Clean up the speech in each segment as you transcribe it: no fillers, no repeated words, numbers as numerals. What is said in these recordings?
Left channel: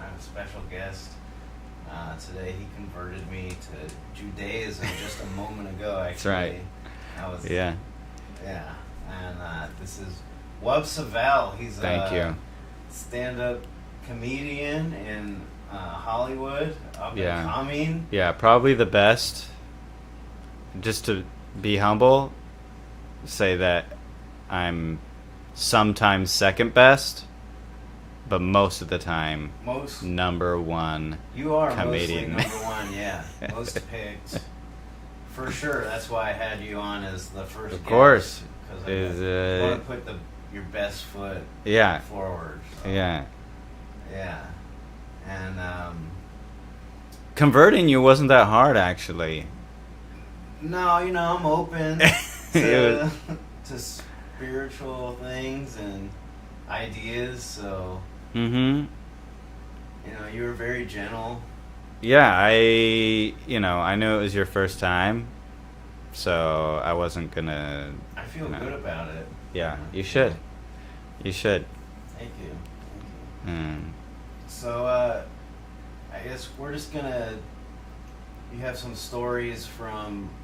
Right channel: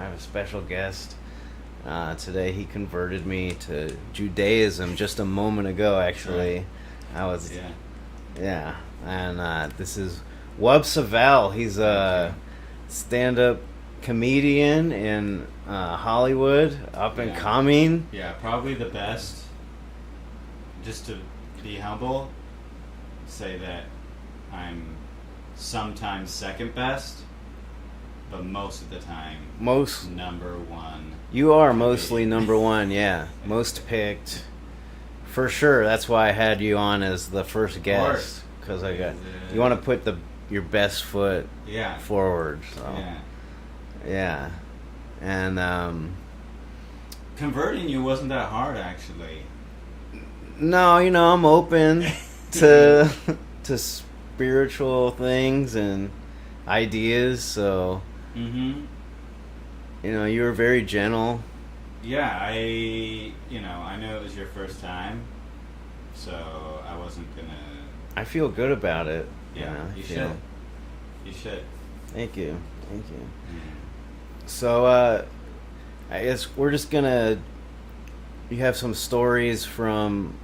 I have a special guest today. He converted me to Judaism just a moment ago, actually. Right. I was... Yeah. Yeah. And this is Savell. He's a stand-up comedian in Hollywood, up and coming. Yeah, probably the best. Just to be humble, say that I'm sometimes second best, but most of the time number one. You are comedian. mostly number one, yeah. Most picked. For sure. That's why I had you on as the first guest. Of course. Because you want to put your best foot forward. So. Yeah. Yeah. And converting you wasn't that hard, actually. No, I'm open to spiritual things and ideas, so you were very gentle. Yeah, I knew it was your first time, so I wasn't gonna. I feel good about it. Yeah, you should. You should. Thank you. So I guess we're just gonna. You have some stories from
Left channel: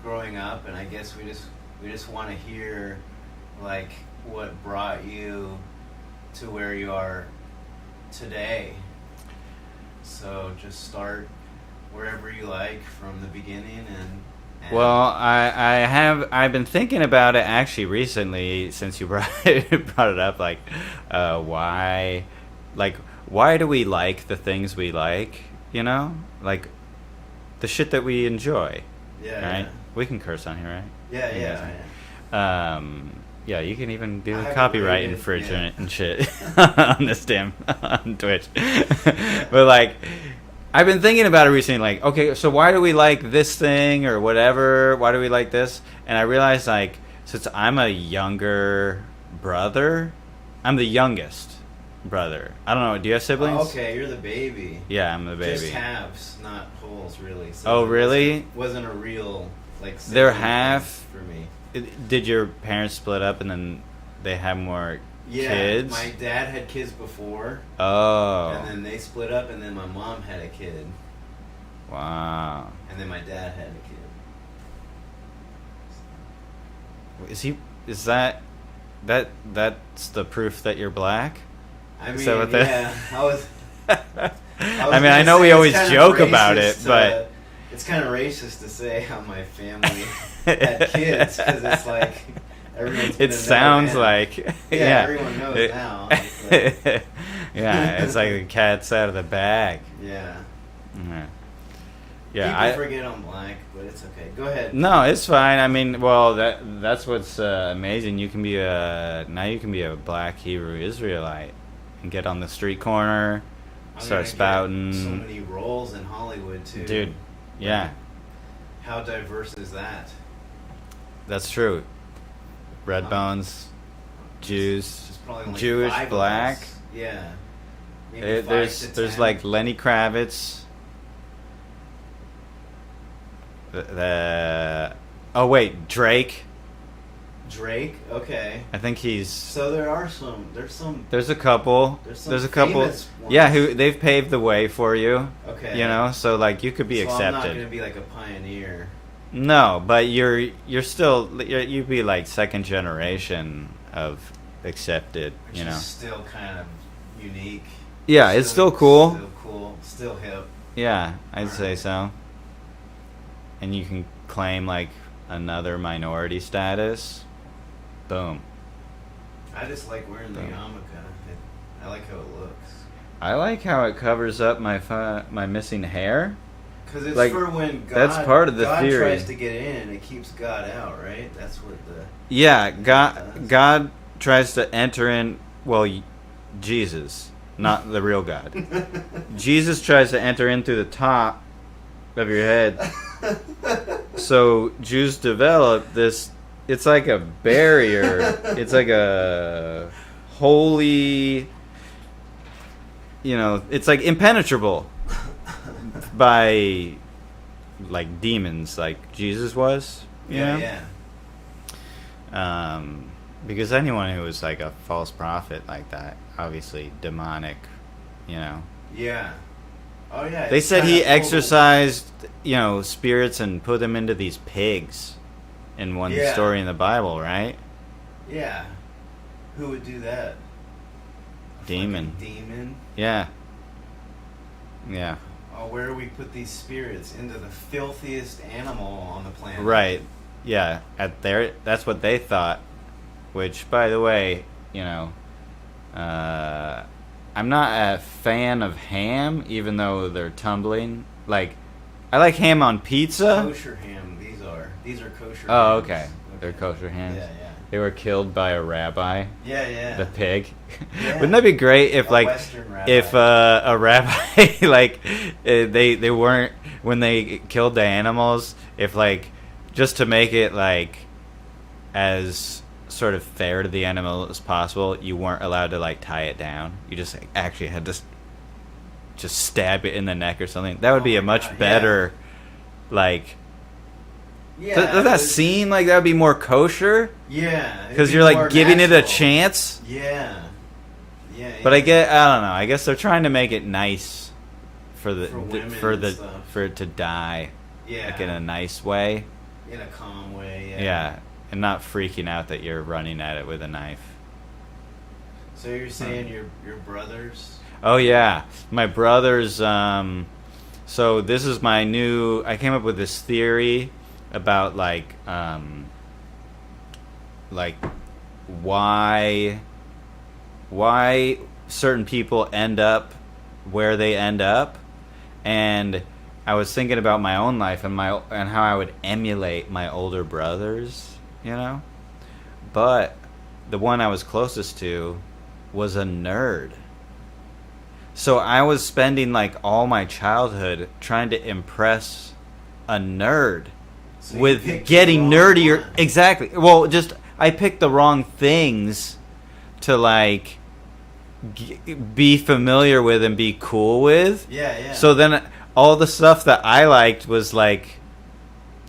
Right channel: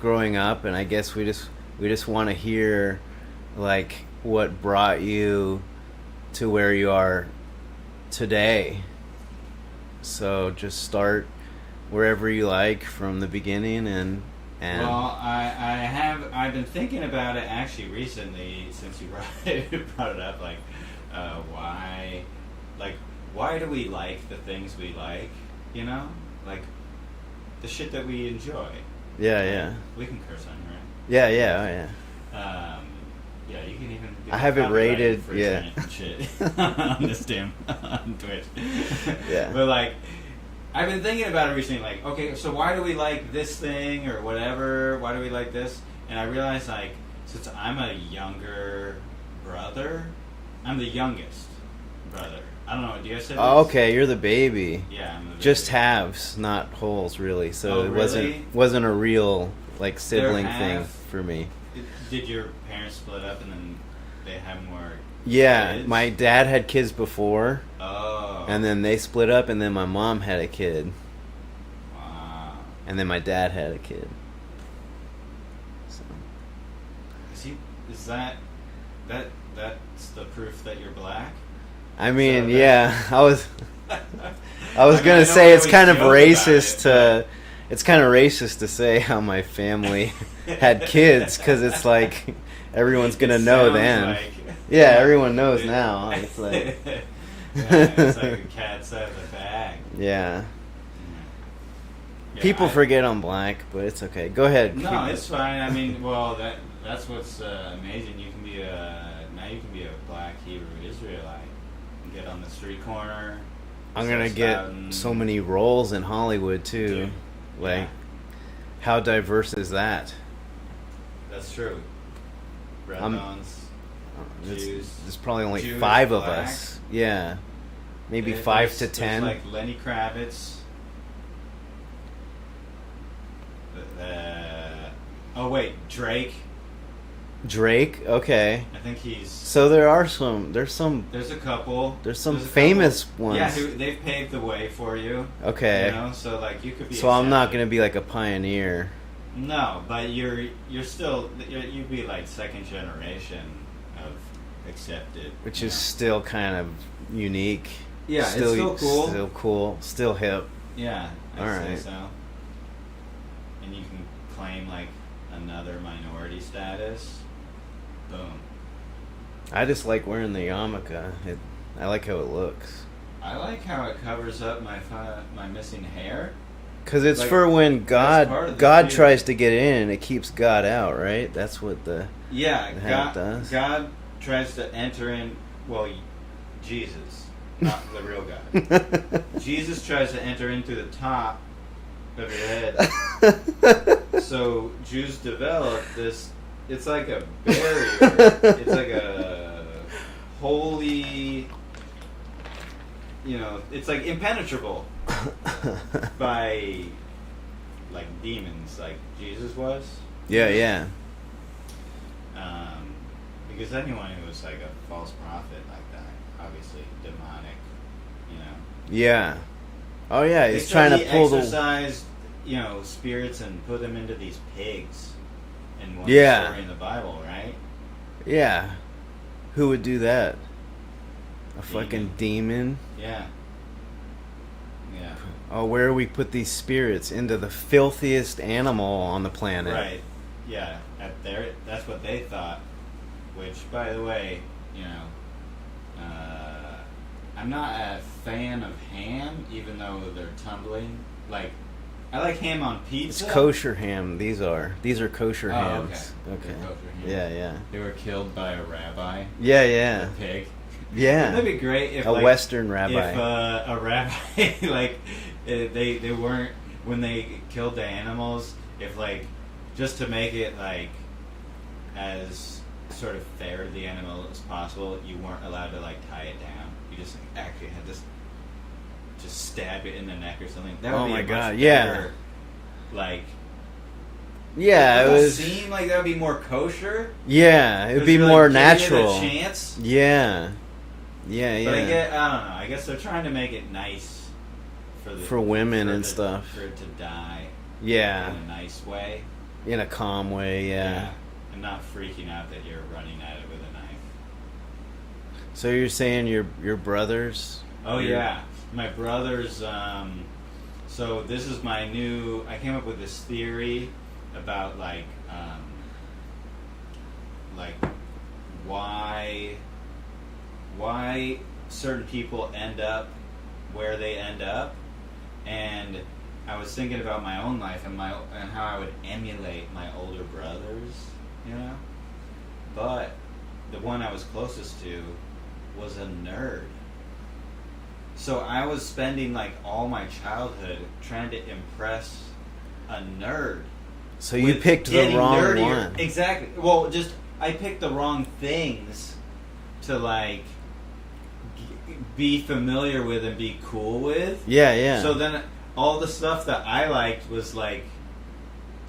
growing up, and I guess we just want to hear like what brought you to where you are today. So just start wherever you like from the beginning and well, I've been thinking about it actually recently since you brought it up, like why do we like the things we like, like the shit that we enjoy. Yeah. We can curse on here, right? Yeah. Yeah, you can even do copyright infringement and shit on this on Twitch. But like, I've been thinking about it recently. Like, okay, so why do we like this thing or whatever? Why do we like this? And I realized, like, since I'm a younger brother, I'm the youngest brother. I don't know. Do you have siblings? Oh, okay, you're the baby. Yeah, I'm the baby. Just halves, not wholes, really. So really? Wasn't a real like sibling thing for me. Did your parents split up and then they had more kids? My dad had kids before. Oh. And then they split up, and then my mom had a kid. Wow. And then my dad had a kid. So. Is that's the proof that you're black? I mean, yeah. I was gonna say it's kind of racist it's kind of racist to say how my family had kids, because it's like everyone's gonna know then. Everyone knows now. It's like, it's like the cat's out of the bag. Yeah. People forget I'm black, but it's okay. Go ahead. No, it's fine. I mean, well, that's what's amazing. You can be a black Hebrew Israelite and get on the street corner. I'm gonna get so many roles in Hollywood too. Dude. Yeah. How diverse is that? That's true. Red bones, Jews. There's probably only Jewish, 5 black. of us. Yeah. Maybe 5 to 10. There's like Lenny Kravitz. Oh wait, Drake. Drake, okay. I think he's. So there's a couple. There's some famous ones. Yeah, they've paved the way for you. Okay. So like you could be. So accepted. I'm not gonna be like a pioneer. No, but you'd be like second generation of accepted, which is still kind of unique. Yeah, it's still cool. Still cool. Still hip. Yeah, I'd say so. And you can claim like another minority status. Boom. I just like wearing the yarmulke. I like how it looks. I like how it covers up my missing hair. Because it's like, for when God tries to get in, it keeps God out, right? That's what the God does. God tries to enter in. Well, Jesus, not the real God. Jesus tries to enter in through the top of your head. So Jews developed this. It's like a barrier. It's like a holy. It's like impenetrable by like demons, like Jesus was. Yeah. Because anyone who was like a false prophet like that, obviously demonic You know. Yeah. Oh yeah. They said he exorcised, spirits and put them into these pigs in one story in the Bible, right? Yeah. Who would do that? A Demon. fucking demon? Yeah. Yeah. Oh, where do we put these spirits? Into the filthiest animal on the planet. Right. Yeah. That's what they thought. Which, by the way, I'm not a fan of ham, even though they're tumbling. Like, I like ham on pizza. It's kosher ham. These are kosher hams. Okay. They're kosher hams. Yeah. They were killed by a rabbi. Yeah. The pig. Yeah. Wouldn't that be great if, a like, Western rabbi. If a rabbi, like, they weren't, when they killed the animals, if, like, just to make it, like, as sort of fair to the animal as possible, you weren't allowed to, like, tie it down. You just actually had to just stab it in the neck or something. That would be a much better, like... Yeah. Does that seem like that would be more kosher? Yeah. Because you're, like, giving it a chance? Yeah. But I don't know. I guess they're trying to make it nice for women and stuff. For it to die. Yeah. Like in a nice way. In a calm way, Yeah. And not freaking out that you're running at it with a knife. So you're saying your brothers? Oh yeah, my brothers. So this is my new. I came up with this theory about like why certain people end up where they end up, and I was thinking about my own life and how I would emulate my older brothers. But the one I was closest to was a nerd. So I was spending like all my childhood trying to impress a nerd. So with you picked getting the wrong nerdier. one. Exactly. Well, just I picked the wrong things to like be familiar with and be cool with. Yeah. So then all the stuff that I liked was like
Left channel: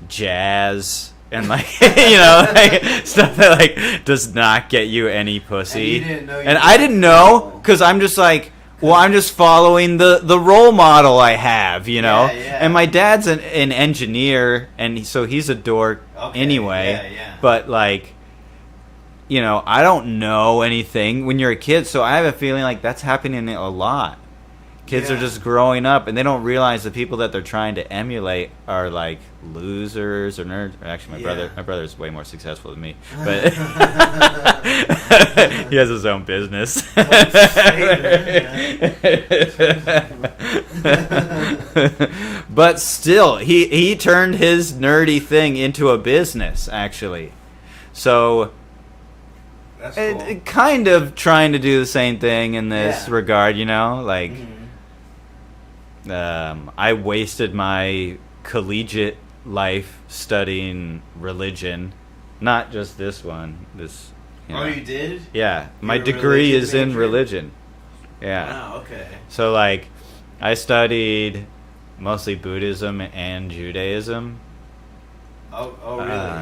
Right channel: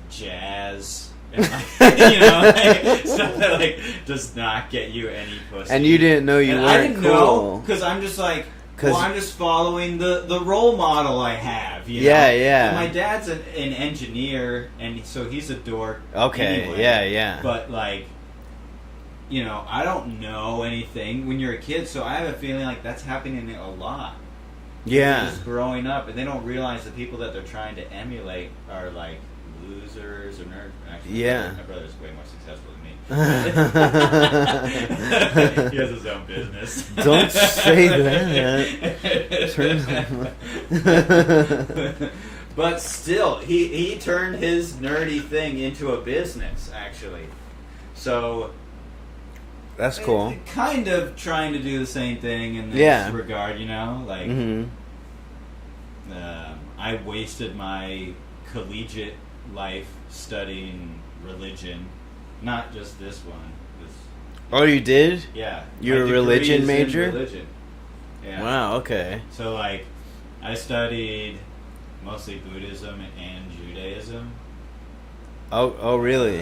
jazz and like like, stuff that like does not get you any pussy. And you didn't know and I didn't know because I'm just like, well, I'm just following the role model I have, Yeah. And my dad's an engineer, and so he's a dork anyway. Yeah. But like, I don't know anything when you're a kid, so I have a feeling like that's happening a lot. Kids are just growing up, and they don't realize the people that they're trying to emulate are like losers or nerds. Actually, my brother's way more successful than me. But he has his own business. Don't say that. But still, he turned his nerdy thing into a business, actually. So that's cool. Kind of trying to do the same thing in this regard, like I wasted my collegiate life studying religion, not just this one. Oh, you did? Yeah, You're my degree is in major? religion. Yeah. Wow. Okay. So like, I studied mostly Buddhism and Judaism. Oh, really?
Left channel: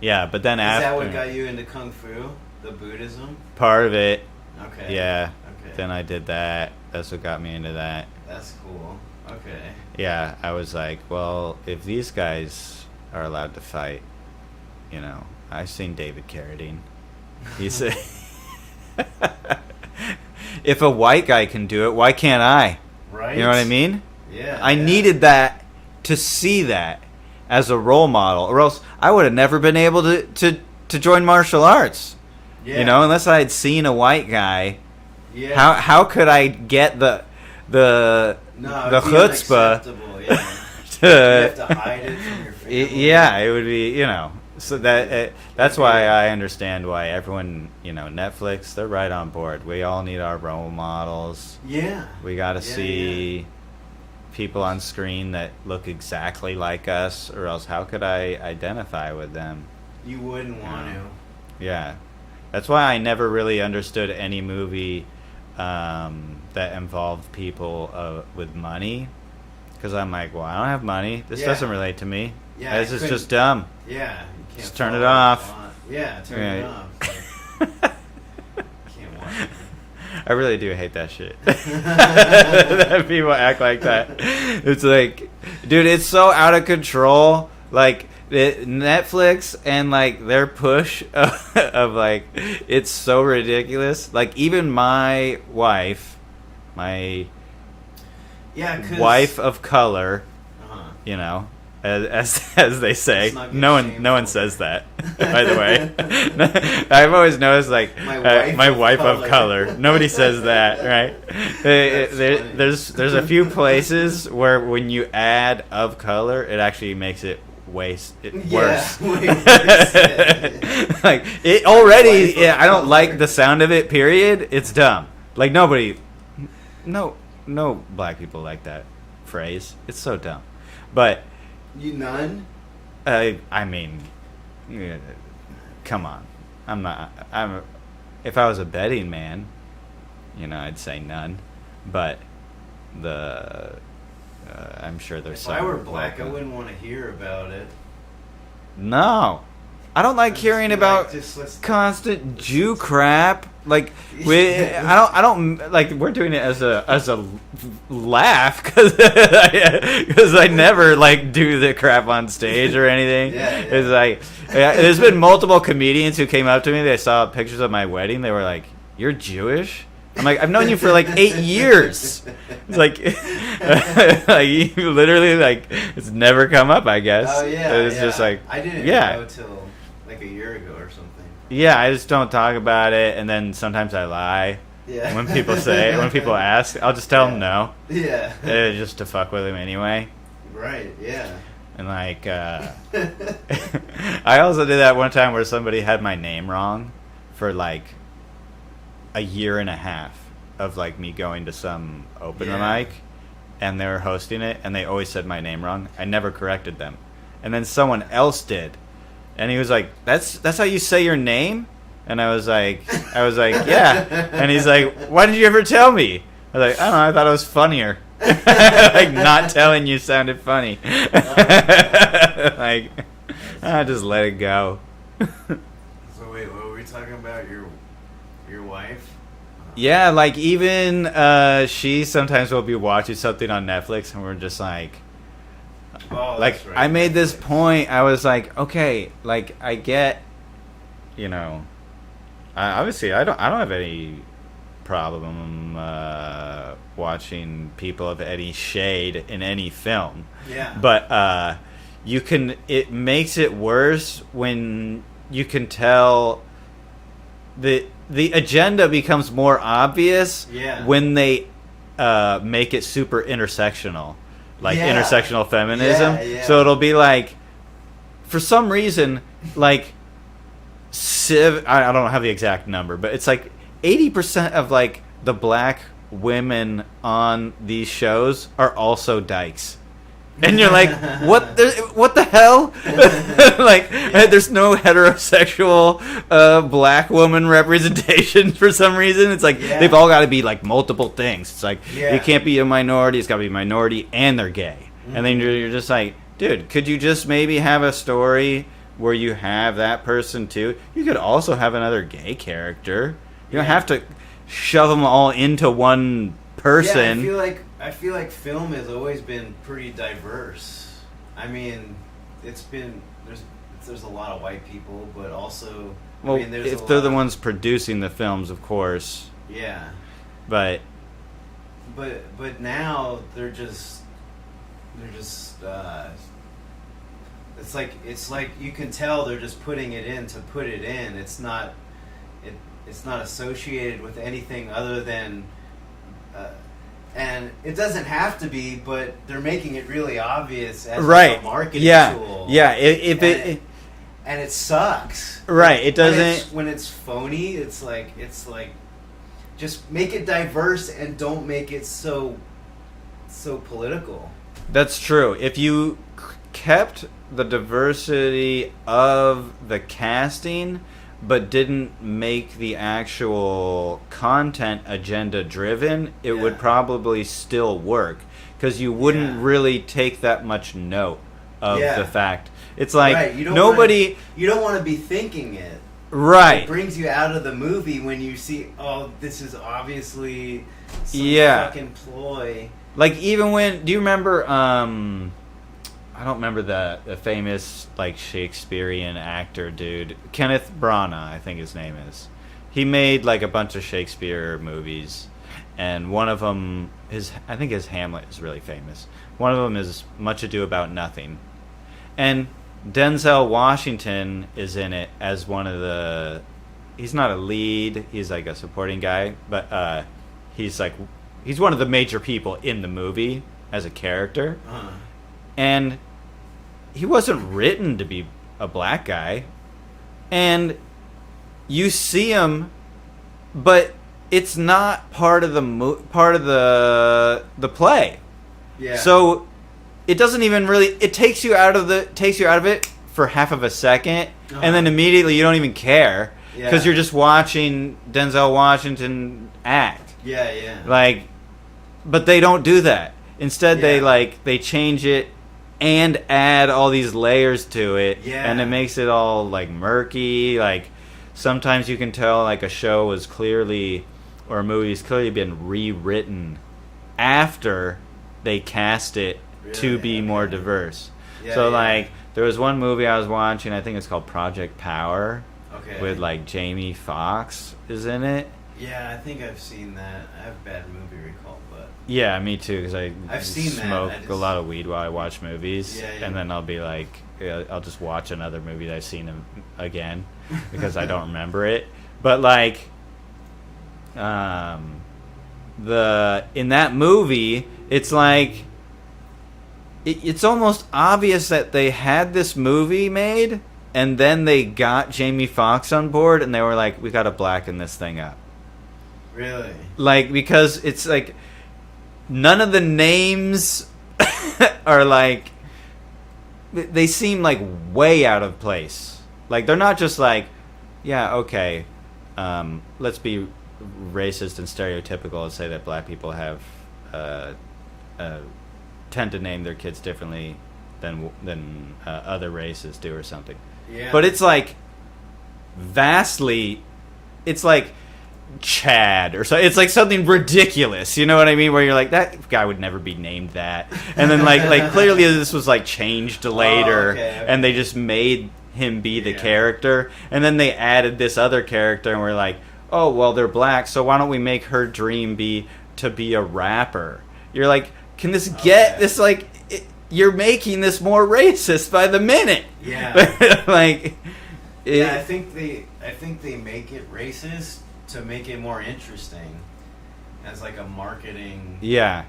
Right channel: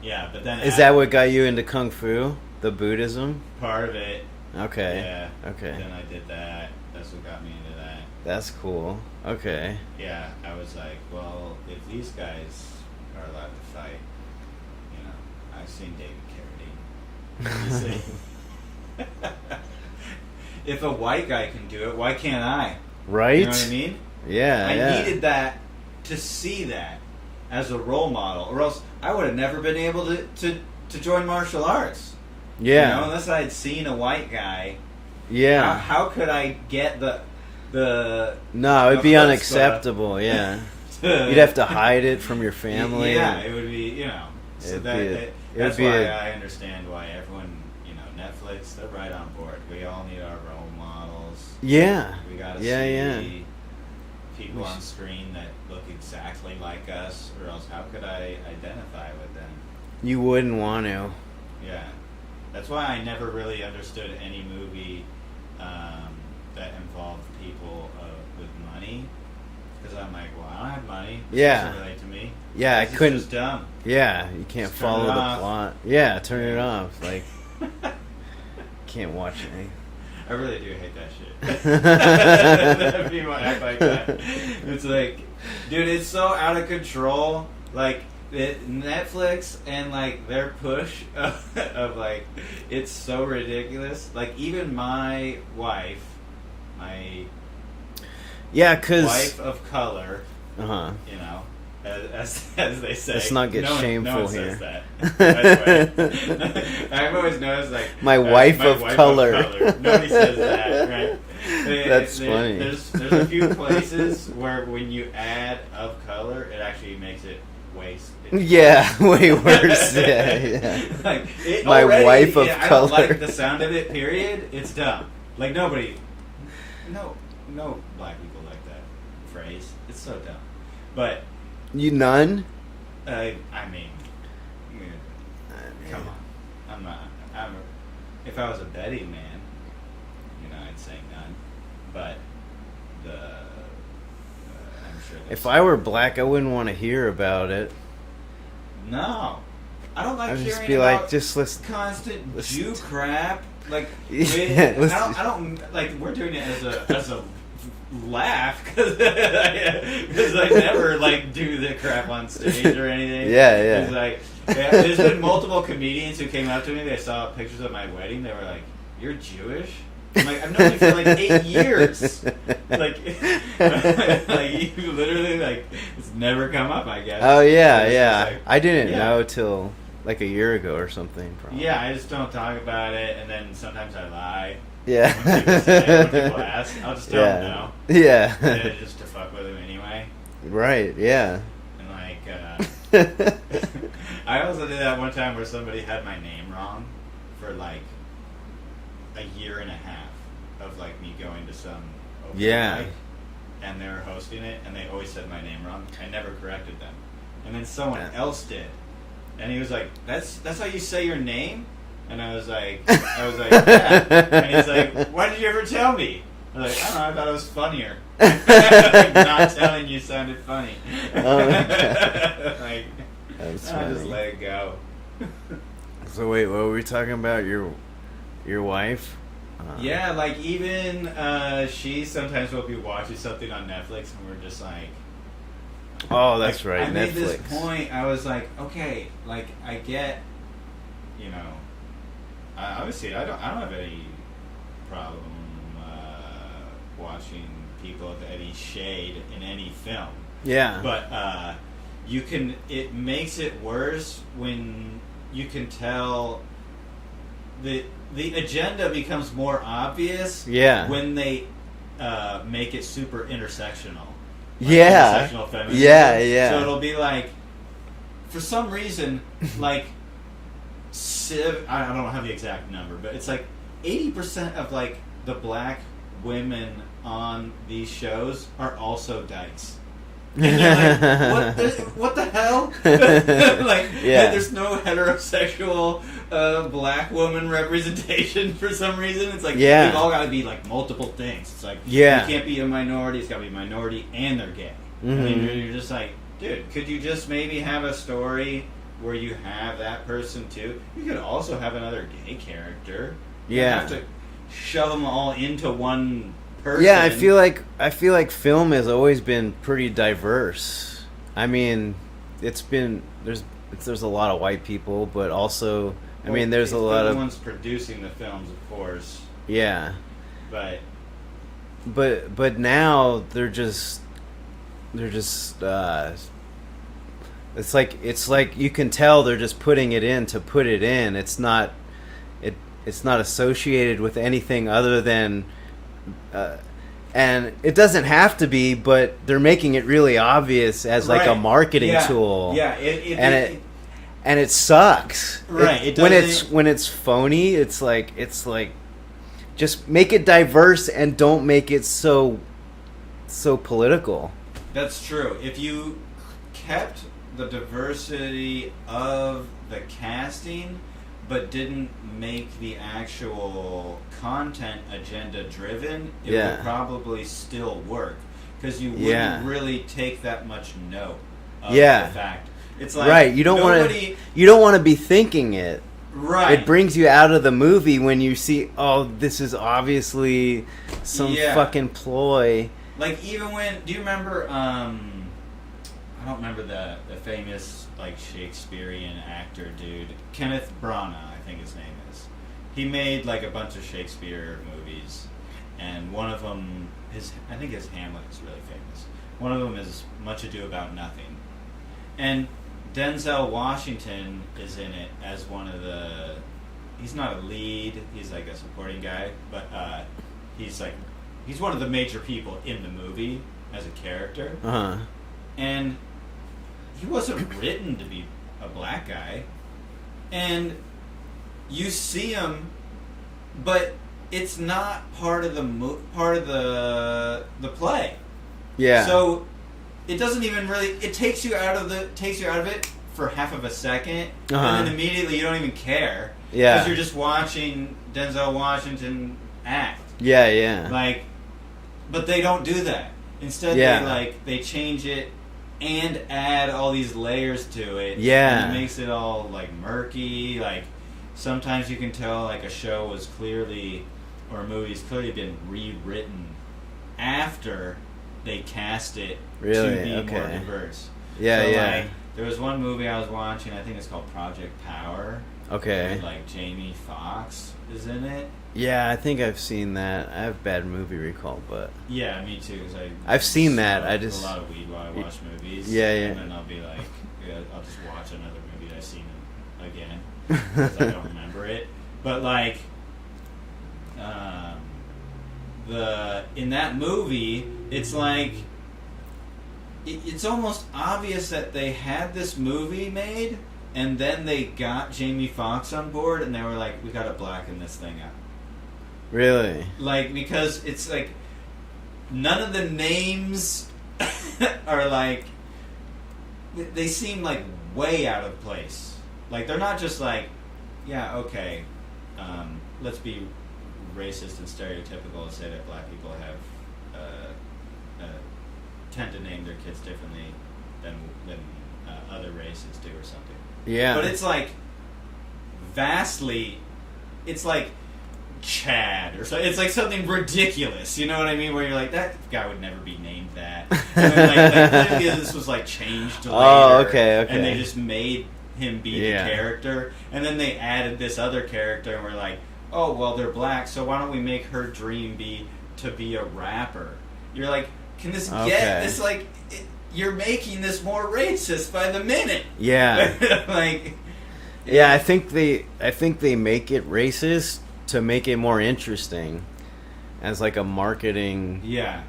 Yeah, but then is that what got you into Kung Fu? The Buddhism? Part of it. Okay. Yeah. Okay. Then I did that. That's what got me into that. That's cool. Okay. Yeah, I was like, well, if these guys are allowed to fight, I've seen David Carradine. He said, if a white guy can do it, why can't I? Right. You know what I mean? Yeah. I needed that to see that as a role model, or else I would have never been able to join martial arts. Yeah. Unless I had seen a white guy. Yeah. How could I get the No, it'd be unacceptable. Yeah. You'd have to hide it from your family. Yeah, it would be. So that's why I understand why everyone, Netflix, they're right on board. We all need our role models. Yeah. We got to see people on screen that look exactly like us, or else how could I identify with them? You wouldn't want to. Yeah. That's why I never really understood any movie that involved people with money. Because I'm like, well, I don't have money. This doesn't relate to me. Yeah, this is just dumb. Yeah, you can't just turn it the off. plot. Yeah, turn it off. Like, can't watch it. I really do hate that shit. That people act like that. It's like, dude, it's so out of control. Like, Netflix and like their push of like, it's so ridiculous. Like, even my wife, wife of color, you know, as they say. No one says that. By the way, I've always noticed like my wife of color. Nobody says that, right? That's funny. There's a few places where when you add of color, it actually makes it way worse. Way worse. Yeah. Like it my already. Yeah, I don't like the sound of it. Period. It's dumb. Like nobody, no black people like that phrase. It's so dumb, but. You none? I mean, come on. If I was a betting man, you know, I'd say none. But I'm sure there's. If I were black, I wouldn't want to hear about it. No, I don't like hearing about constant Jew crap. Like, I don't like. We're doing it as a laugh because I never like do the crap on stage or anything. It's like there's been multiple comedians who came up to me. They saw pictures of my wedding. They were like, "You're Jewish?" I'm like, "I've known you for like 8 years." Like, like you literally like it's never come up. I guess. Oh yeah, it's yeah. Just like, I didn't know till like a year ago or something. Probably. Yeah, I just don't talk about it, and then sometimes I lie. Yeah. When people ask, I'll just tell them no. Yeah. Just to fuck with them anyway. Right. Yeah. And like, I also did that one time where somebody had my name wrong for like a year and a half of like me going to some open mic, and they were hosting it, and they always said my name wrong. I never corrected them, and then someone else did, and he was like, "That's how you say your name." And I was like, yeah. And he's like, why did you ever tell me? I was like, I don't know, I thought it was funnier. Like, not telling you sounded funny. Like, I just let it go. So wait, what were we talking about? Your wife? Yeah, like even she sometimes will be watching something on Netflix, and we're just like, oh, that's right. I made this point. I was like, okay, like I get, you know. Obviously, I don't have any problem watching people of any shade in any film. Yeah. But it makes it worse when you can tell the agenda becomes more obvious. Yeah. When they make it super intersectional, like intersectional feminism. Yeah. So it'll be like, for some reason, like. I don't have the exact number, but it's like 80% of like the black women on these shows are also dykes, and you're like, what the hell? Like, there's no heterosexual black woman representation for some reason. It's like they've all got to be like multiple things. It's like they can't be a minority. It's got to be a minority and they're gay, and then you're just like, dude, could you just maybe have a story where you have that person too? You could also have another gay character. You don't have to shove them all into one person. Yeah, I feel like film has always been pretty diverse. I mean, there's a lot of white people, but also there's a lot. They're the ones producing the films, of course. Yeah, but now they're just. It's like you can tell they're just putting it in to put it in. It's not associated with anything other than, and it doesn't have to be, but they're making it really obvious as like a marketing tool. Yeah, and it sucks. Right. When it's phony, it's like just make it diverse and don't make it so political. That's true. If you kept the diversity of the casting but didn't make the actual content agenda driven, it would probably still work, because you wouldn't really take that much note of the fact. It's like, you don't want to be thinking it. Right. It brings you out of the movie when you see, oh, this is obviously some fucking ploy. Like, even when... Do you remember... I don't remember the famous, like, Shakespearean actor dude. Kenneth Branagh, I think his name is. He made, like, a bunch of Shakespeare movies. And one of them... I think his Hamlet is really famous. One of them is Much Ado About Nothing. And Denzel Washington is in it as one of the... He's not a lead. He's like a supporting guy. But he's one of the major people in the movie as a character. Uh-huh. And he wasn't written to be a black guy. And you see him, but it's not part of the play. Yeah. So it doesn't even really. It takes you out of it for half of a second, and then immediately you don't even care. Yeah. Because you're just watching Denzel Washington act. Yeah, yeah. Like, but they don't do that. Instead, they change it and add all these layers to it. Yeah. And it makes it all like murky. Like, sometimes you can tell like a show was clearly, or a movie's clearly been rewritten after they cast it to be more diverse. Yeah. So like, there was one movie I was watching. I think it's called Project Power. Okay. With like Jamie Foxx is in it. Yeah, I think I've seen that. I have bad movie recall, but yeah, me too. Cause I've seen that. I just a lot of weed while I watch movies. Yeah, yeah. And then I'll be like, I'll just watch another movie that I've seen again because I don't remember it. But like, in that movie, it's like it's almost obvious that they had this movie made, and then they got Jamie Foxx on board, and they were like, we got to blacken this thing up. Really? Like, because it's like none of the names are like, they seem like way out of place. Like, they're not just like, yeah, okay, let's be racist and stereotypical and say that black people have tend to name their kids differently than other races do or something. Yeah. But it's like vastly, it's like Chad or so. It's like something ridiculous. You know what I mean? Where you're like, that guy would never be named that. And then like clearly this was like changed later. Oh, okay. And they just made him be the character. And then they added this other character, and we're like, oh, well, they're black, so why don't we make her dream be to be a rapper? You're like, can this get this, like, you're making this more racist by the minute. Yeah. Like, yeah, I think they make it racist to make it more interesting as like a marketing. Yeah.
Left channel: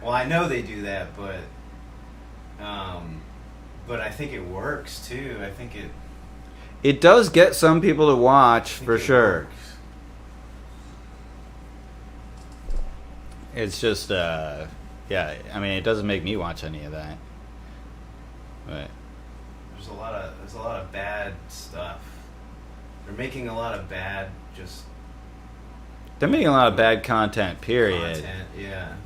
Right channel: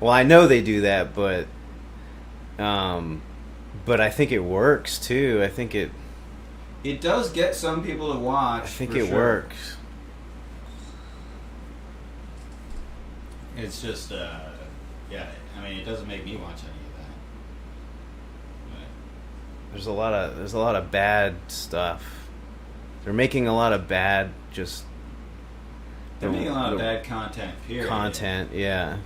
Well, I know they do that, but I think it works too. I think it does get some people to watch. I think it works. It's just yeah, I mean, it doesn't make me watch any of that. But there's a lot of bad stuff. They're making a lot of bad they're making a lot of bad content, period. Content, yeah.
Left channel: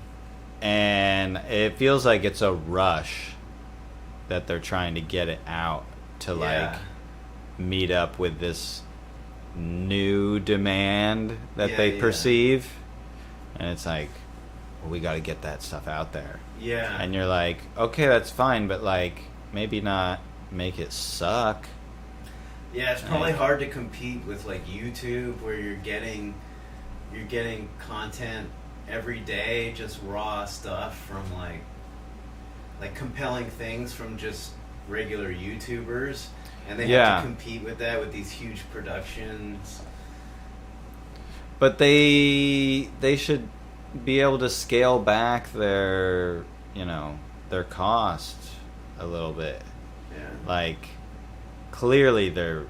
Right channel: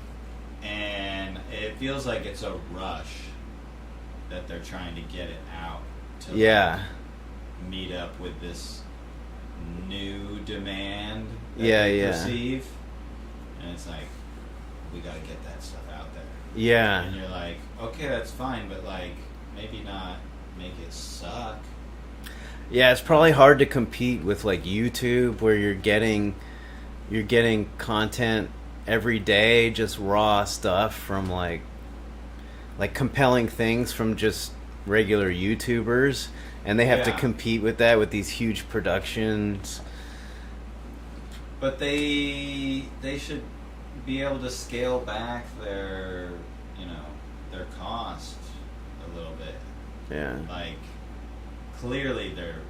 And it feels like it's a rush that they're trying to get it out to like meet up with this new demand that they perceive. And it's like, we got to get that stuff out there. Yeah. And you're like, okay, that's fine, but like, maybe not make it suck. Yeah, it's probably hard to compete with like YouTube, where you're getting content every day, just raw stuff from like compelling things from just regular YouTubers, and they have to compete with that with these huge productions. But they should be able to scale back their cost a little bit. Yeah. Like, clearly they're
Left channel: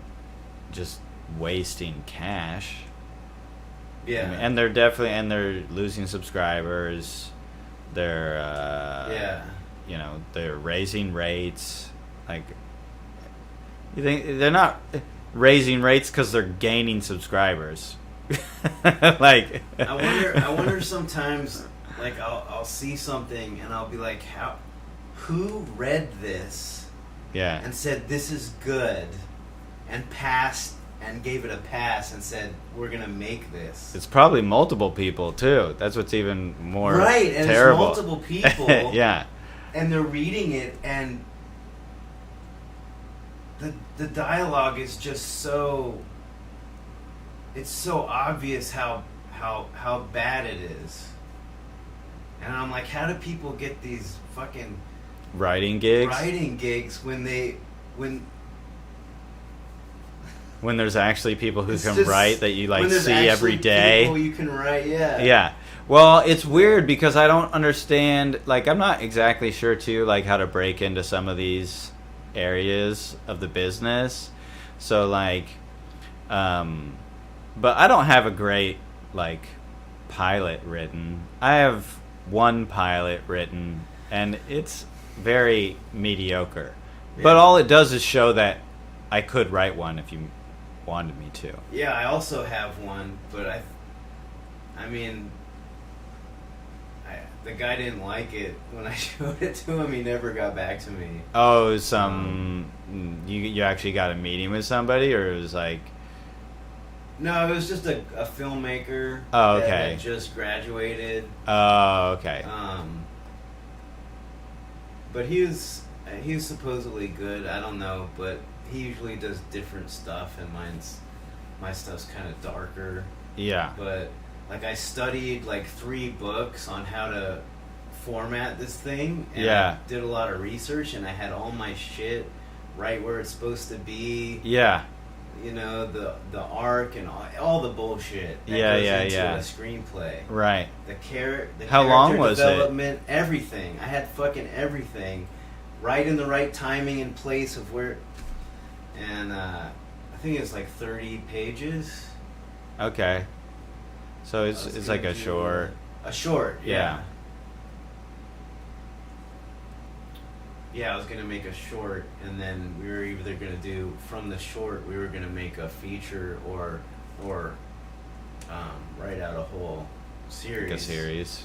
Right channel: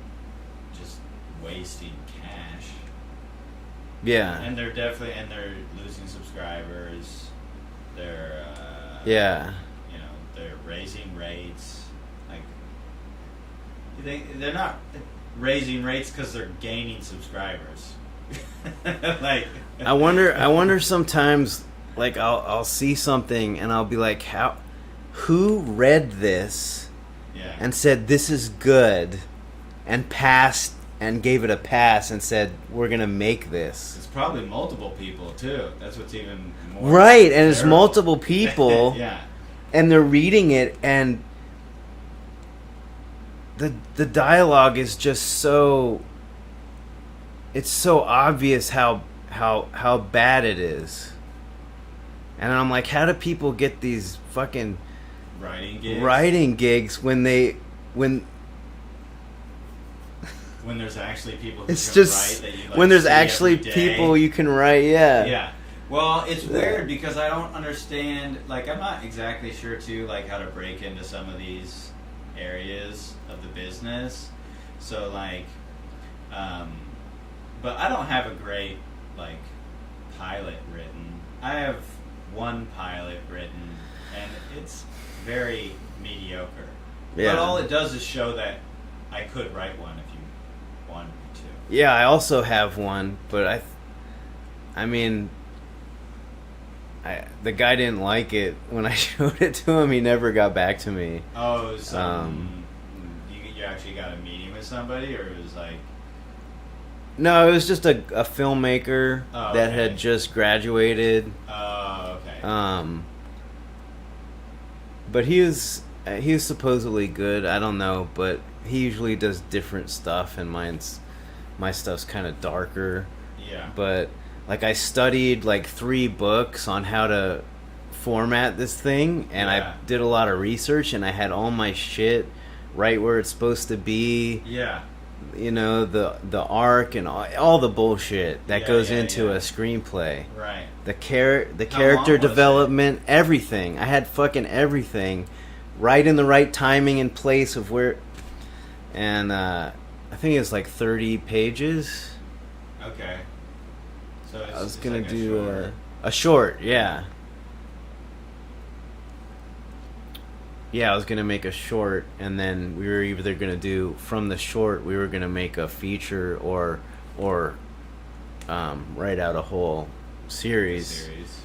just wasting cash. Yeah. And they're losing subscribers. They're they're raising rates. Like, you think they're not raising rates because they're gaining subscribers? Like, I wonder sometimes, like, I'll see something and I'll be like, who read this and said this is good and passed and gave it a pass and said, we're going to make this. It's probably multiple people, too. That's what's even more right, and terrible. It's multiple people. Yeah. And they're reading it, and the dialogue is just so... It's so obvious how bad it is. And I'm like, how do people get these fucking... Writing gigs when there's actually people who can just, write that you like when there's see actually every day. people you can write. Yeah. Well, it's weird because I don't understand, like, I'm not exactly sure too, like, how to break into some of these areas of the business. So, like, but I don't have a great, like, pilot written. I have one pilot written, and it's very mediocre. Yeah. But all it does is show that I could write one if you wanted me to. Yeah, I also have one, but I mean, the guy didn't like it when I showed it to him. He never got back to me. Oh, it was you actually got a meeting with somebody, or it was like... No, it was just a filmmaker that had just graduated. Oh, okay. But he was supposedly good. I don't know, but he usually does different stuff, and my stuff's kind of darker. Yeah. But like I studied like 3 books on how to format this thing, and I did a lot of research, and I had all my shit right where it's supposed to be. Yeah. You know, the arc and all the bullshit that goes into a screenplay. Right. The character development, everything. I had fucking everything right in the right timing and place of where... And I think it was like 30 pages. Okay. So it's like a short. A short, yeah. Yeah, I was gonna make a short, and then we were either gonna do from the short, we were gonna make a feature or write out a whole series.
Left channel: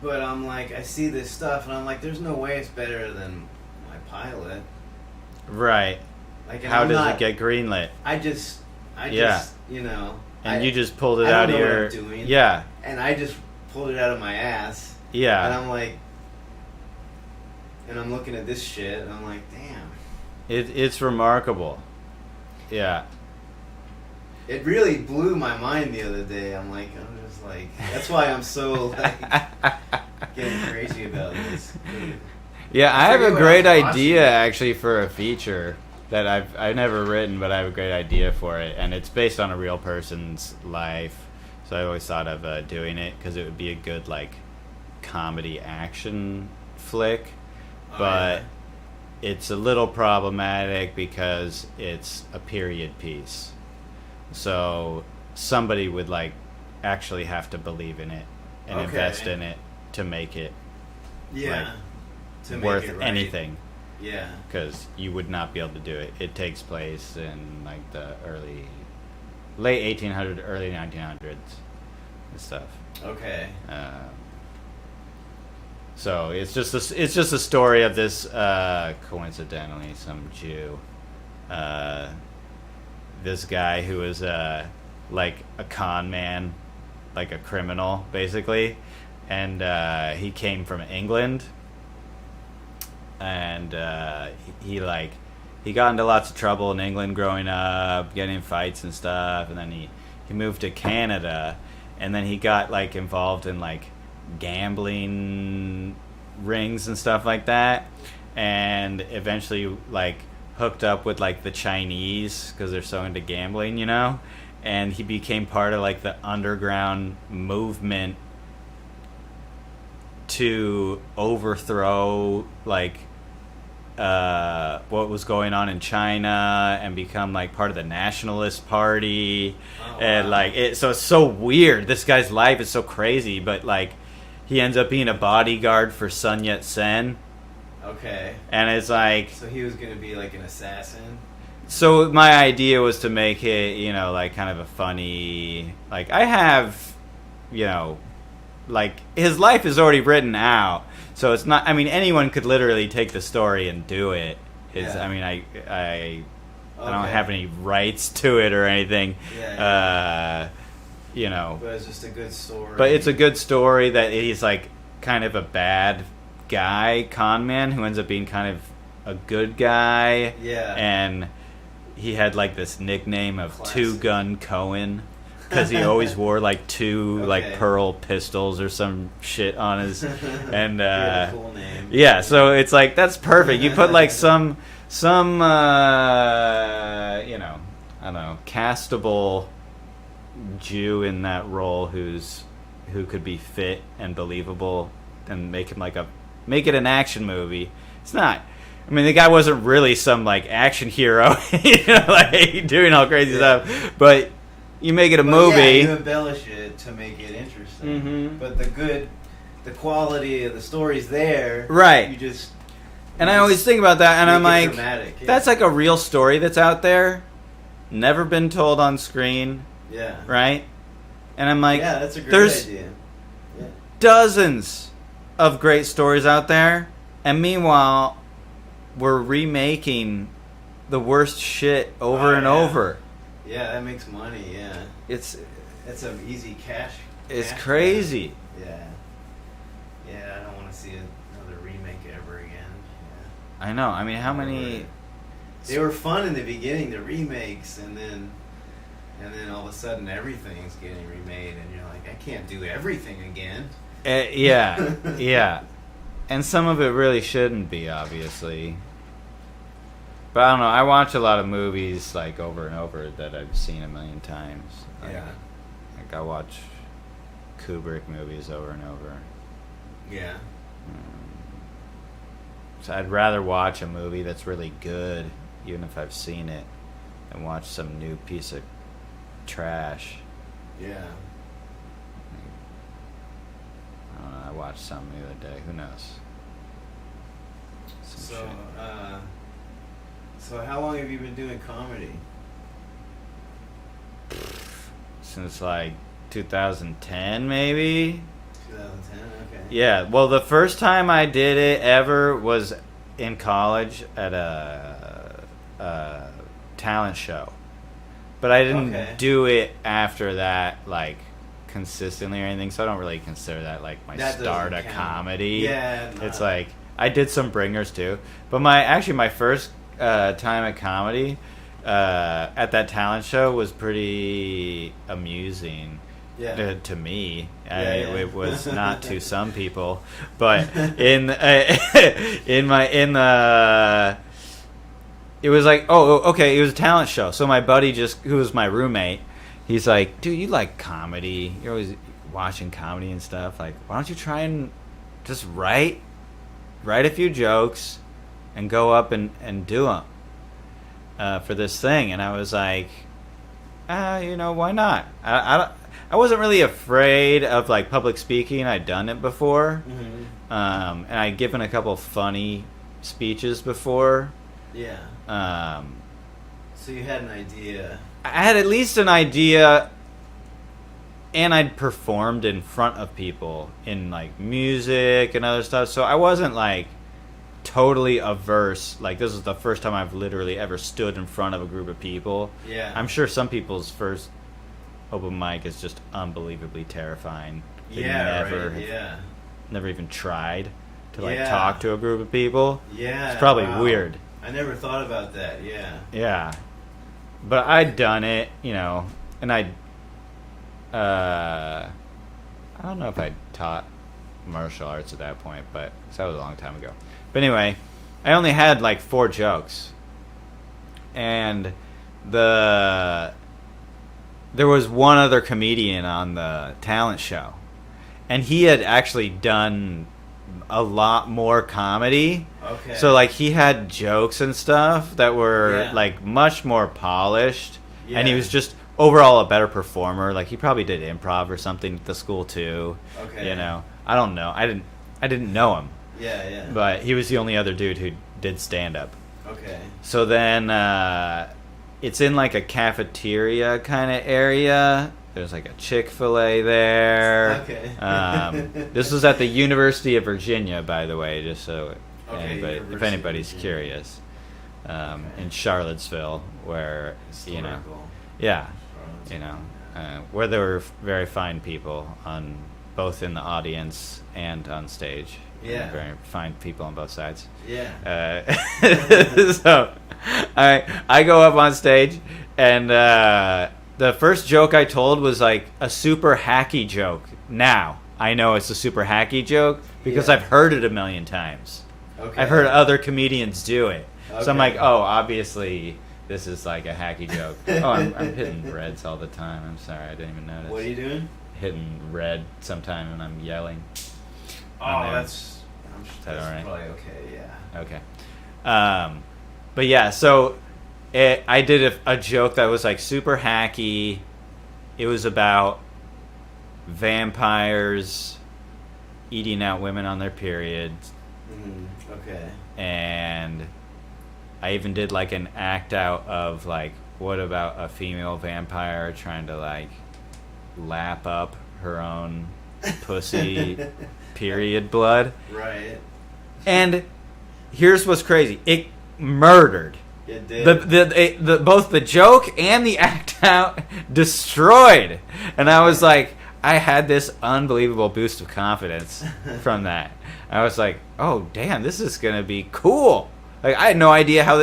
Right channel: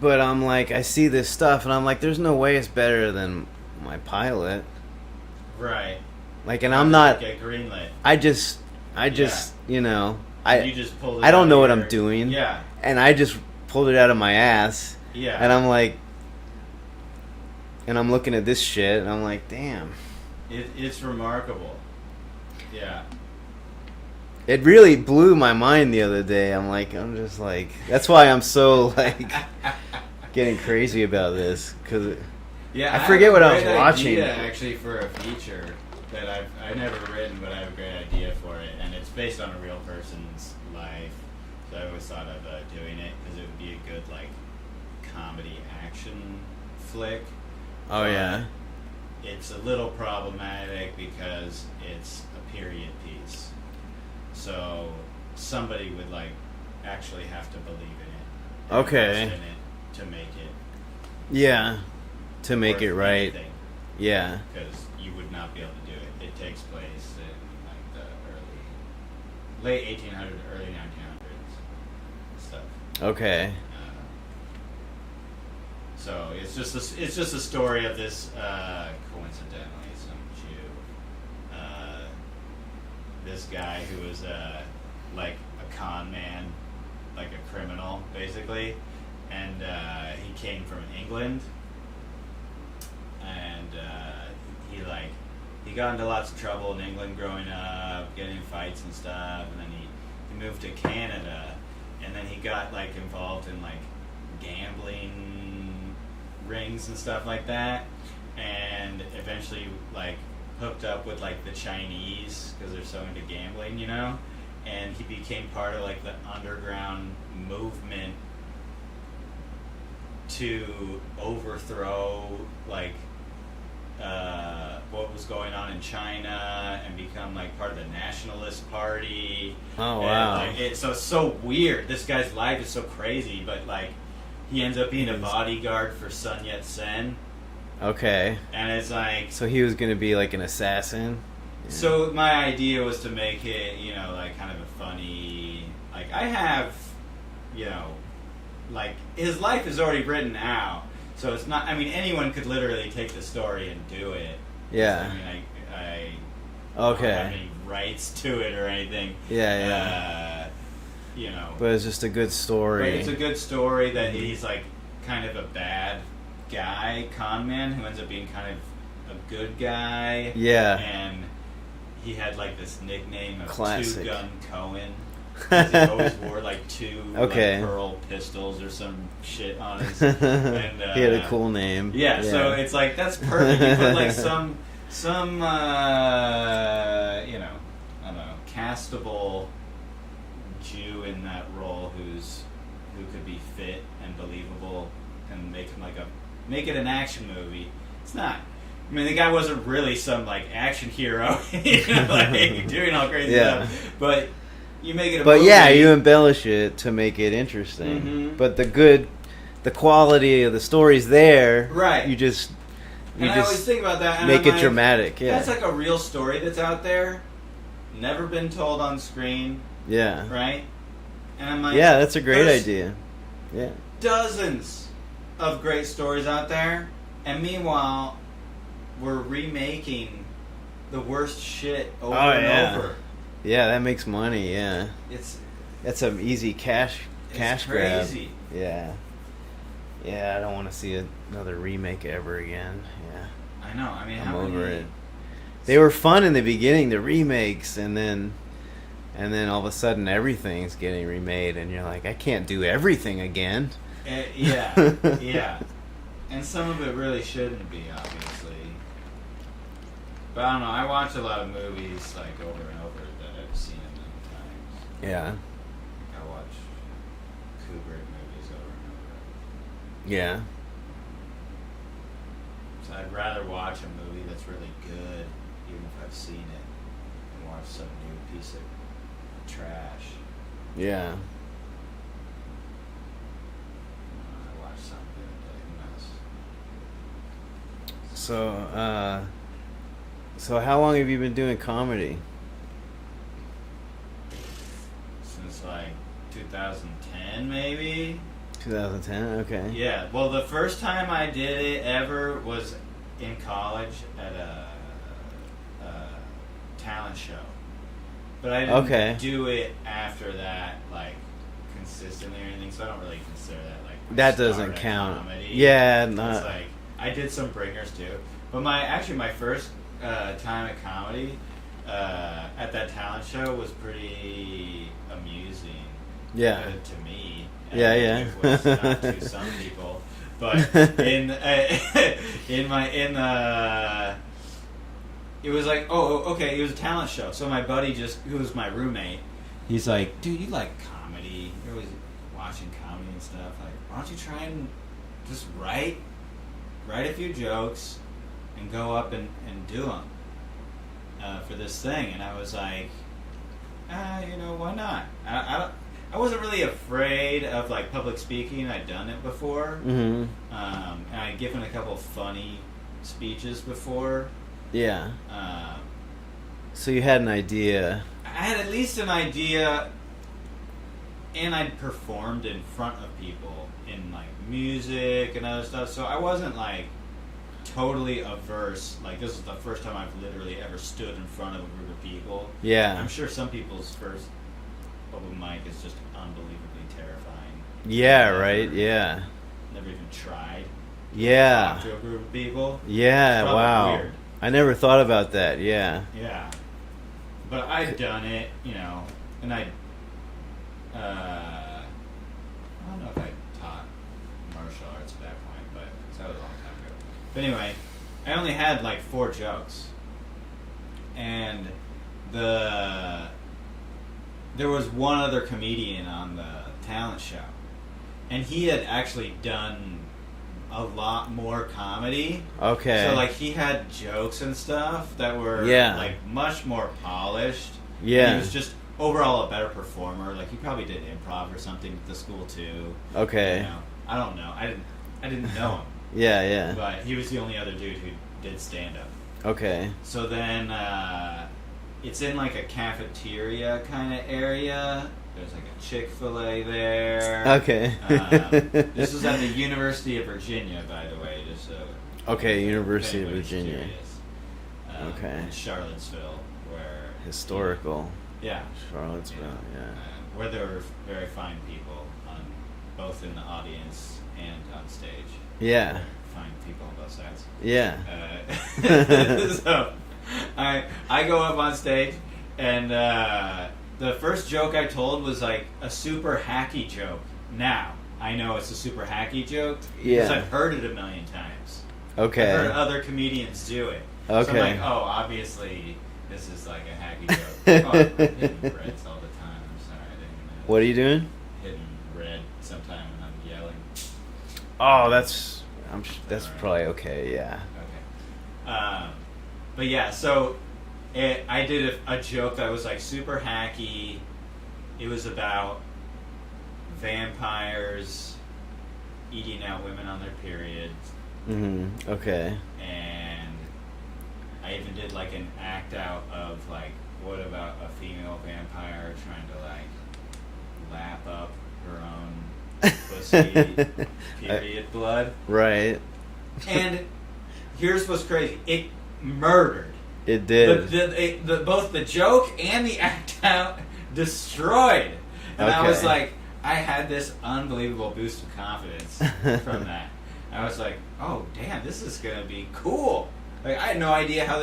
But I'm like, I see this stuff, and I'm like, there's no way it's better than my pilot. Right. Like, and How I'm did not it get greenlit. I just, you know. You just pulled it I don't out know of what I'm doing. Yeah. And I just pulled it out of my ass. Yeah. And I'm like... And I'm looking at this shit, and I'm like, damn. It's remarkable. Yeah. It really blew my mind the other day. I'm just like... That's why I'm so, like... getting crazy about this. Cause yeah, I forget have a what I great was watching. idea, actually, for a feature that I've never written, but I have a great idea for it, and it's based on a real person's life. So I always thought of doing it because it would be a good like comedy action flick. Oh, but yeah. It's a little problematic because it's a period piece. So somebody would like actually have to believe in it and invest in it to make it. Yeah, to make it right. Anything. Yeah, because you would not be able to do it. It takes place in like the late 1800s, early 1900s and stuff. Okay. So it's just a story of this coincidentally some Jew, this guy who is like a con man, like a criminal basically, and he came from England. And he got into lots of trouble in England growing up, getting in fights and stuff, and then he moved to Canada, and then he got like involved in like gambling rings and stuff like that, and eventually like hooked up with like the Chinese because they're so into gambling, you know, and he became part of like the underground movement to overthrow like what was going on in China and become like part of the Nationalist Party. Oh, wow. And like so it's so weird. This guy's life is so crazy, but like he ends up being a bodyguard for Sun Yat-sen. Okay. And it's like, so he was gonna be like an assassin. So my idea was to make it, you know, like kind of a funny, like I have, you know, like his life is already written out. So it's not. I mean, anyone could literally take the story and do it. Yeah. I mean, I Okay. don't have any rights to it or anything. Yeah. You know. But it's just a good story. But it's a good story that he's like kind of a bad guy, con man, who ends up being kind of a good guy. Yeah. And he had like this nickname of Classic. Two Gun Cohen. Because he always wore like two like pearl pistols or some shit on his, and he had a cool name. Yeah, so it's like that's perfect. You put like some you know, I don't know, castable Jew in that role who could be fit and believable, and make it an action movie. It's not. I mean, the guy wasn't really some like action hero, you know, like doing all crazy stuff, but. You make it a movie. Yeah, you embellish it to make it interesting. Mm-hmm. But the quality of the story's there. Right. And I always think about that, and make I'm it like, dramatic. Yeah. that's like a real story that's out there, never been told on screen. Yeah. Right. And I'm like, yeah, that's a great idea. Yeah. Dozens of great stories out there, and meanwhile, we're remaking the worst shit over and over. Yeah, that makes money. Yeah, that's an easy cash. It's crazy. Grab. Yeah. I don't want to see another remake ever again. Yeah, I know. I mean, how many? They were fun in the beginning, the remakes, and then all of a sudden everything's getting remade, and you're like, I can't do everything again. Yeah, and some of it really shouldn't be, obviously. But I don't know. I watch a lot of movies like over and over that I've seen a million times. Yeah. Like I watch Kubrick movies over and over. Yeah. So I'd rather watch a movie that's really good, even if I've seen it, than watch some new piece of trash. Yeah. I watched something the other day. Who knows? So how long have you been doing comedy? Since like 2010, maybe. 2010. Okay. Yeah. Well, the first time I did it ever was in college at a talent show, but I didn't do it after that, like consistently or anything. So I don't really consider that like my that start doesn't of count. comedy. Yeah. It's like I did some bringers too, but my first time at comedy at that talent show was pretty amusing. Yeah. To me. Yeah. It was not to some people, but it was like, okay, it was a talent show. So my buddy who was my roommate, he's like, dude, you like comedy? You're always watching comedy and stuff. Like, why don't you try and just write a few jokes and go up and do them for this thing? And I was like, why not? I wasn't really afraid of like public speaking. I'd done it before, Mm-hmm. And I'd given a couple funny speeches before. Yeah. So you had an idea. I had at least an idea, and I'd performed in front of people in like music and other stuff. So I wasn't like totally averse. Like, this is the first time I've literally ever stood in front of a group of people. Yeah. I'm sure some people's first open mic is just unbelievably terrifying. Yeah, right? Yeah. Never even tried to talk to a group of people. Yeah. It's probably weird. I never thought about that. Yeah. Yeah. But I'd done it, and I don't know if I taught martial arts at that point, but that was a long time ago. But anyway, I only had like 4 jokes. And there was one other comedian on the talent show, and he had actually done a lot more comedy. Okay. So like he had jokes and stuff that were like much more polished. Yeah. And he was just overall a better performer. Like he probably did improv or something at the school too. Okay. I don't know. I didn't know him. Yeah. But he was the only other dude who did stand up. Okay. So then it's in like a cafeteria kind of area. There's like a Chick-fil-A there. Okay. This was at the University of Virginia, by the way, just so University if anybody's of Virginia. curious. In Charlottesville, where historical. Charlottesville, where there were very fine people on both in the audience and on stage. Yeah. Very fine people on both sides. Yeah. So I go up on stage, and the first joke I told was like a super hacky joke. Now I know it's a super hacky joke because I've heard it a million times. Okay. I've heard other comedians do it. Okay. So I'm like, oh, obviously this is like a hacky joke. Oh, I'm hitting reds all the time. I'm sorry, I didn't even notice. What are you doing? Hitting red sometime when I'm yelling. Oh, that's right? probably okay. Yeah. Okay. But yeah, so I did a joke that was like super hacky. It was about vampires eating out women on their periods. Mm-hmm. Okay. And I even did like an act out of like, what about a female vampire trying to like lap up her own pussy period blood? Right. And here's what's crazy. It murdered. It did. The both the joke and the act out destroyed. And I was like, I had this unbelievable boost of confidence from that. I was like, oh damn, this is gonna be cool. Like I had no idea how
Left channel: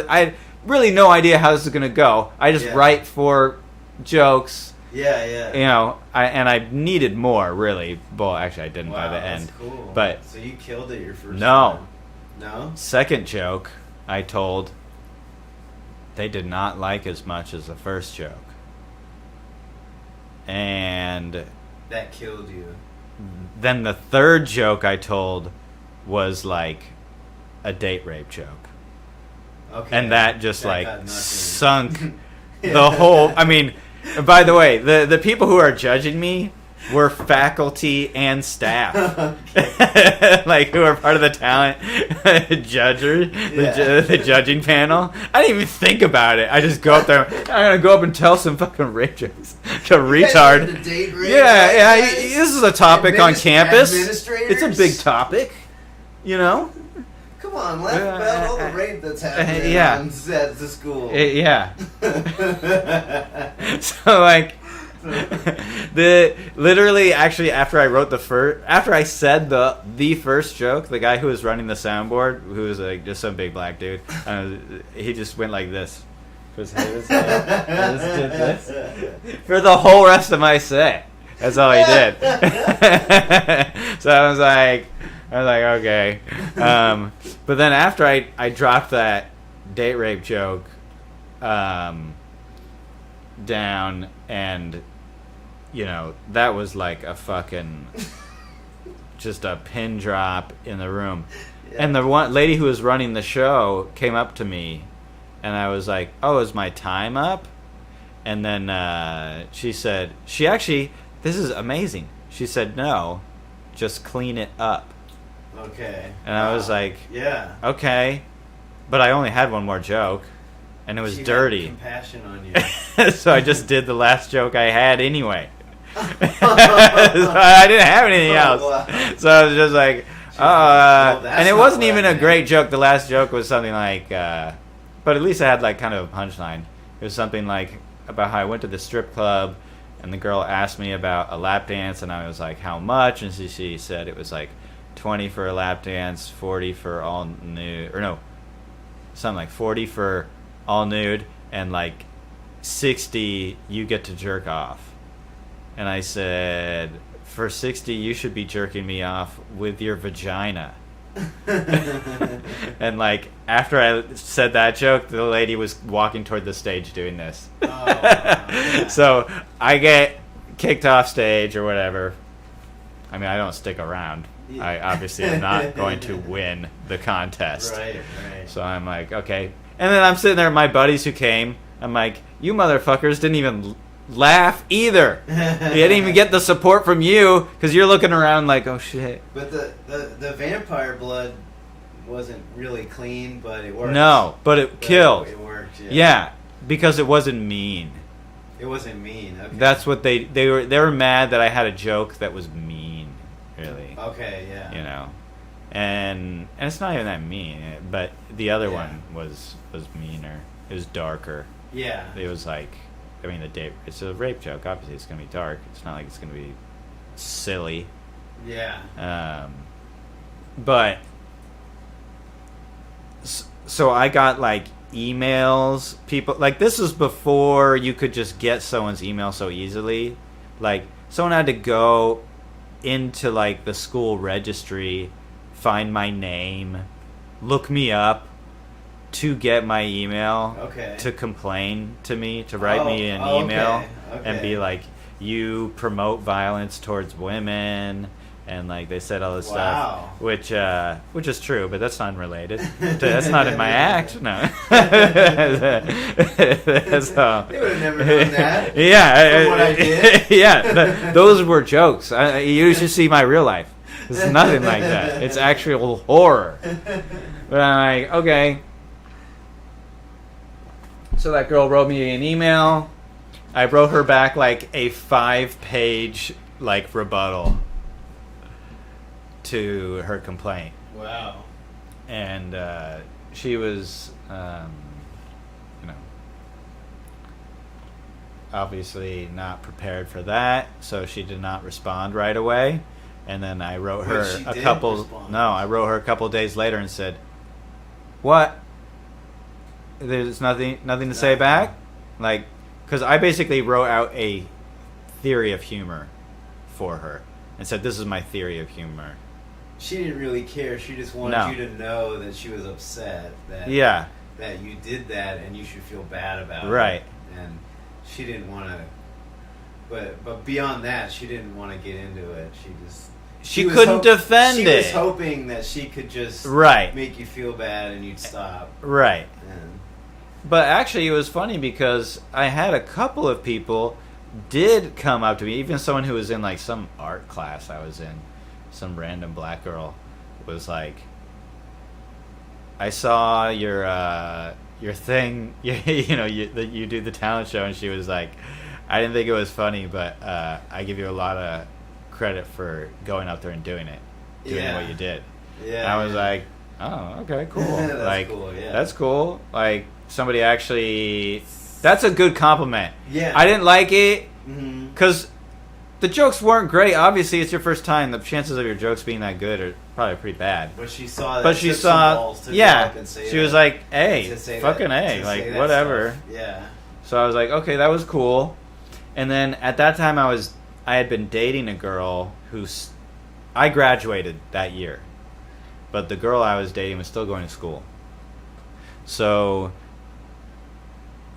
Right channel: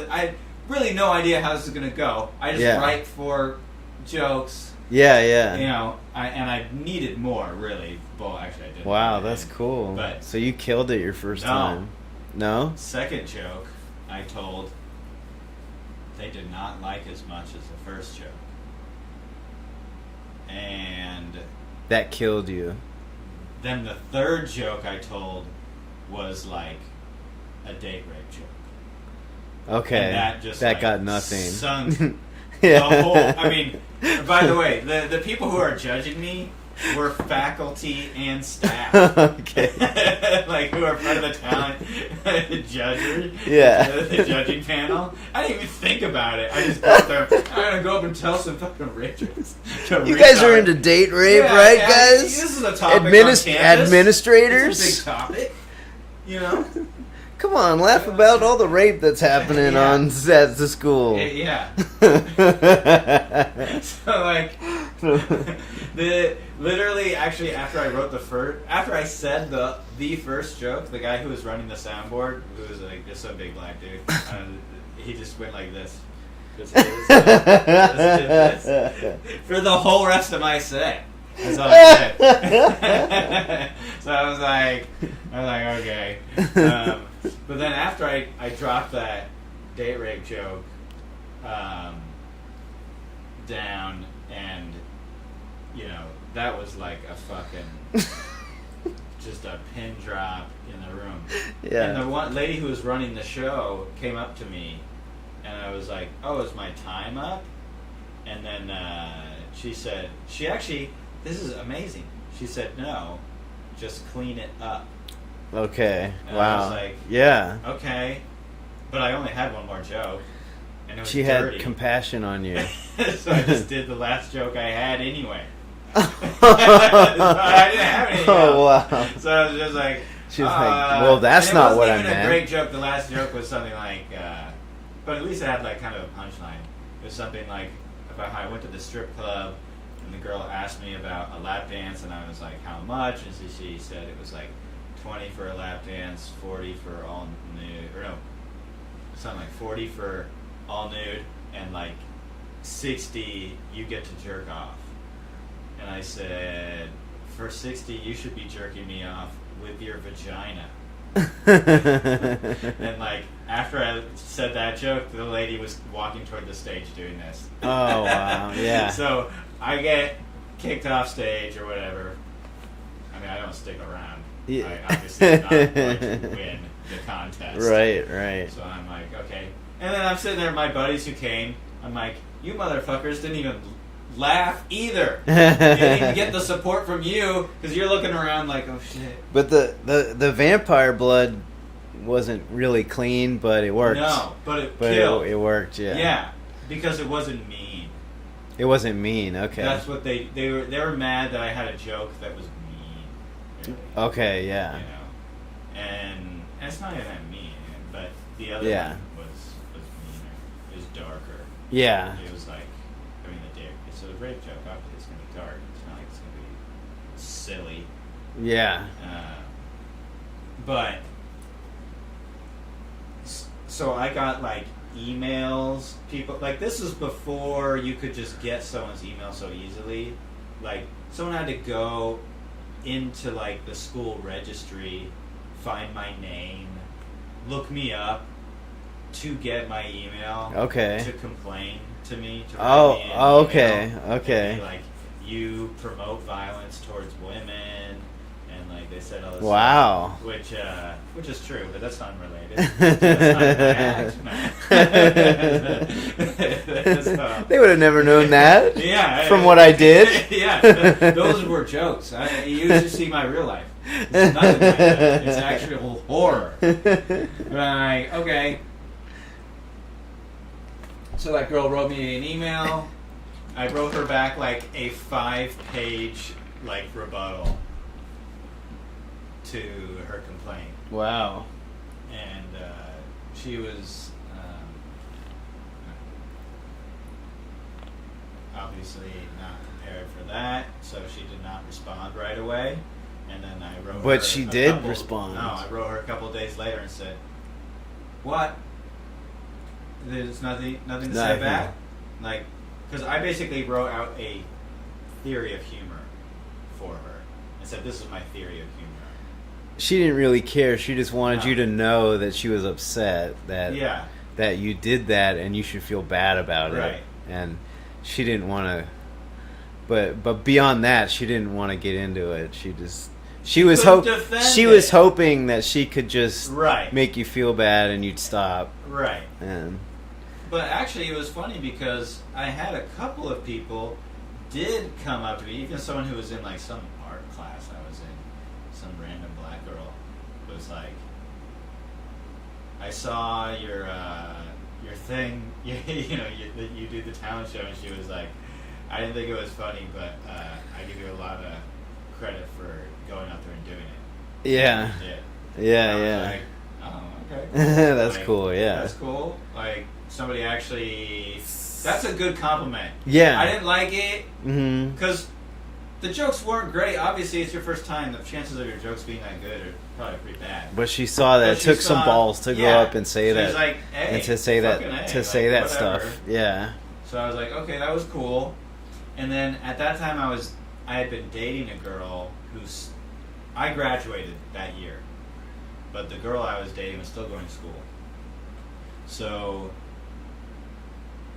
no idea how this is gonna go. I just write for jokes. Yeah. You know, I needed more really. Well, actually, I didn't. Wow, that's cool. But so you killed it your first time. No. Second joke I told, they did not like as much as the first joke, and that killed you. Then the third joke I told was like a date rape joke. Okay. And that got nothing. Sunk the whole. I mean, by the way, the people who are judging me were faculty and staff. Okay. Like who are part of the talent judges, the judging panel. I didn't even think about it. I just go up there. I'm gonna go up and tell some fucking rape jokes to you guys are into date rape, right, guys? This is a topic on campus. Administrators, it's a big topic. You know. Come on, laugh about all the rape that's happening at the school. So like, literally actually after I wrote after I said the first joke, the guy who was running the soundboard, who was like just some big black dude, he just went like this. For the whole rest of my set. That's all he did. So I was like, okay. But then after I dropped that date rape joke down, and you know, that was like a fucking just a pin drop in the room. Yeah. And the one lady who was running the show came up to me, and I was like, "Oh, is my time up?" And then she said, this is amazing. She said, no, just clean it up. Okay. And I was like, yeah. Okay. But I only had one more joke, and it was she dirty. Had compassion on you. So I just did the last joke I had anyway. So I didn't have anything else. Wow. So I was just like, well, that's and it not wasn't what even I a meant. great joke. The last joke was something like, but at least I had like kind of a punchline. It was something like about how I went to the strip club, and the girl asked me about a lap dance, and I was like, how much? And she said it was like 20 for a lap dance, 40 for all nude, or no, something like 40 for all nude, and like 60 you get to jerk off. And I said, for 60 you should be jerking me off with your vagina. And like after I said that joke, the lady was walking toward the stage doing this. Oh wow, yeah. So I get kicked off stage or whatever. I mean, I don't stick around. Yeah. I obviously am not going to win the contest. Right. So I'm like, okay. And then I'm sitting there with my buddies who came. I'm like, you motherfuckers didn't even laugh either. You didn't even get the support from you because you're looking around like, oh shit. But the vampire blood wasn't really clean, but it worked. No, but it killed. It worked. Yeah. Yeah. Because it wasn't mean. It wasn't mean. Okay. That's what they were mad that I had a joke that was mean. Really. Okay. Yeah. You know, and it's not even that mean, but the other Yeah. one was meaner. It was darker. Yeah. It was like, I mean, it's a rape joke. Obviously, it's gonna be dark. It's not like it's gonna be silly. Yeah. But so I got like emails. People like, this is before you could just get someone's email so easily. Like, someone had to go into like the school registry, find my name, look me up to get my email. Okay. To complain to me, to write me an email. Okay. And be like, you promote violence towards women, and like they said all this Wow. stuff, which is true, but that's unrelated. That's not in my act. No. So, They would have never known that. Yeah, from what I did. Yeah, those were jokes. You should see my real life. It's nothing like that. It's actual horror. But I'm like, okay. So that girl wrote me an email. I wrote her back like a 5-page like rebuttal to her complaint. Wow. And she was obviously not prepared for that, so she did not respond right away. And then I wrote her. But she did respond. No, I wrote her a couple days later and said, "What? There's nothing to say back?" Like, because I basically wrote out a theory of humor for her and said, "This is my theory of humor." She didn't really care. She just wanted you to know that she was upset that that you did that and you should feel bad about it. Right. And she didn't want to. But beyond that, she didn't want to get into it. She was hoping that she could just make you feel bad and you'd stop. Right. And but actually, it was funny because I had a couple of people did come up to me, even someone who was in like some art class I was in. Some random black girl was like, "I saw your thing, you do the talent show," and she was like, "I didn't think it was funny, but I give you a lot of credit for going up there and doing it." Yeah, you did. Yeah, and I was like, "Oh, okay, cool. That's like, cool. Yeah, that's cool." Like, somebody actually, that's a good compliment. Yeah, I didn't like it because the jokes weren't great. Obviously, it's your first time. The chances of your jokes being that good are probably pretty bad. But she saw that. It took some balls to go up and say that. She was like, "Hey, to say fucking that, A, to like, say that whatever." stuff. Yeah. So I was like, "Okay, that was cool." And then at that time, I had been dating a girl I graduated that year, but the girl I was dating was still going to school. So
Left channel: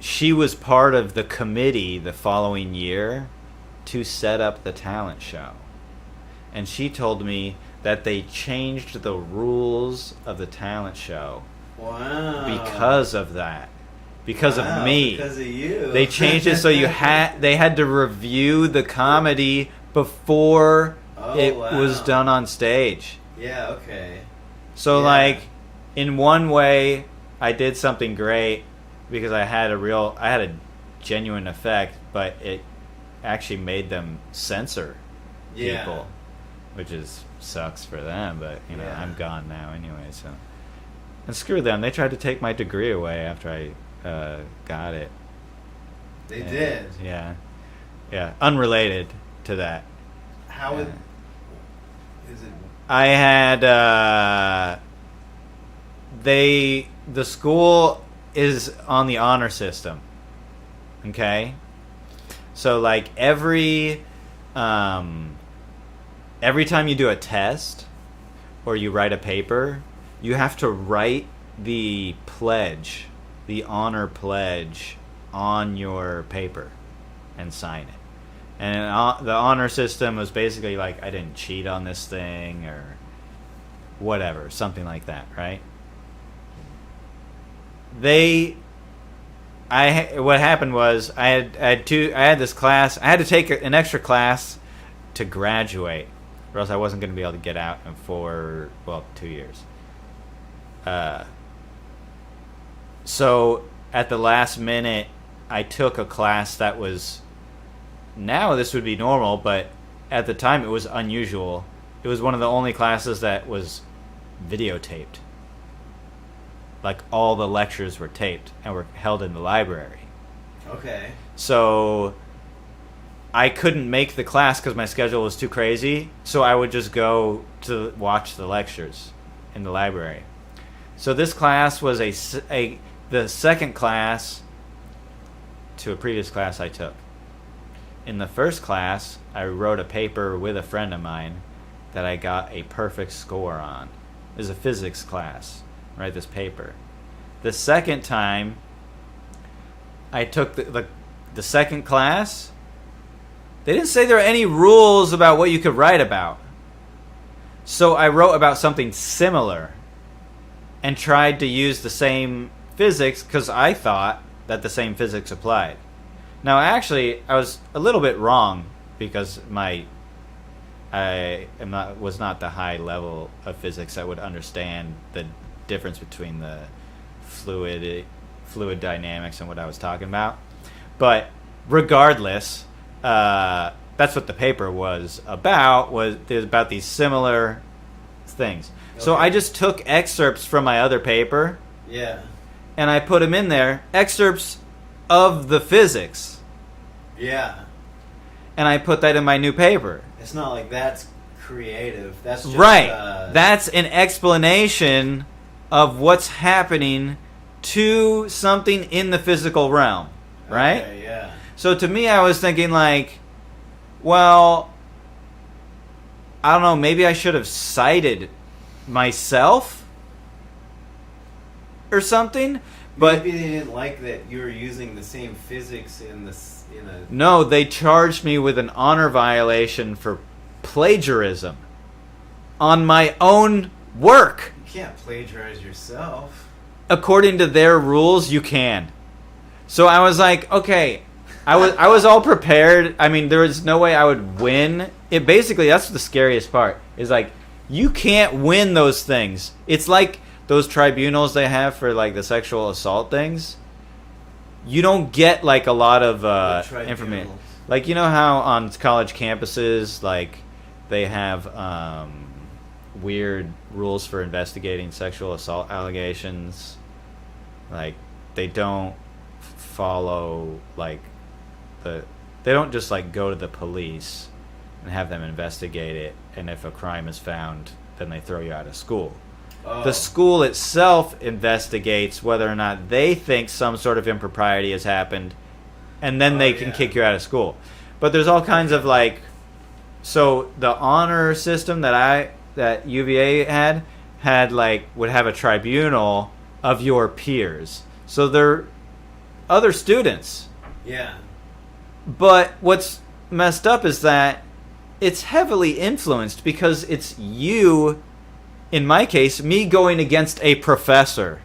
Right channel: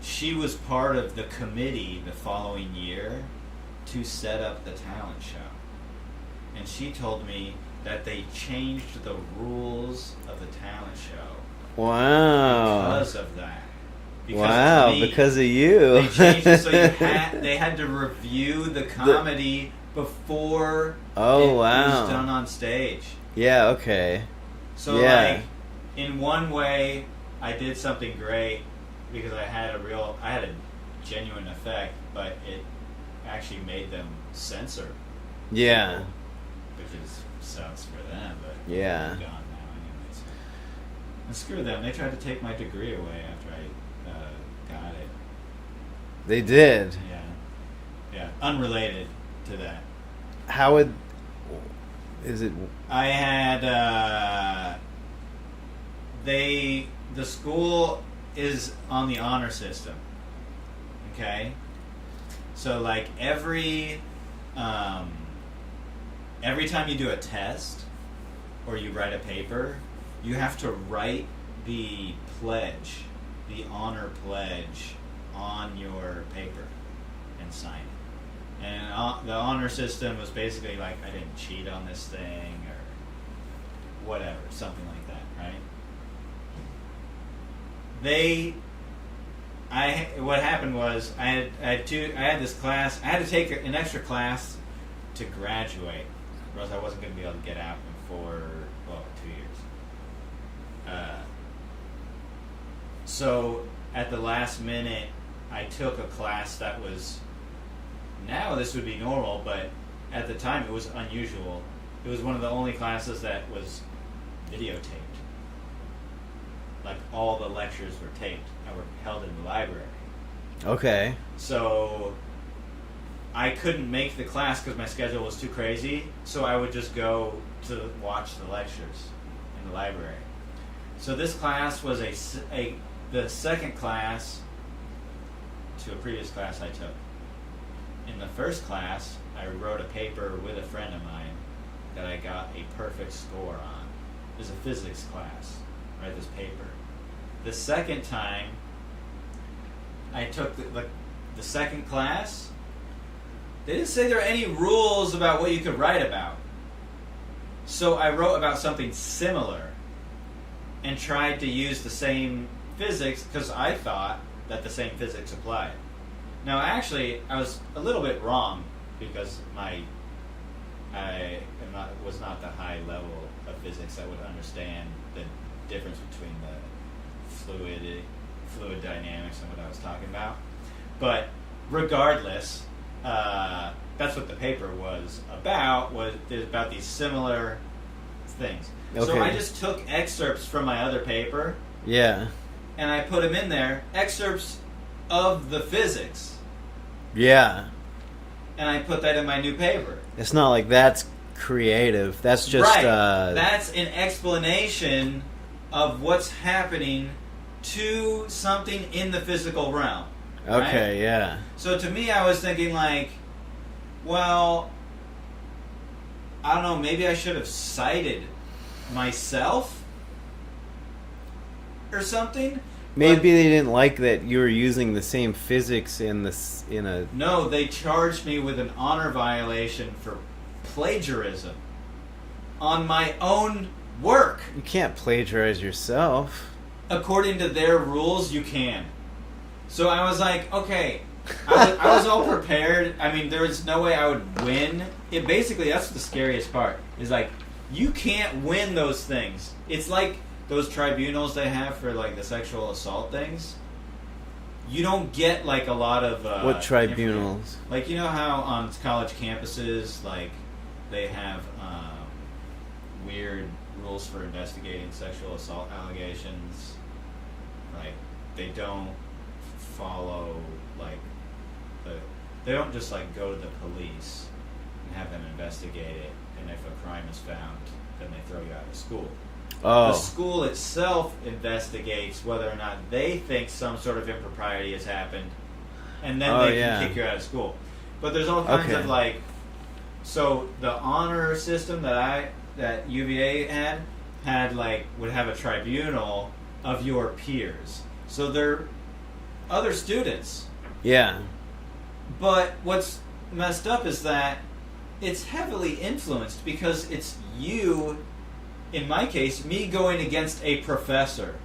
she was part of the committee the following year to set up the talent show. And she told me that they changed the rules of the talent show. Wow. Because of that. Because of me. Because of you. They changed it so they had to review the comedy before it was done on stage. Yeah, okay. So like, in one way I did something great because I had a genuine effect, but it actually made them censor people, which sucks for them, but I'm gone now anyway, so. And screw them, they tried to take my degree away after I got it. They did? Yeah, unrelated to that. How is it? I had the school is on the honor system, okay? So like every time you do a test or you write a paper, you have to write the pledge, the honor pledge, on your paper and sign it. And the honor system was basically like, I didn't cheat on this thing or whatever, something like that, right? What happened was I had this class. I had to take an extra class to graduate, or else I wasn't going to be able to get out in 2 years. So at the last minute, I took a class that was, now this would be normal, but at the time it was unusual. It was one of the only classes that was videotaped. Like all the lectures were taped and were held in the library. Okay. So I couldn't make the class because my schedule was too crazy, so I would just go to watch the lectures in the library. So this class was the second class to a previous class I took. In the first class, I wrote a paper with a friend of mine that I got a perfect score on. It was a physics class. Write this paper. The second time I took the second class, they didn't say there were any rules about what you could write about. So I wrote about something similar and tried to use the same physics because I thought that the same physics applied. Now, actually, I was a little bit wrong because was not the high level of physics that would understand the difference between the fluid dynamics and what I was talking about. But regardless, that's what the paper was about. Was about these similar things. Okay. So I just took excerpts from my other paper. Yeah. And I put them in there, excerpts of the physics. Yeah. And I put that in my new paper. It's not like that's creative. That's just... Right. That's an explanation of what's happening to something in the physical realm. Right? Okay, yeah. So to me, I was thinking like, well, I don't know, maybe I should have cited myself or something. Maybe they didn't like that you were using the same physics in a... No, they charged me with an honor violation for plagiarism on my own work. You can't plagiarize yourself. According to their rules, you can. So I was like, okay, I was all prepared. I mean, there was no way I would win. It basically, that's the scariest part. Is like, you can't win those things. It's like those tribunals they have for like the sexual assault things. You don't get like a lot of what tribunals? Like, you know how on college campuses, like they have weird rules for investigating sexual assault allegations. Like they don't follow like they don't just like go to the police and have them investigate it, and if a crime is found, then they throw you out of school. Oh. The school itself investigates whether or not they think some sort of impropriety has happened, and then they can kick you out of school. But there's all kinds of like, so the honor system that UVA had like would have a tribunal of your peers. So they're other students. Yeah. But what's messed up is that it's heavily influenced because it's you, in my case, me going against a professor.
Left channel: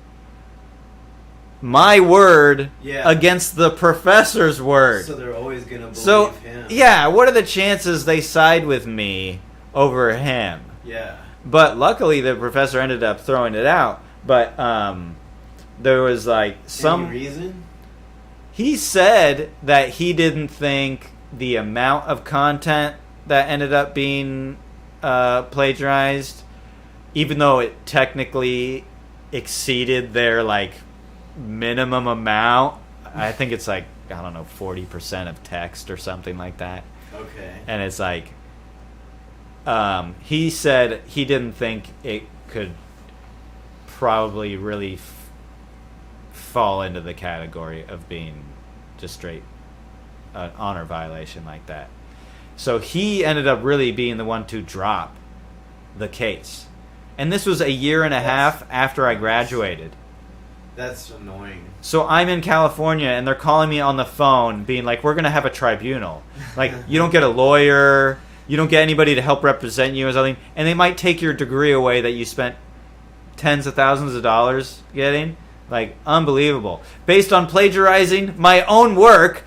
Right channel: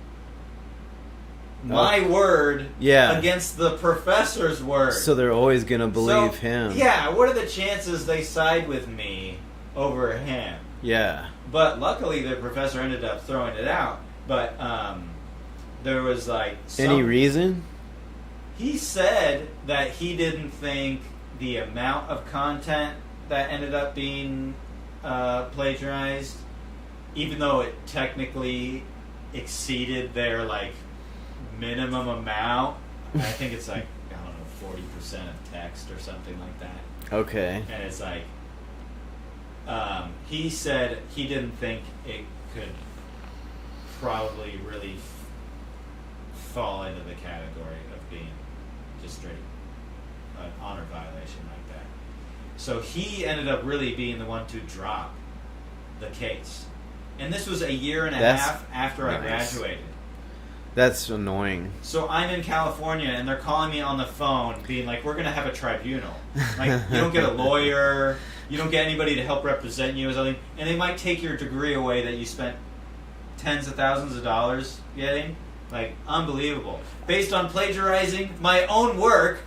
My word against the professor's word. So they're always going to believe him. Yeah, what are the chances they side with me over him? Yeah. But luckily the professor ended up throwing it out. But there was like any reason? He said that he didn't think the amount of content that ended up being plagiarized, even though it technically exceeded their like minimum amount. I think it's like, I don't know, 40% of text or something like that. Okay. And it's like, he said he didn't think it could probably really fall into the category of being just straight an honor violation like that. So he ended up really being the one to drop the case. And this was a year and a half after I graduated. That's annoying. So I'm in California, and they're calling me on the phone, being like, we're going to have a tribunal. Like, you don't get a lawyer, you don't get anybody to help represent you or something, and they might take your degree away that you spent tens of thousands of dollars getting. Like, unbelievable. Based on plagiarizing my own work,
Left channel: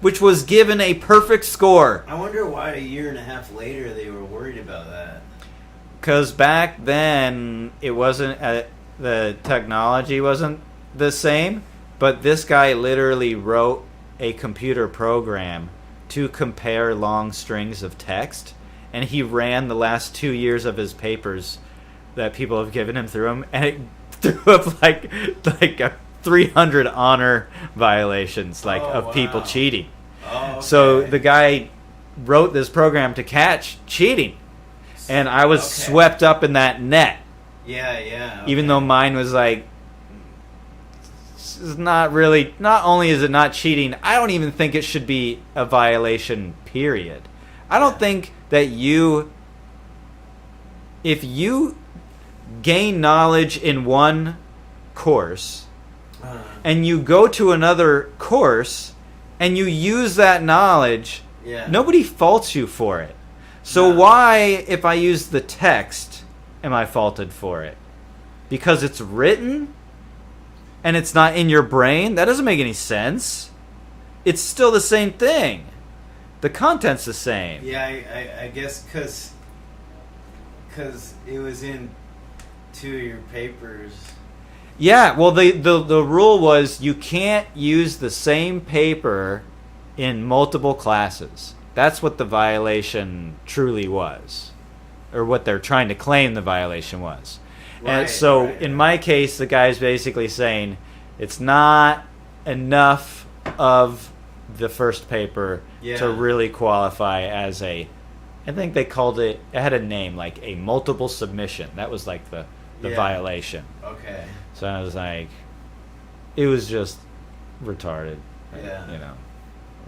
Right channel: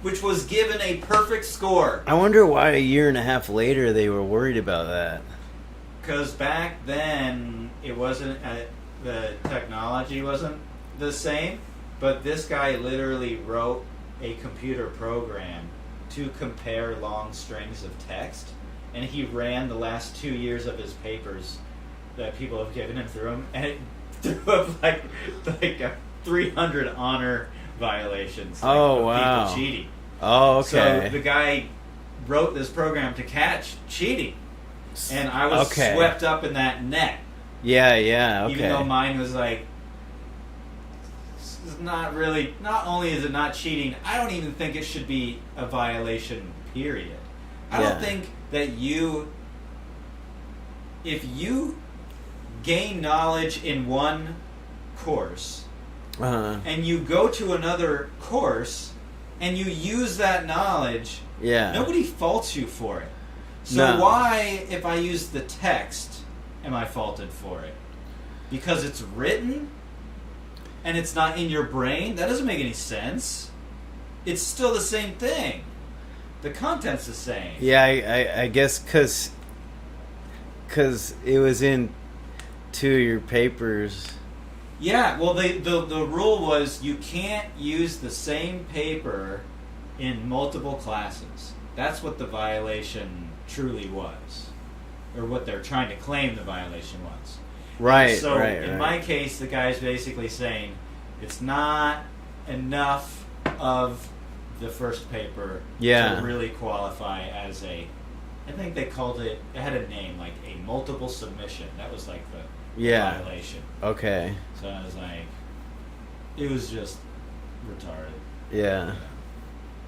which was given a perfect score. I wonder why a year and a half later they were worried about that. Because back then, it wasn't... the technology wasn't the same, But this guy literally wrote a computer program to compare long strings of text, and he ran the last 2 years of his papers that people have given him through them, and it threw up like 300 honor violations of people cheating. Oh, okay. So the guy wrote this program to catch cheating, and I was swept up in that net. Yeah, okay. Even though mine was like, it's not really. Not only is it not cheating, I don't even think it should be a violation. Period. I don't think that if you gain knowledge in one course, and you go to another course and you use that knowledge, nobody faults you for it. So why, if I use the text, am I faulted for it? Because it's written and it's not in your brain? That doesn't make any sense. It's still the same thing. The content's the same. Yeah, I guess because it was in 2 of your papers. Yeah, well, the rule was you can't use the same paper in multiple classes. That's what the violation truly was, or what they're trying to claim the violation was. Right. And so in my case, the guy's basically saying it's not enough of the first paper to really qualify as a. I think they called it. It had a name, like a multiple submission. That was like the violation. Okay. So I was like, it was just retarded. Yeah.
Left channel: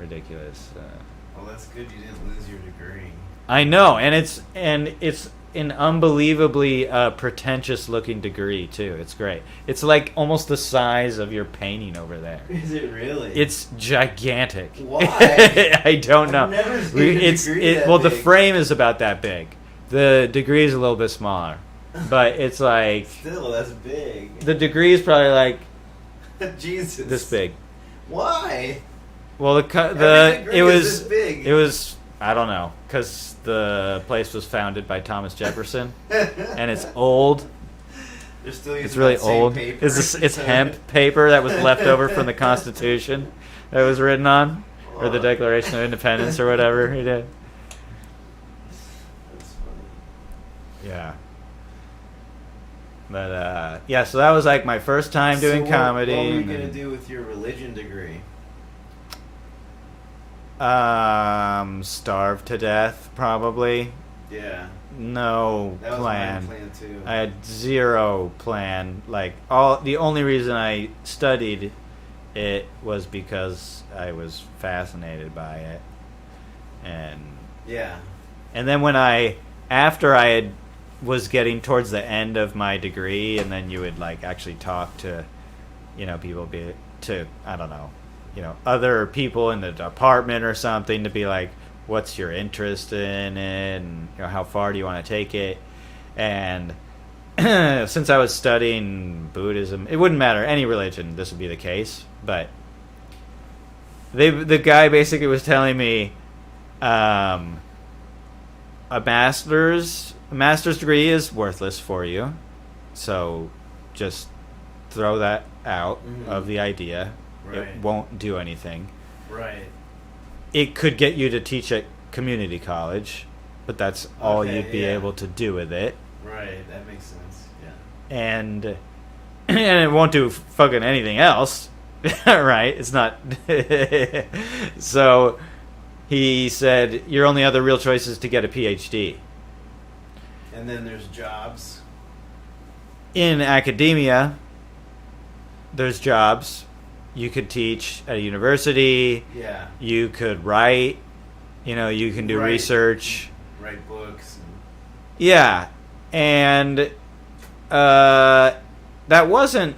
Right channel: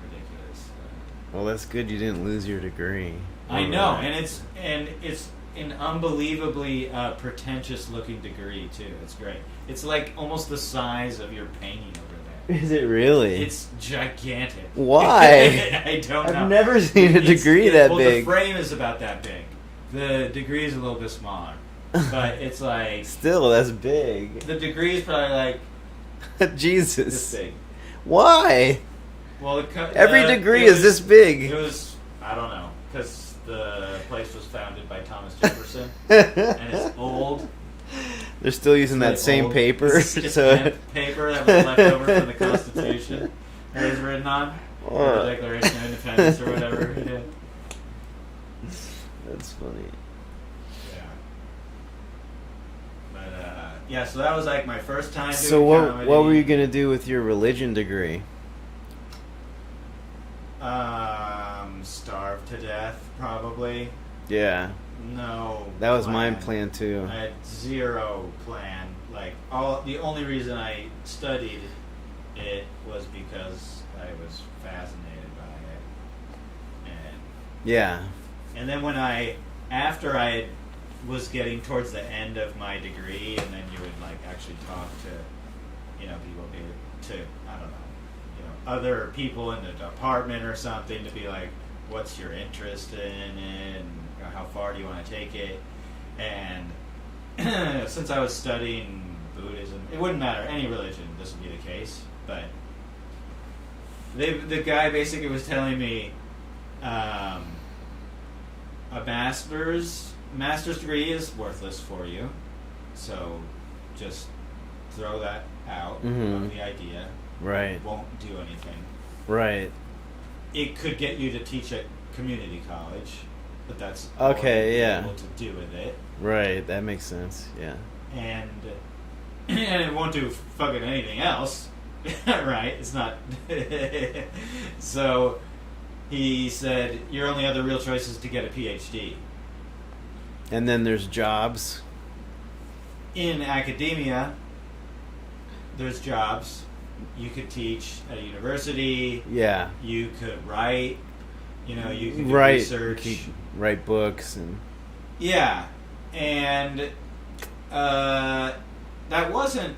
Ridiculous. Well, that's good you didn't lose your degree. I know, and it's an unbelievably pretentious looking degree too. It's great. It's like almost the size of your painting over there. Is it really? It's gigantic. Why? I don't know. I've never seen a degree that big. Well, the frame is about that big. The degree is a little bit smaller, but it's like still that's big. The degree is probably like Jesus this big. Why? Well, every degree is this big. It was, I don't know, because the place was founded by Thomas Jefferson, and it's old. They're still using that same paper. It's hemp paper that was left over from the Constitution that it was written on, or the Declaration of Independence, or whatever he did. That's funny. Yeah. But, so that was like my first time doing comedy. What were you going to do with your religion degree? Starve to death, probably. Yeah. No. That was plan. my plan too. I had zero plan. Like the only reason I studied it was because I was fascinated by it, and then after I was getting towards the end of my degree, and then you would like actually talk to, people I don't know, other people in the department or something to be like, what's your interest in it, and how far do you want to take it? And since I was studying Buddhism, it wouldn't matter any religion, this would be the case. But the guy basically was telling me, a master's degree is worthless for you, so just throw that out of the idea. Right. It won't do anything. Right. It could get you to teach at community college, but that's all you'd be able to do with it. Right, that makes sense, yeah. And it won't do fucking anything else, right? It's not... So he said, your only other real choice is to get a PhD. And then there's jobs. In academia, there's jobs. You could teach at a university. Yeah. You could write. You can do research. Write books. And yeah. And that wasn't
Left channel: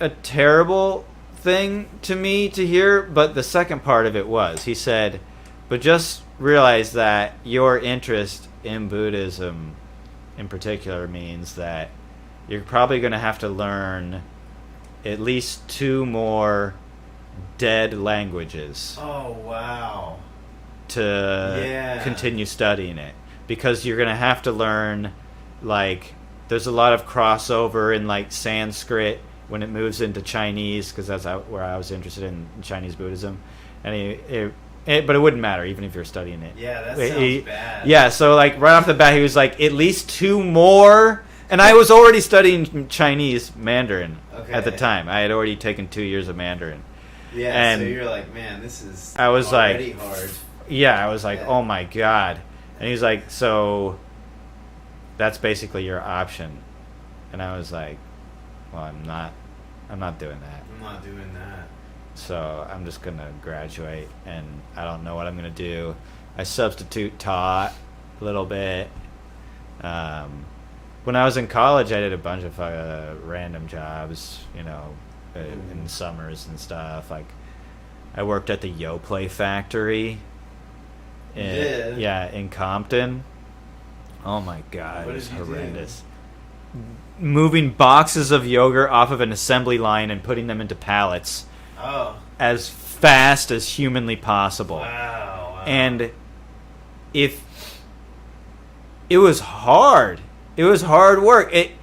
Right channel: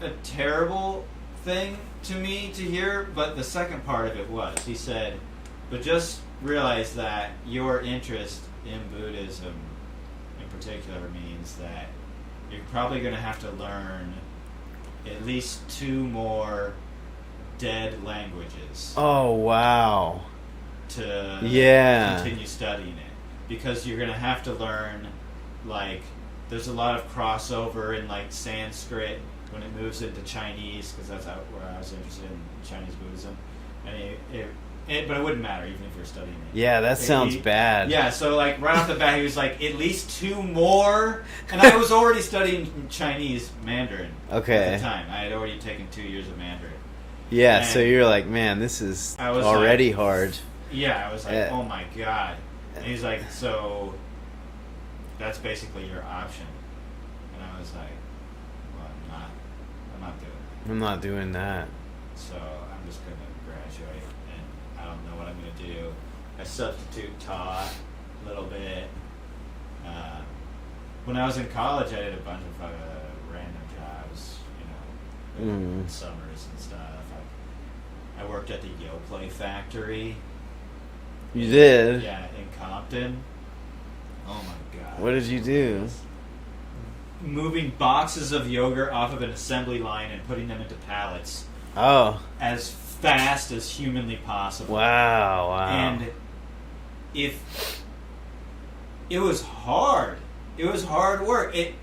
a terrible thing to me to hear, but the second part of it was. He said, but just realize that your interest in Buddhism in particular means that you're probably going to have to learn at least 2 more dead languages. Oh, wow. To continue studying it. Because you're going to have to learn, like, there's a lot of crossover in, like, Sanskrit when it moves into Chinese, because that's where I was interested in Chinese Buddhism, and but it wouldn't matter even if you're studying it. Yeah, that sounds bad. Yeah, so like right off the bat, he was like, at least 2 more, and I was already studying Chinese Mandarin at the time. I had already taken 2 years of Mandarin. Yeah, and so you're like, man, this is I was already like, hard. Yeah, I was like, oh my god. And he's like, so that's basically your option. And I was like, well, I'm not doing that. I'm not doing that. So I'm just going to graduate, and I don't know what I'm going to do. I substitute taught a little bit. When I was in college, I did a bunch of random jobs, in summers and stuff. Like, I worked at the Yoplait factory. You did? Yeah, in Compton. Oh my god. What did you do? Moving boxes of yogurt off of an assembly line and putting them into pallets. Oh. As fast as humanly possible. Wow. And it was hard. It was hard work. It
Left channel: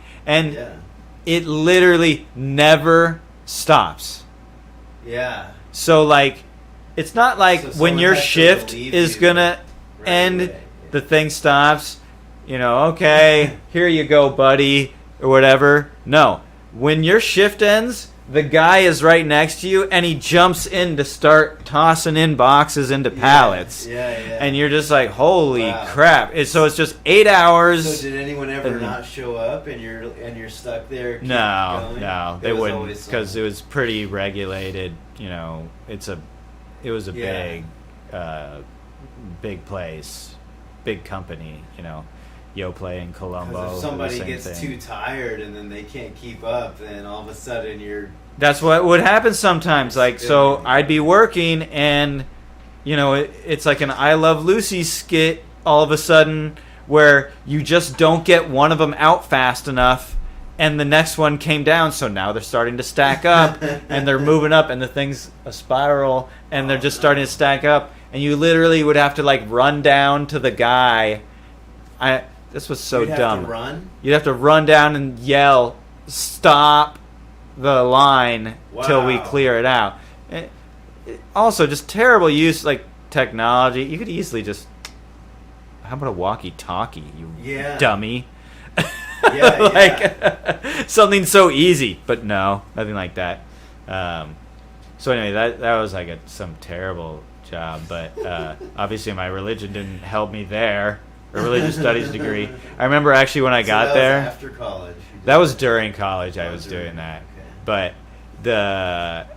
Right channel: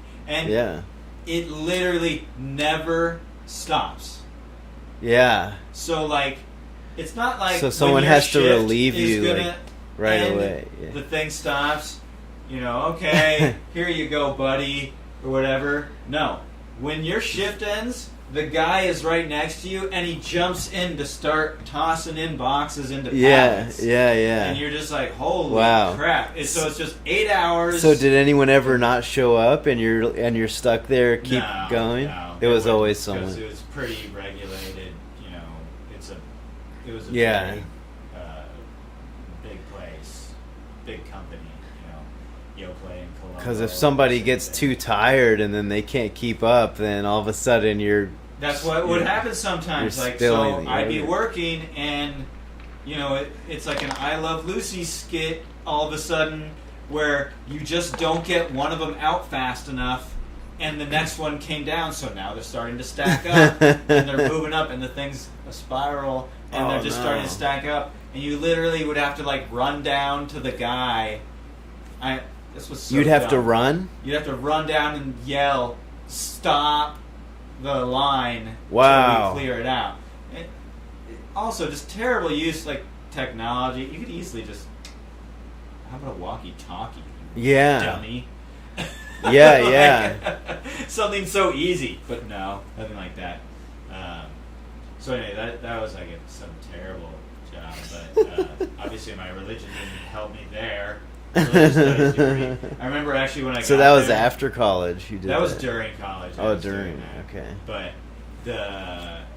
literally never stops. Yeah. So like, it's not like when your shift is gonna end, the thing stops. Okay, here you go, buddy, or whatever. No, when your shift ends, the guy is right next to you, and he jumps in to start tossing in boxes into pallets. Yeah. And you're just like, holy crap! So it's just 8 hours. So did anyone ever not show up, and you're stuck there? Keep going. No, it was always someone. Because it was pretty regulated. It was a big place, big company. Yoplait in Colombo. Because if somebody gets too tired and then they can't keep up, then all of a sudden you're... That's what would happen sometimes. Like, so I'd be working and, it's like an I Love Lucy skit all of a sudden where you just don't get one of them out fast enough and the next one came down, so now they're starting to stack up and they're moving up and the thing's a spiral and they're just starting to stack up and you literally would have to like run down to the guy. This was so You'd have dumb. to run? You'd have to run down and yell, stop the line till we clear it out. And also, just terrible use, like, technology. You could easily just... How about a walkie-talkie, you dummy? Something so easy. But no, nothing like that. So anyway, that was like some terrible job. But obviously my religion didn't help me there. Religious studies degree. I remember actually when I got there. So that was after college. You did that was during college. I was during doing that. Okay. But the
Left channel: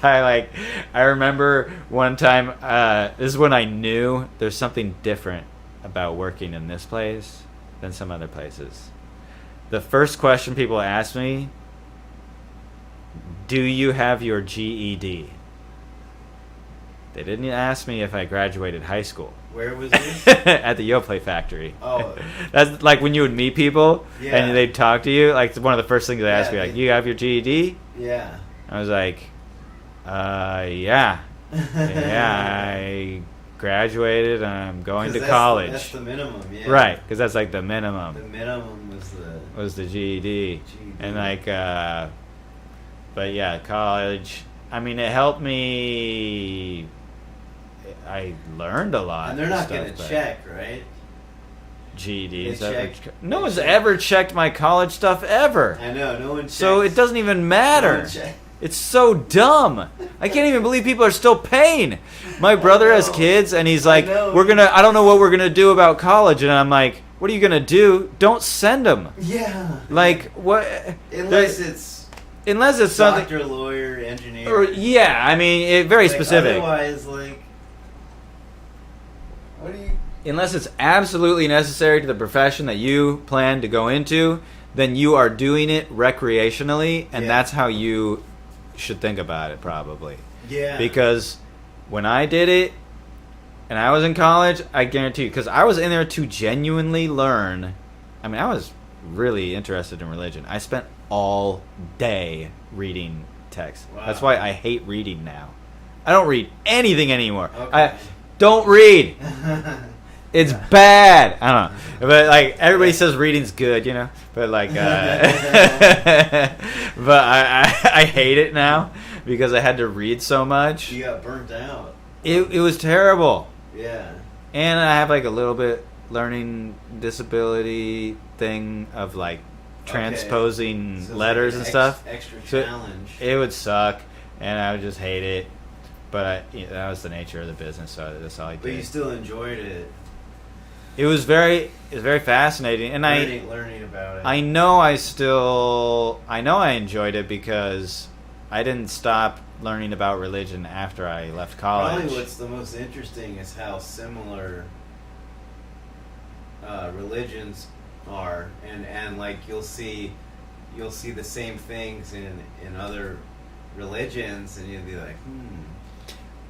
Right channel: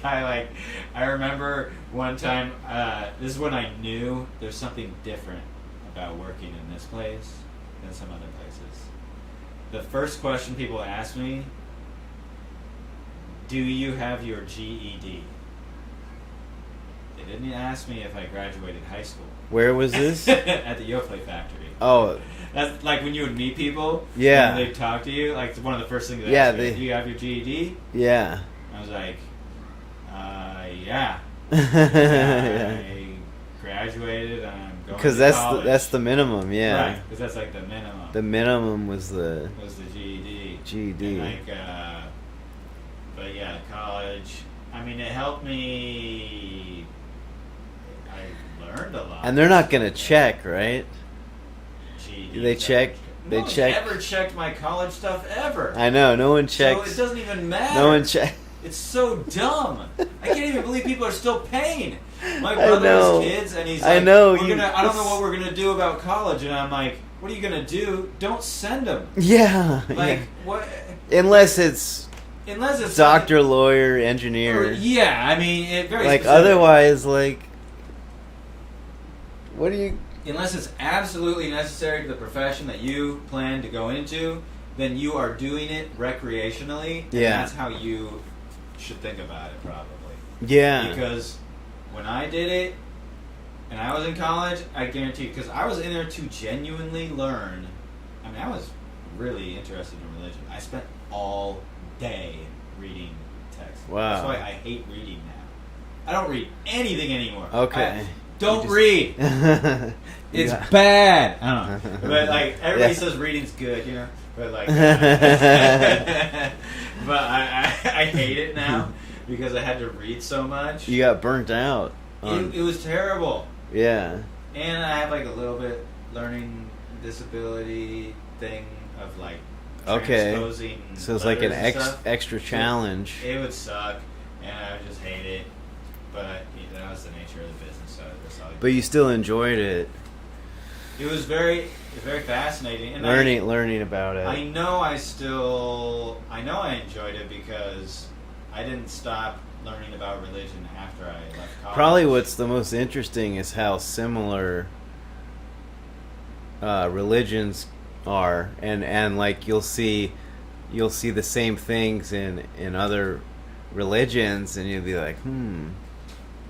guy, like, I remember one time. This is when I knew there's something different about working in this place than some other places. The first question people ask me: do you have your GED? They didn't ask me if I graduated high school. Where was this? At the Yoplait factory. Oh. That's like when you would meet people and they'd talk to you. Like, one of the first things they asked me, like, do you have your GED? Yeah. I was like, yeah. I graduated and I'm going to college. That's the minimum, yeah. Right, because that's like the minimum. The minimum was the GED. GED. And like, but yeah, college. I mean, it helped me. I learned a lot. And they're not going to check, right? GED. They check. No one's ever checked my college stuff ever. I know. No one checks. So it doesn't even matter. No one checks. It's so dumb. I can't even believe people are still paying. My brother has kids, and he's like, I don't know what we're gonna do about college, and I'm like, what are you gonna do? Don't send them. Yeah. Like what? Unless it's doctor, lawyer, engineer. Yeah, I mean, very like, specific. Otherwise, like, what do you? Unless it's absolutely necessary to the profession that you plan to go into, then you are doing it recreationally, and that's how you should think about it, probably. Yeah. Because when I did it, and I was in college, I guarantee you, because I was in there to genuinely learn. I mean, I was really interested in religion. I spent all day reading text. Wow. That's why I hate reading now. I don't read anything anymore. Okay. Don't read. It's bad. I don't know, but like everybody says reading's good, you know. But like, but I hate it now because I had to read so much. You got burnt out. It was terrible. Yeah. And I have like a little bit learning disability thing of like transposing letters and stuff. Extra challenge. It would suck, and I would just hate it. But that was the nature of the business, so that's all I did. But you still enjoyed it. It was very fascinating, and learning about it. I know I enjoyed it because I didn't stop learning about religion after I left college. Probably what's the most interesting is how similar religions are, and like you'll see the same things in other religions, and you'll be like,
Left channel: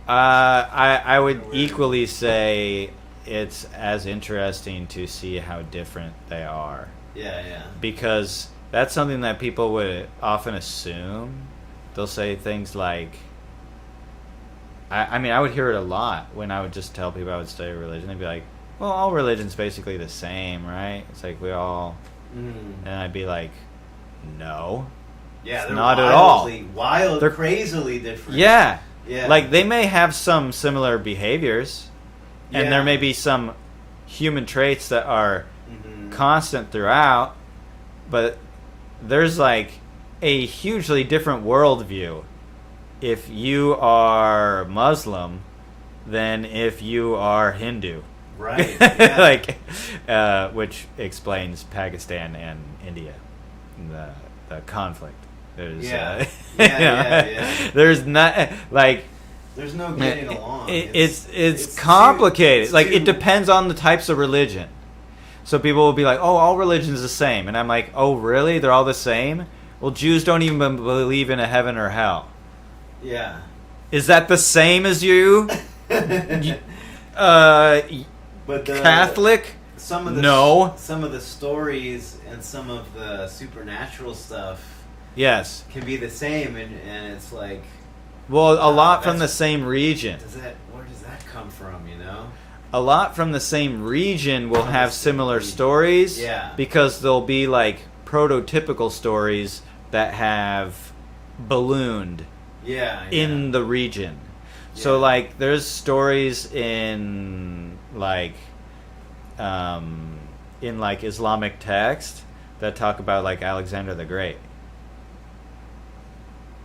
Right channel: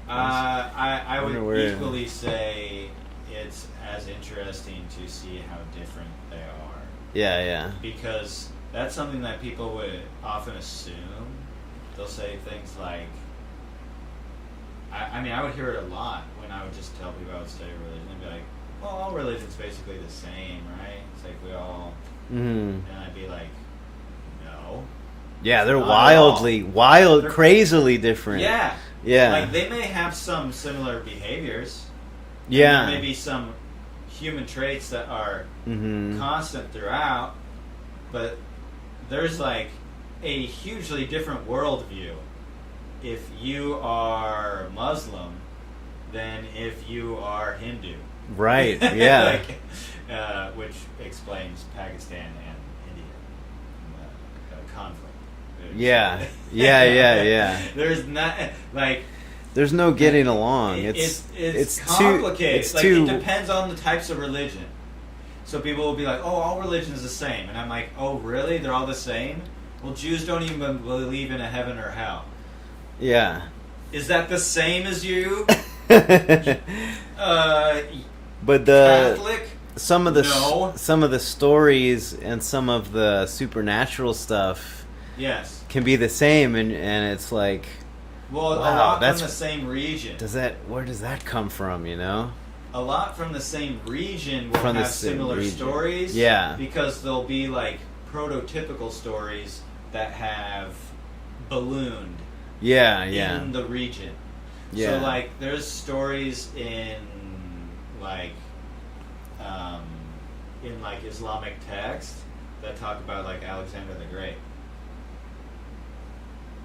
I would equally say it's as interesting to see how different they are. Yeah. Because that's something that people would often assume. They'll say things like, I mean, I would hear it a lot when I would just tell people I would study religion. They'd be like, well, all religion's basically the same, right? It's like we all... And I'd be like, no. Yeah, they're They're crazily different. Yeah. Yeah. Like, they may have some similar behaviors. Yeah. And there may be some human traits that are constant throughout, but there's like a hugely different worldview if you are Muslim than if you are Hindu. Right, yeah. Which explains Pakistan and India, the conflict. Yeah. There's not, like... There's no getting along. It's complicated. It depends on the types of religion. So people will be like, oh, all religion is the same. And I'm like, oh, really? They're all the same? Well, Jews don't even believe in a heaven or hell. Yeah. Is that the same as you? But Catholic? Some of the stories and some of the supernatural stuff can be the same, and it's like... Well, a lot from the same region. Where does that come from, you know? A lot from the same region will have similar stories. Yeah. Because there'll be, like, prototypical stories that have ballooned in the region. Yeah. So, like, there's stories in Islamic text that talk about, like, Alexander the Great.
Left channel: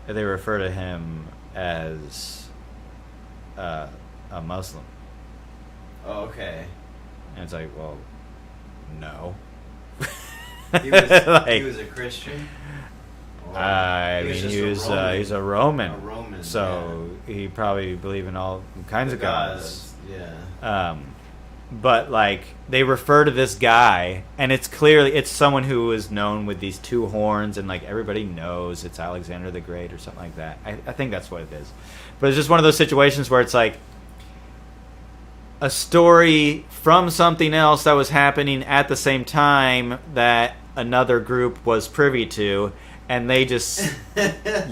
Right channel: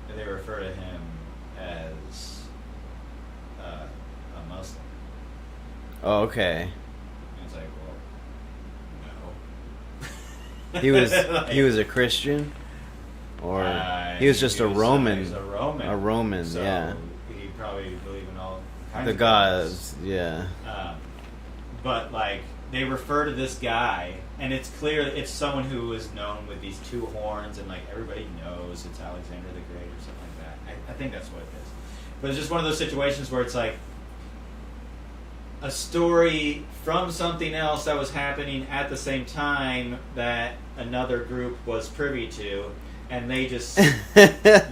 They refer to him as a Muslim. Oh, okay. And it's like, well, no. He was he was a Christian, or he was just a Roman. He was a Roman. A Roman. So he probably believed in all kinds of gods. Yeah. But like they refer to this guy, and it's someone who is known with these two horns, and like everybody knows it's Alexander the Great or something like that. I think that's what it is. But it's just one of those situations where it's like a story from something else that was happening at the same time that another group was privy to, and they just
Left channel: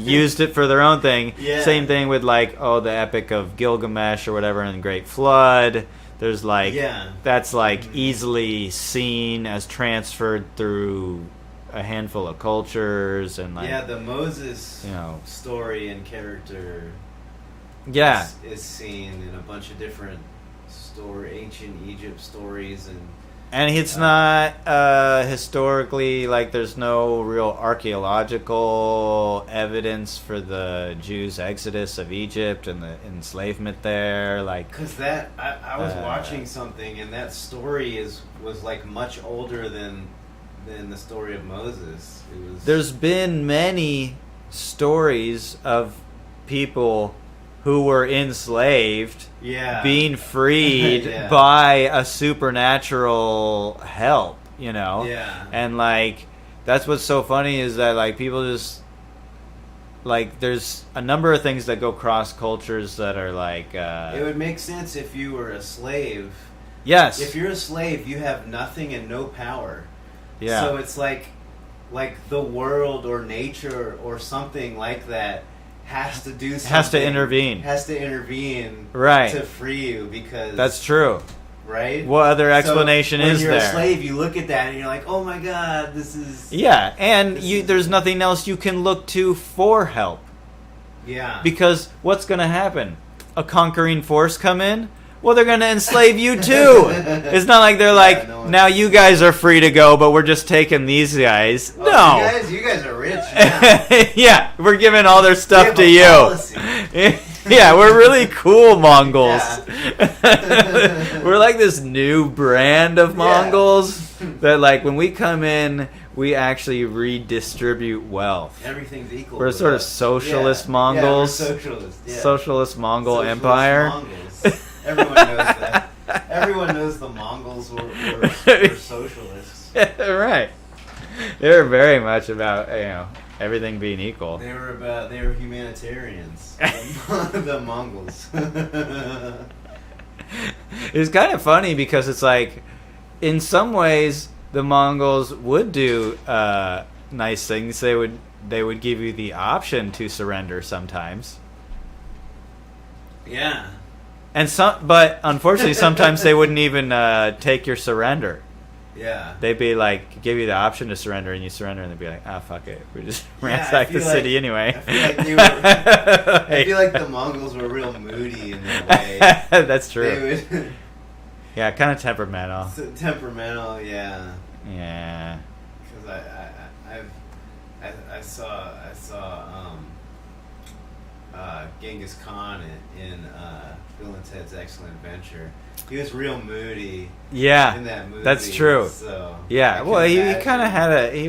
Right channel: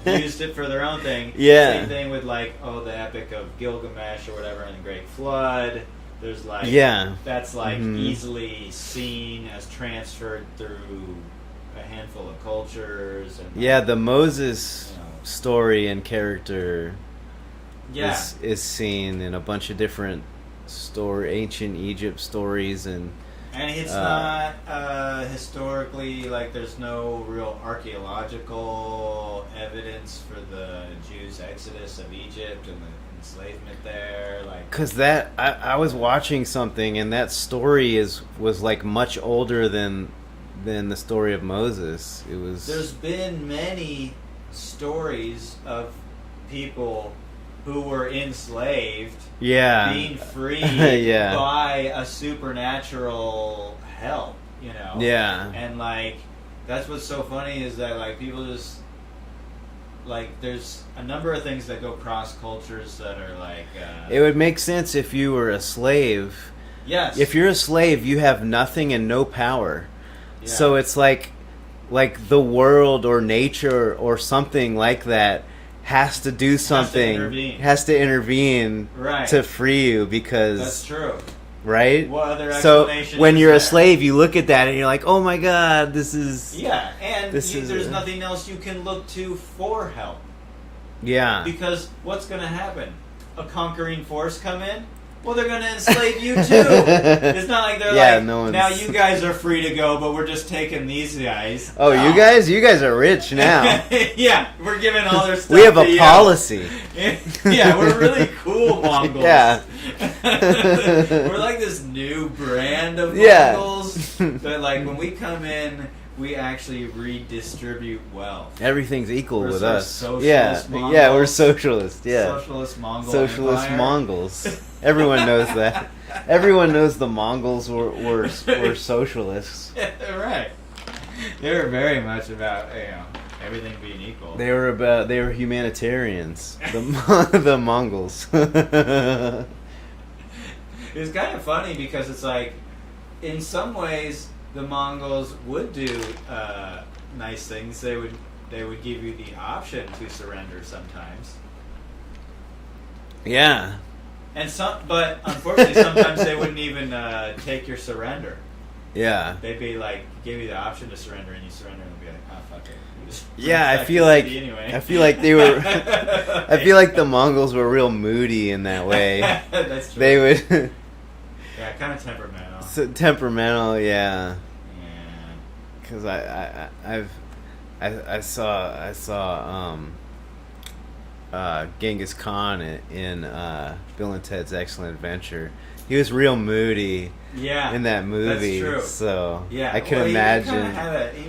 used it for their own thing. Yeah. Same thing with like, the Epic of Gilgamesh or whatever in the Great Flood. There's like, that's like easily seen as transferred through a handful of cultures, and like, the Moses story and character is seen in a bunch of different ancient Egypt stories, and it's not historically, like there's no real archaeological evidence for the Jews' exodus of Egypt and the enslavement there, like because that I was watching something, and that story was like much older than the story of Moses. There's been many stories of people who were enslaved, being freed by a supernatural help, and like that's what's so funny is that like people just like there's a number of things that go cross cultures that are like it would make sense if you were a slave. Yes, if you're a slave, you have nothing and no power. Yeah. So it's like the world or nature or something like that has to do something. Has to intervene right, to free you, because that's true. right? What other explanation so when is you're there? a slave, you look at that and you're like, oh my god, this is... Yeah, and This is there's nothing else you can look to for help. Yeah. Because what's going to happen? A conquering force come in? Well, they're going to enslave you too. It's not like they're like, now you guys are free to go, but we're just taking these guys. Oh, no. you guys are rich now. Yeah, we're giving all their stuff we have to a you. policy. Yeah, we're really cool Mongols. Yeah. We're like this new brand of Mongols that, like, when we come in, we actually redistribute wealth. Everything's equal We're with sort of us. socialist Mongols. Yeah, we're socialist. Yeah. Socialist Mongol Socialist Empire. Mongols. Everyone knows that. Everyone knows the Mongols were socialists. Right. They're very much about, everything being equal. They were humanitarians. The Mongols. It's kind of funny because it's like, in some ways, the Mongols would do nice things. They would give you the option to surrender sometimes. Yeah. But unfortunately, sometimes they wouldn't even take your surrender. Yeah. They'd be like, give you the option to surrender, and you surrender, and they'd be like, "Ah, oh, fuck it, we just I feel like city anyway." I feel like they were. I feel like the Mongols were real moody in that way. That's true. They would. Yeah, kind of temperamental. Temperamental, yeah. Yeah. Because I saw Genghis Khan in Bill and Ted's Excellent Adventure. He was real moody. Yeah, in that movie. That's true. So yeah, I can he imagine. kind of had he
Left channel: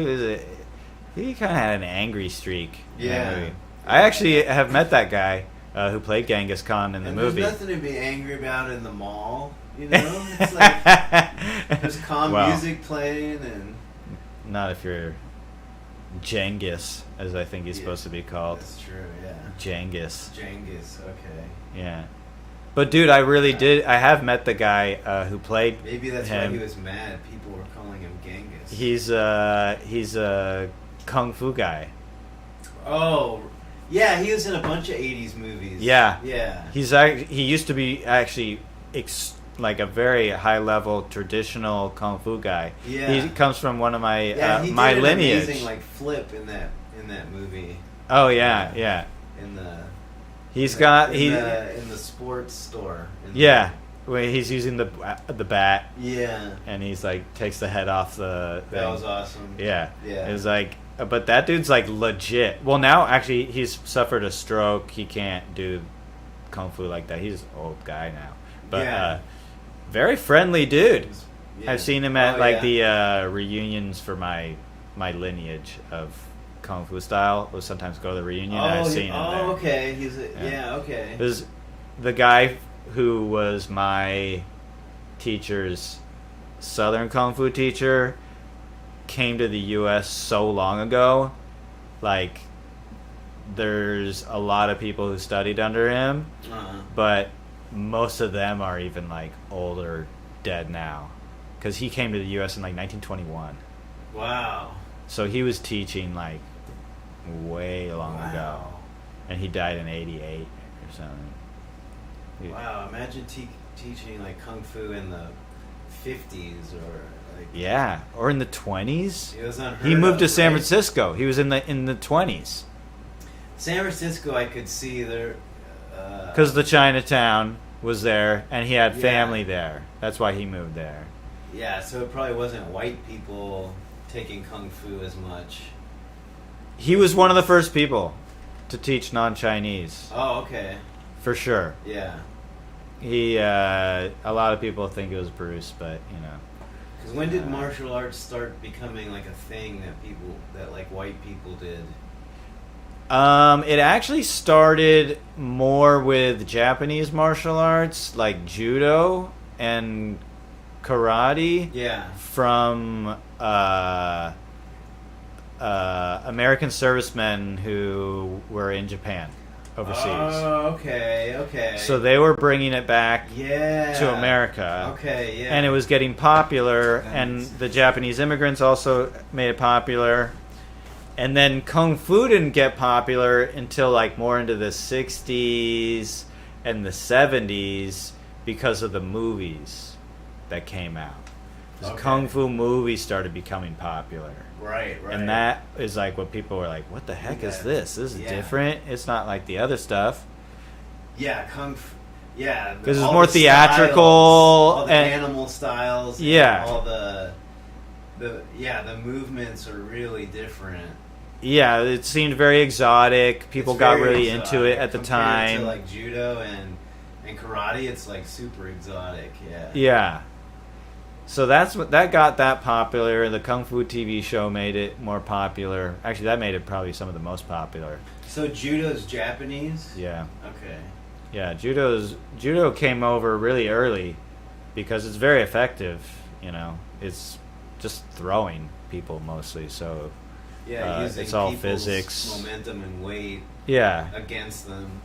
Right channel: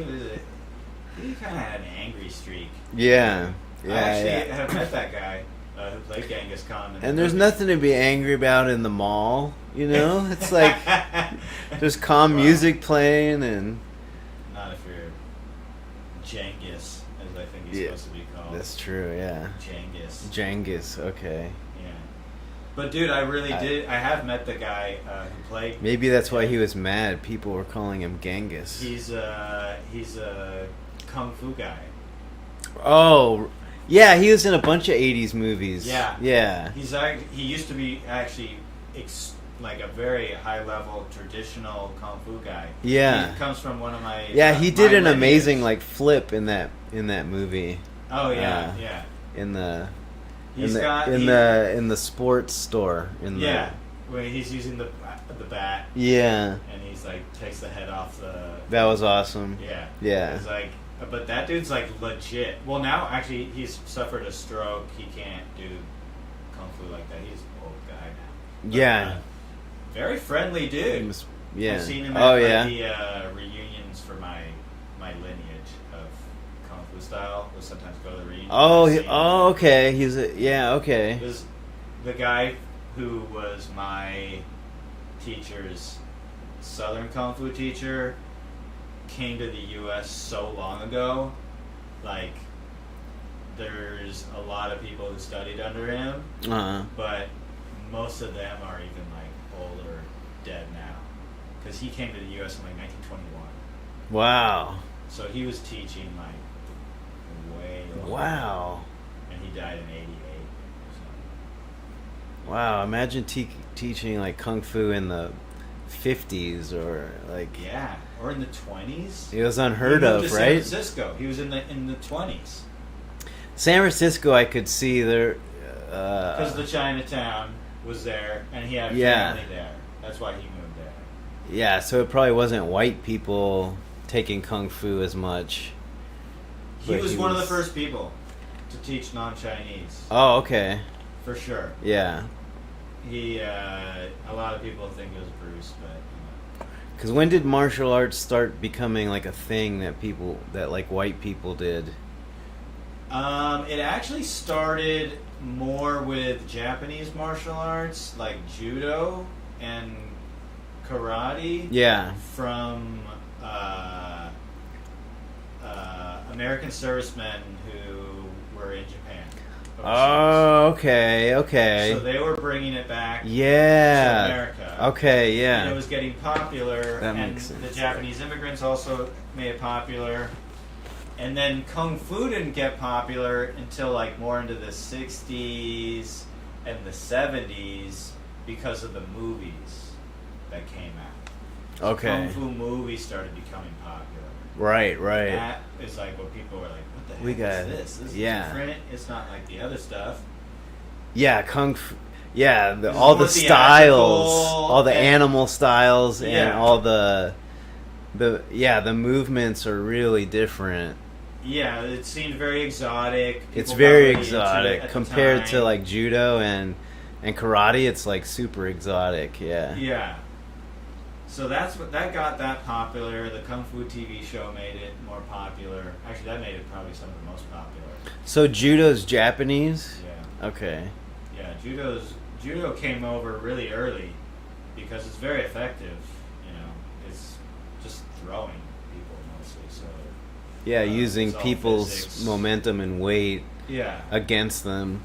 kind of had an angry streak. Yeah. I actually have met that guy who played Genghis Khan in the And movie. there's nothing to be angry about in the mall, you know? It's like there's calm music playing and... Not if you're Genghis, as I think he's supposed to be called. That's true, yeah. Genghis, okay. Yeah. But dude, I have met the guy who played... Maybe that's why he was mad. People were calling him Genghis. He's a kung fu guy. Oh, yeah, he was in a bunch of 80s movies. Yeah. Yeah. He used to be actually like a very high level traditional kung fu guy. Yeah. He comes from one of my he did my an lineage. amazing like flip in that movie. Oh yeah, yeah. In the sports store. Where he's using the bat. Yeah. And he's like takes the head off the. That was awesome. Yeah. Yeah. It's like, but that dude's like legit. Well, now actually he's suffered a stroke. He can't do kung fu like that. He's an old guy now. But, very friendly dude. I've seen him at the reunions for my lineage of kung fu style. We'll sometimes go to the reunion. Okay. Okay. It was the guy who was my teacher's Southern kung fu teacher. Came to the U.S. so long ago. Like, there's a lot of people who studied under him, but most of them are even like old or dead now, because he came to the U.S. in like 1921. Wow. So he was teaching like way long ago, and he died in '88 or something. Wow! Imagine teaching like kung fu in the 50s or like or in the 20s. It was unheard of. He moved to San right? Francisco. He was in the 20s. San Francisco, I could see there because the Chinatown was there, and he had family there. That's why he moved there. Yeah, so it probably wasn't white people taking kung fu as much. He was one of the first people to teach non-Chinese. Oh, okay. For sure. Yeah. He, a lot of people think it was Bruce, but, you know. Because when did martial arts start becoming like a thing that like white people did? It actually started more with Japanese martial arts, like judo and karate. Yeah. From American servicemen who were in Japan overseas. Oh, okay. So they were bringing it back to America. Okay, yeah. And it was getting popular, and the Japanese immigrants also made it popular. And then Kung Fu didn't get popular until like more into the 60s and the 70s because of the movies. that came out. Okay. Kung Fu movies started becoming popular. Right. And that is like what people were like, what the heck is this? This is different. It's not like the other stuff. Yeah, Kung Fu. Yeah, all the styles, all the animal styles, and all the movements are really different. Yeah, it seemed very exotic. People it's very got really exotic into it at the time. Compared to like judo and karate, it's like super exotic. Yeah. Yeah. So that got that popular. The Kung Fu TV show made it more popular. Actually, that made it probably some of the most popular. So judo's Japanese? Yeah. Okay. Yeah, judo came over really early because it's very effective. You know, it's just throwing people mostly. So yeah, using people's physics. Momentum and weight. Yeah. Against them.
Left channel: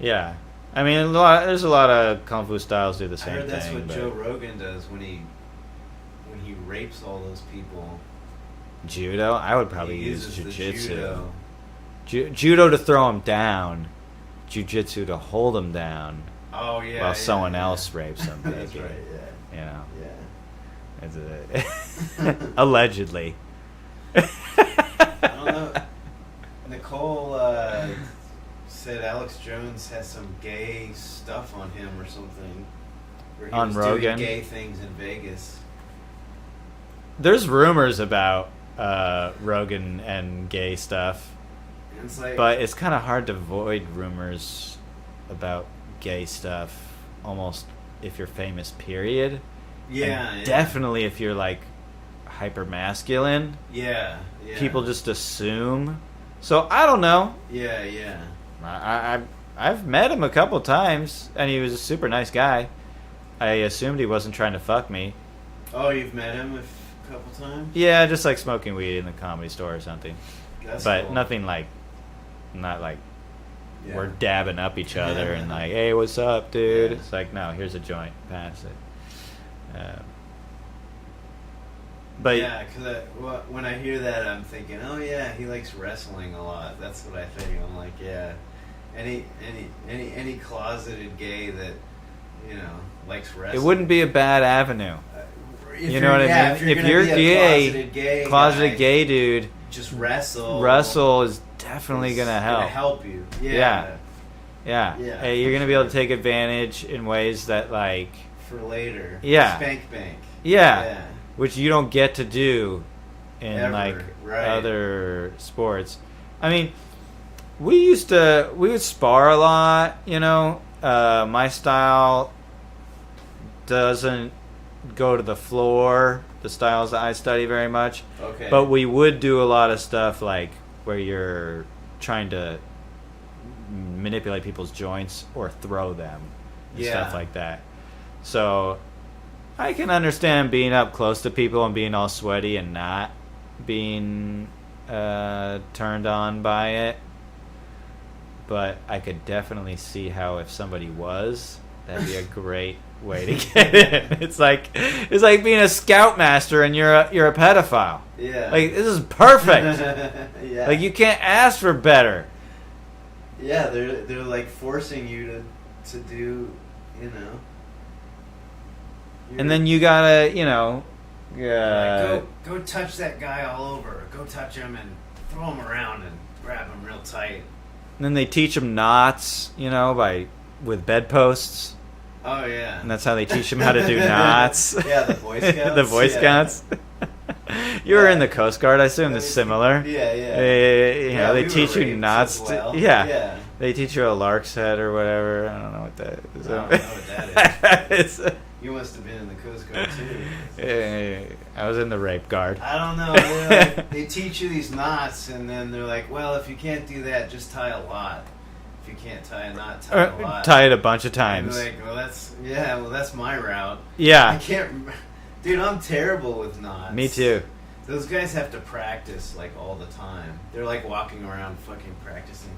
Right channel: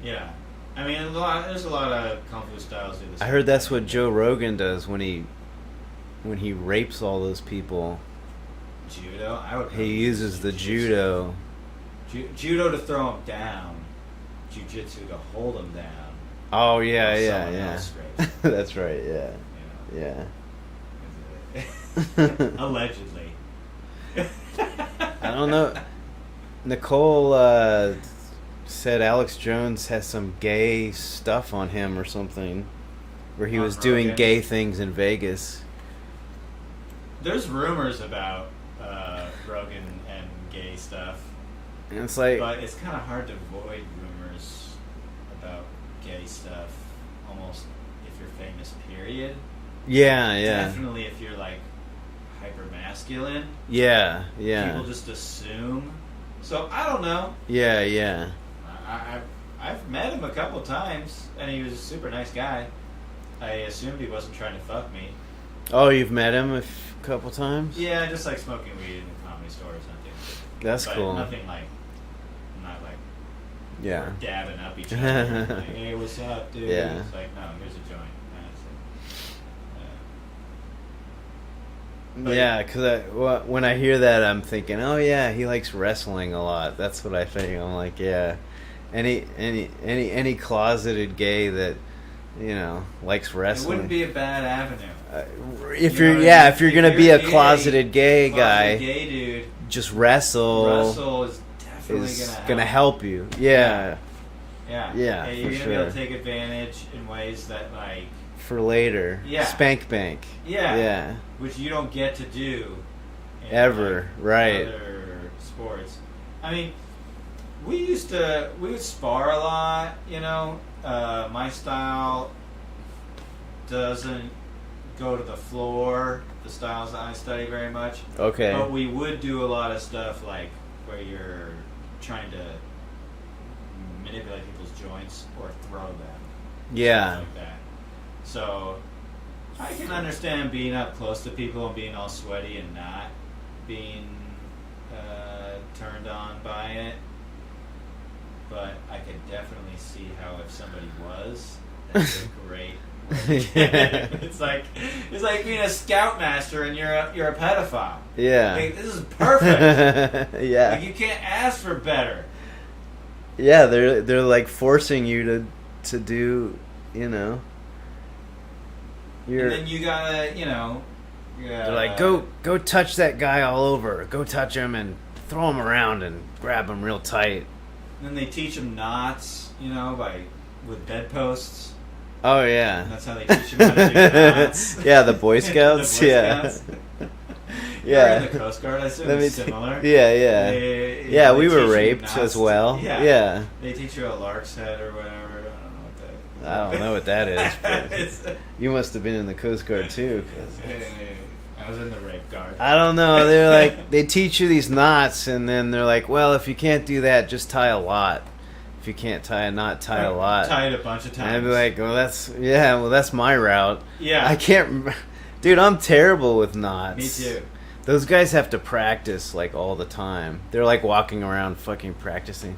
Yeah. I mean, there's a lot of Kung Fu styles do the same I heard that's thing, what Joe Rogan does when he rapes all those people. Judo? I would probably He uses the judo. Judo to throw him down. Jiu-jitsu to hold him down. Oh, yeah, while someone else rapes him. That's right, yeah. You know? Yeah. Allegedly. I don't know. Nicole said Alex Jones has some gay stuff on him or something, where he was Rogan. doing gay things in Vegas. There's rumors about Rogan and gay stuff. And it's like, but it's kind of hard to avoid rumors about gay stuff, almost if you're famous, period. Yeah, yeah. Definitely if you're like hyper masculine. Yeah, yeah. People just assume. So I don't know. Yeah, yeah. I've met him a couple times, and he was a super nice guy. I assumed he wasn't trying to fuck me. Oh, you've met him a couple times? Yeah, just like smoking weed in the Comedy Store or something. That's but cool. Nothing like, not like yeah. we're dabbing up each other and like, hey, what's up, dude? Yeah. It's like, no, here's a joint. Pass it. But yeah, because when I hear that, I'm thinking, oh yeah, he likes wrestling a lot. That's what I think. I'm like, yeah, any closeted gay that likes wrestling. It wouldn't be a bad avenue. If you're gonna be a closeted gay dude, just wrestle. Wrestle is definitely gonna help you. Yeah. Hey, you're gonna be able to take advantage in ways that like. For later. Yeah. Spank bank. Yeah. Which you don't get to do in ever, right. other sports. I mean, we would spar a lot, my style doesn't go to the floor, the styles that I study very much. Okay. But we would do a lot of stuff like where you're trying to manipulate people's joints or throw them. Yeah. Stuff like that. So, I can understand being up close to people and being all sweaty and not being turned on by it. But I could definitely see how if somebody was, that'd be a great way to get it. It's like being a scoutmaster and you're a pedophile. Yeah. Like, this is perfect. Yeah. Like, you can't ask for better. Yeah, they're like forcing you to do, And then you gotta, like go touch that guy all over. Go touch him and throw him around and grab him real tight. And then they teach them knots, with bedposts. Oh yeah, and that's how they teach them how to do knots. Yeah, the Boy Scouts. The Boy Scouts. You were in the Coast Guard, I assume it's similar. Yeah, we were raped as well. Yeah. They teach you a lark's head or whatever. I don't know what that is. I don't know what that is. You must have been in the Coast Guard too. I was in the rape guard. I don't know. They're like, they teach you these knots, and then they're like, well, if you can't do that, just tie a lot. If you can't tie a knot, tie a lot. Tie it a bunch of times. And I'd be like, well, that's my route. Yeah. I can't. Dude, I'm terrible with knots. Me too. Those guys have to practice like all the time. They're like walking around fucking practicing.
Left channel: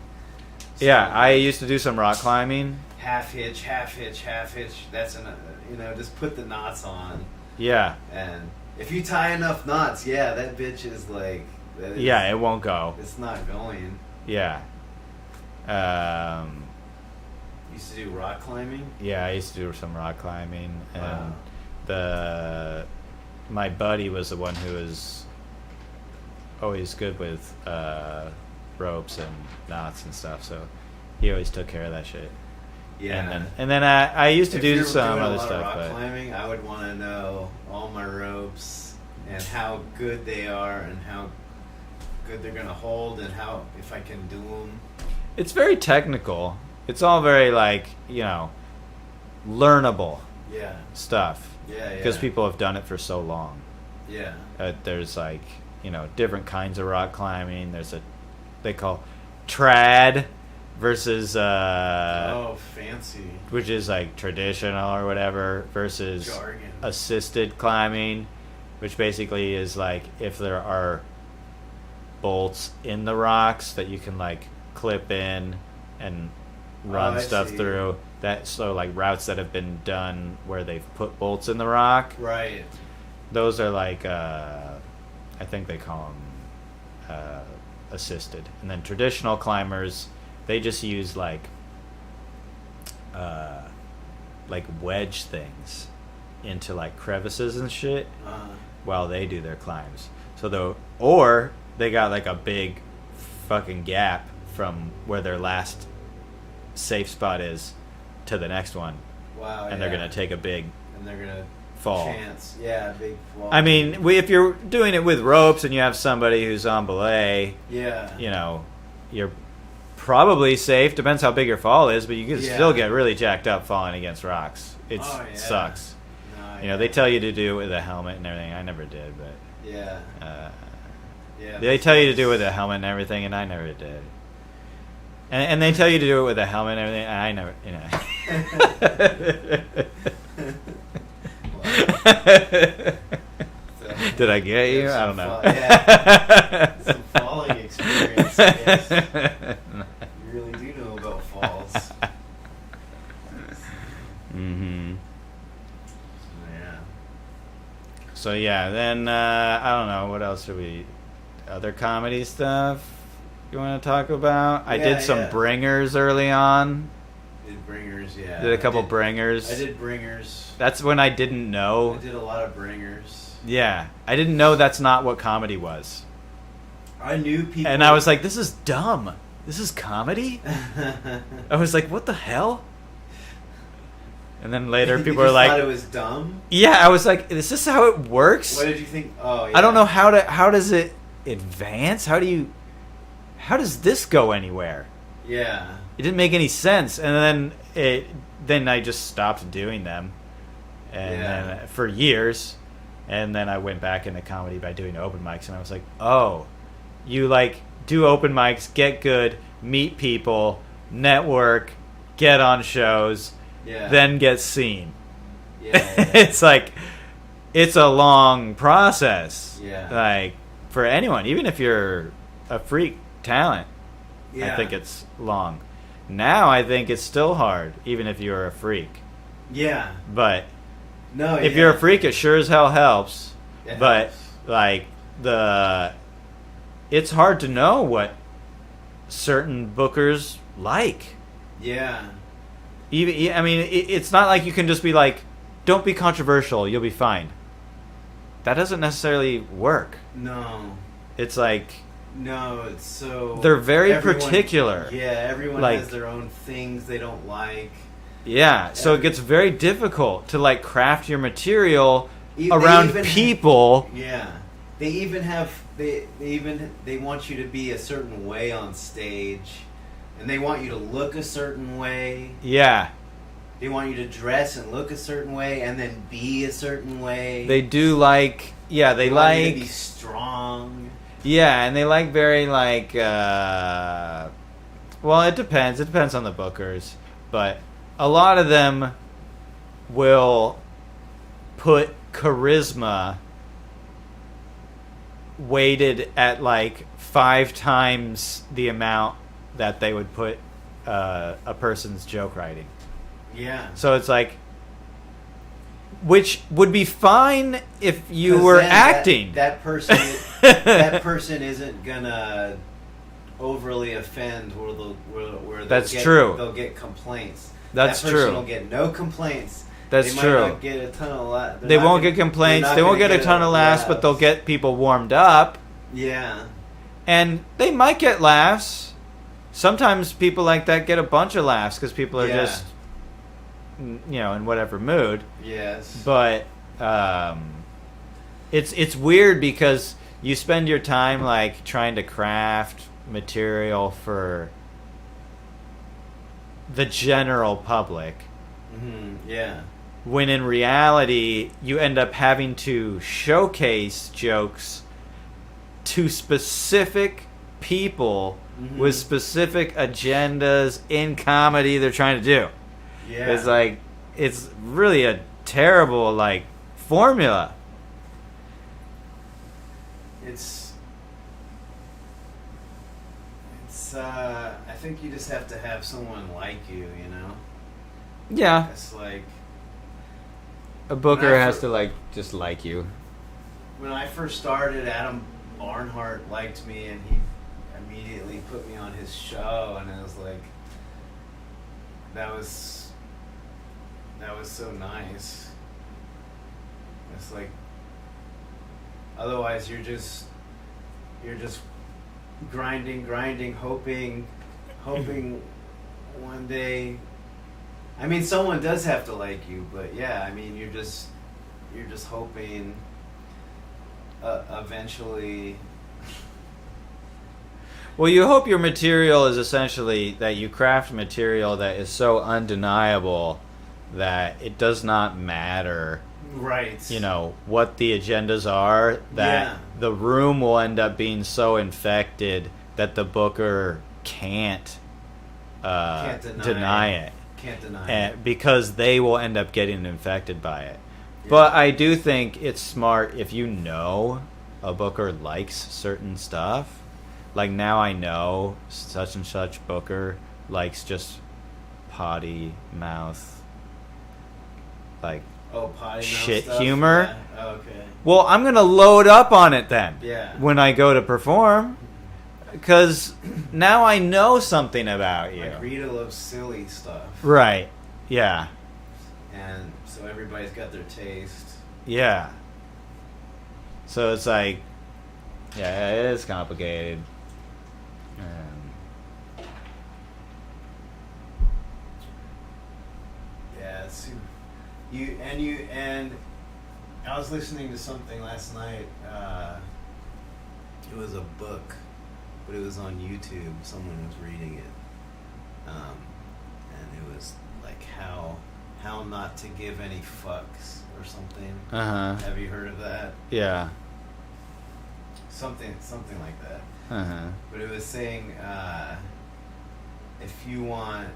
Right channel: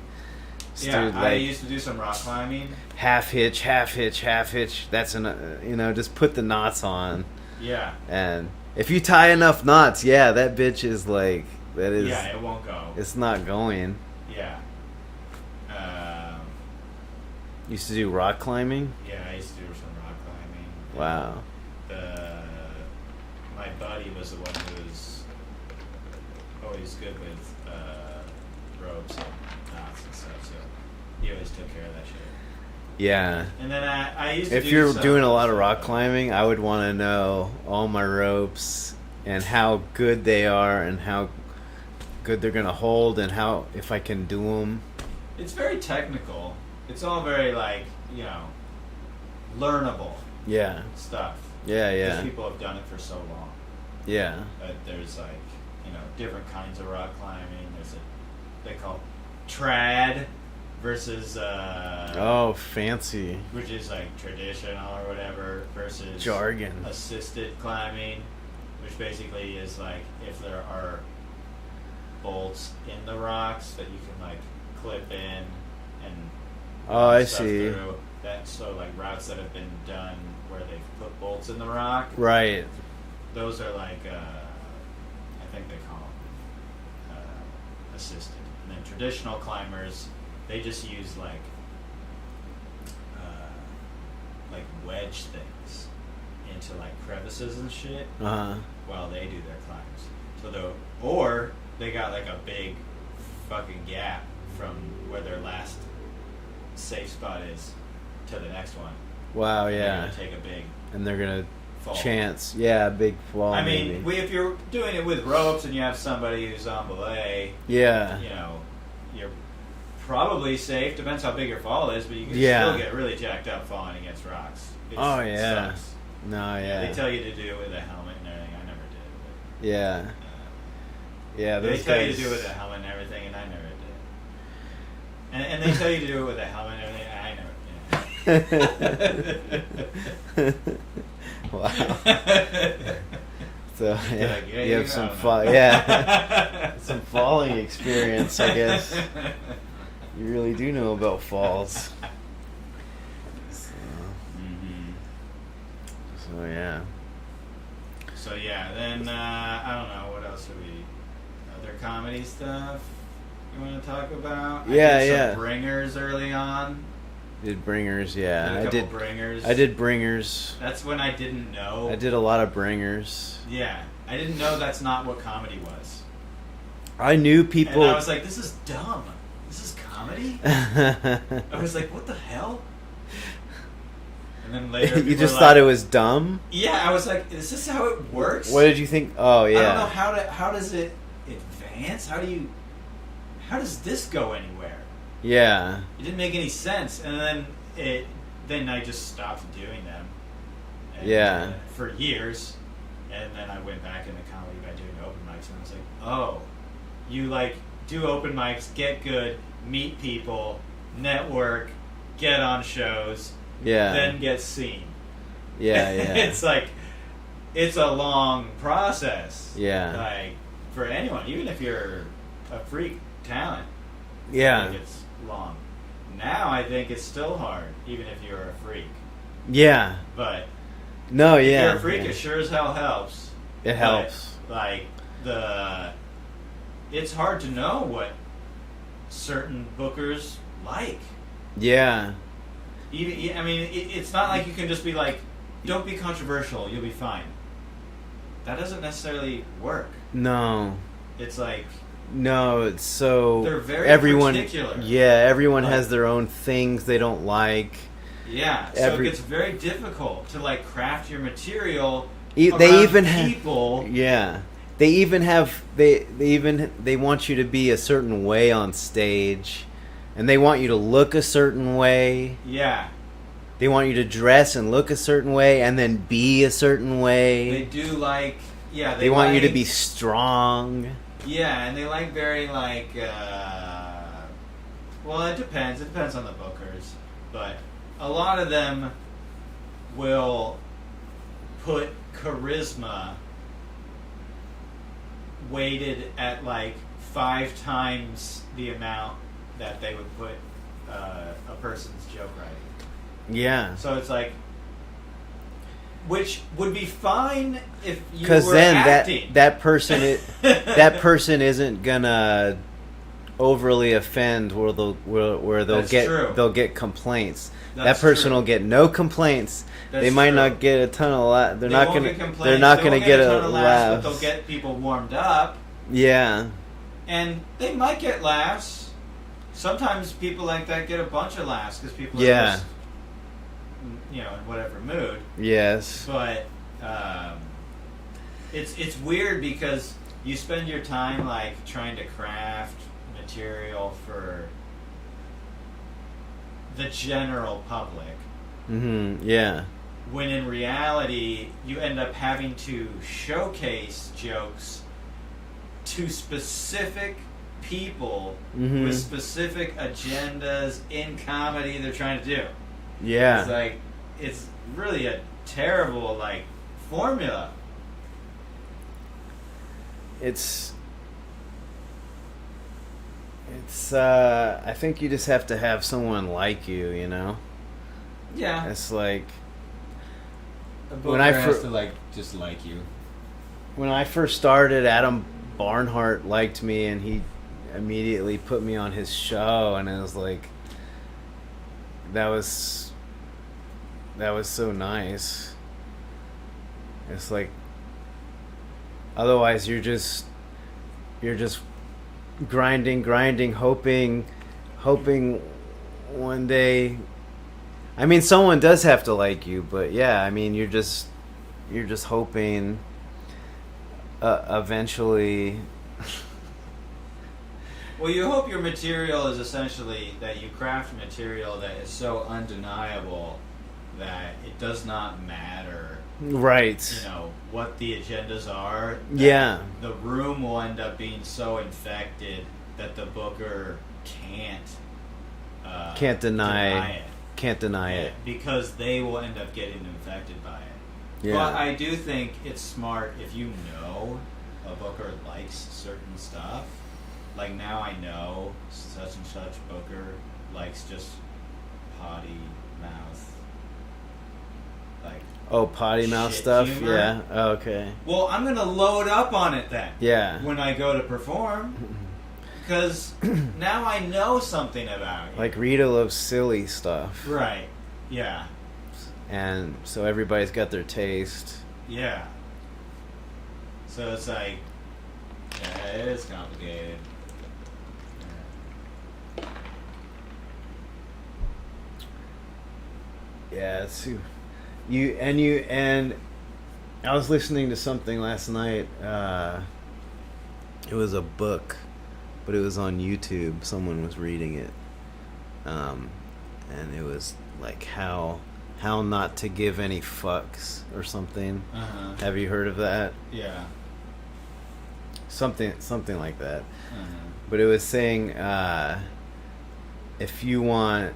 So yeah, dude, I used to do some rock climbing. Half hitch. That's just put the knots on. Yeah. And if you tie enough knots, that bitch is like that is. Yeah, it won't go. It's not going. Yeah. Used to do rock climbing? Yeah, I used to do some rock climbing. Wow. My buddy was the one who was always good with ropes and knots and stuff, so he always took care of that shit. Yeah. And then I used to if do you're some doing a other lot of stuff, rock but- climbing, I would want to know all my ropes and how good they are and how good they're going to hold and how if I can do them. It's very technical. It's all very, like, you know, learnable Yeah. stuff. Yeah, yeah. Because people have done it for so long. Yeah. There's, like, you know, different kinds of rock climbing. There's they call trad versus Oh, fancy. which is like traditional or whatever, versus Jargon. assisted climbing, which basically is like if there are bolts in the rocks that you can like clip in and run I stuff see. through. That so like routes that have been done where they've put bolts in the rock. Right. Those are like I think they call them assisted, and then traditional climbers, they just use like wedge things into like crevices and shit Uh-huh. while they do their climbs. Or they got like a big fucking gap from where their last safe spot is to the next one. Wow, And yeah. they're gonna take a big and they're going to fall. chance. Yeah, big fall. I mean, if you're doing it with ropes and you have somebody who's on belay, yeah. you know, you're probably safe. Depends how big your fall is, but you can Yeah. still get really jacked up falling against rocks. It Oh, yeah. sucks. No, yeah. You know, they tell you to do it with a helmet and everything. I never did, but Yeah. Yeah. they those tell you to guys- do it with a helmet and everything, and I never did. And they tell you to do it with a helmet and everything, and I never, you know. Wow. So, Did I get you? have I some don't know. yeah. Some falling experience, I guess. You really do know about falls. Mm-hmm. So yeah. So yeah, then I don't know what else do we. Other comedy stuff you want to talk about? I Yeah, did some yeah. bringers early on. Did bringers, yeah. Did a couple I did, bringers. I did bringers. That's when I didn't know. I did a lot of bringers. Yeah, I didn't know that's not what comedy was. I knew people, And I was like, this is dumb. This is comedy? I was like, what the hell? And then later you people just were thought like, it was dumb. yeah, I was like, is this how it works? What did you think? Oh yeah. I don't know how does it advance? How does this go anywhere? Yeah. It didn't make any sense. And then I just stopped doing them. And for years. And then I went back into comedy by doing open mics, and I was like, oh, you like do open mics, get good, meet people, network, get on shows, Yeah. then get seen. Yeah. Yeah. It's like, it's a long process. Yeah. Like, for anyone, even if you're a freak talent, yeah. I think it's long. Now I think it's still hard, even if you're a freak. Yeah. But No. if yeah. you're a freak, it sure as hell helps. It But, helps. like, it's hard to know what certain bookers like. Yeah. Even, I mean, it's not like you can just be like, don't be controversial, you'll be fine. That doesn't necessarily work. No. It's like, No, it's so they're very particular. Yeah, everyone Like- has their own things they don't like. yeah, so it gets very difficult to like craft your material They around even people. Yeah. They even have they want you to be a certain way on stage, and they want you to look a certain way. Yeah, They want you to dress and look a certain way and then be a certain way. they do like. Yeah, They like, want you to be strong. Yeah, and they like very like. Well, it depends. It depends on the bookers, but a lot of them will put charisma weighted at like 5 times the amount that they would put a person's joke writing. Yeah. So it's like, which would be fine if you 'Cause were then acting. that person that person isn't gonna overly offend where That's true. they'll get complaints. That's that person true. will get no complaints. That's they might true. not get a ton of laughs. They won't get complaints. They won't get a ton of laughs, but they'll get people warmed up. Yeah. And they might get laughs. Sometimes people like that get a bunch of laughs because people are just, in whatever mood. Yes. But it's weird because you spend your time like trying to craft material for the general public. Mm-hmm. Yeah. When in reality, you end up having to showcase jokes to specific people with specific agendas in comedy they're trying to do. Yeah. It's like, it's really a terrible, like, formula. I think you just have to have someone like you, you know? Yeah. It's like... A booker has to, like, just like you. When I first started, Adam Barnhart liked me, and he immediately put me on his show, and it was like... That was so nice. It's like... Otherwise, you're just grinding, hoping one day. I mean, someone does have to like you, but yeah, I mean, you're just hoping. Eventually. Well, you hope your material is essentially that you craft material that is so undeniable that it does not matter, right? What the agendas are. That the room will end up being so infected that the booker can't deny it. Can't deny it because they will end up getting infected by it. Yeah. But I do think it's smart if you know a booker likes certain stuff. Like now I know such and such booker likes just potty mouth. Like potty mouth shit stuff, humor. Yeah. Oh, okay. Well, I'm gonna load up on it then. Yeah. When I go to perform, because now I know something about you. Like Rita loves silly stuff, right? Yeah. And so everybody's got their taste. Yeah. So it's like, yeah, it is complicated. Yeah, it's and I was listening to something last night. It was a book, but it was on YouTube. Someone was reading it, and it was like how not to give any fucks or something. Uh-huh. Have you heard of that? Yeah. Something like that. Uh-huh. But it was saying if you want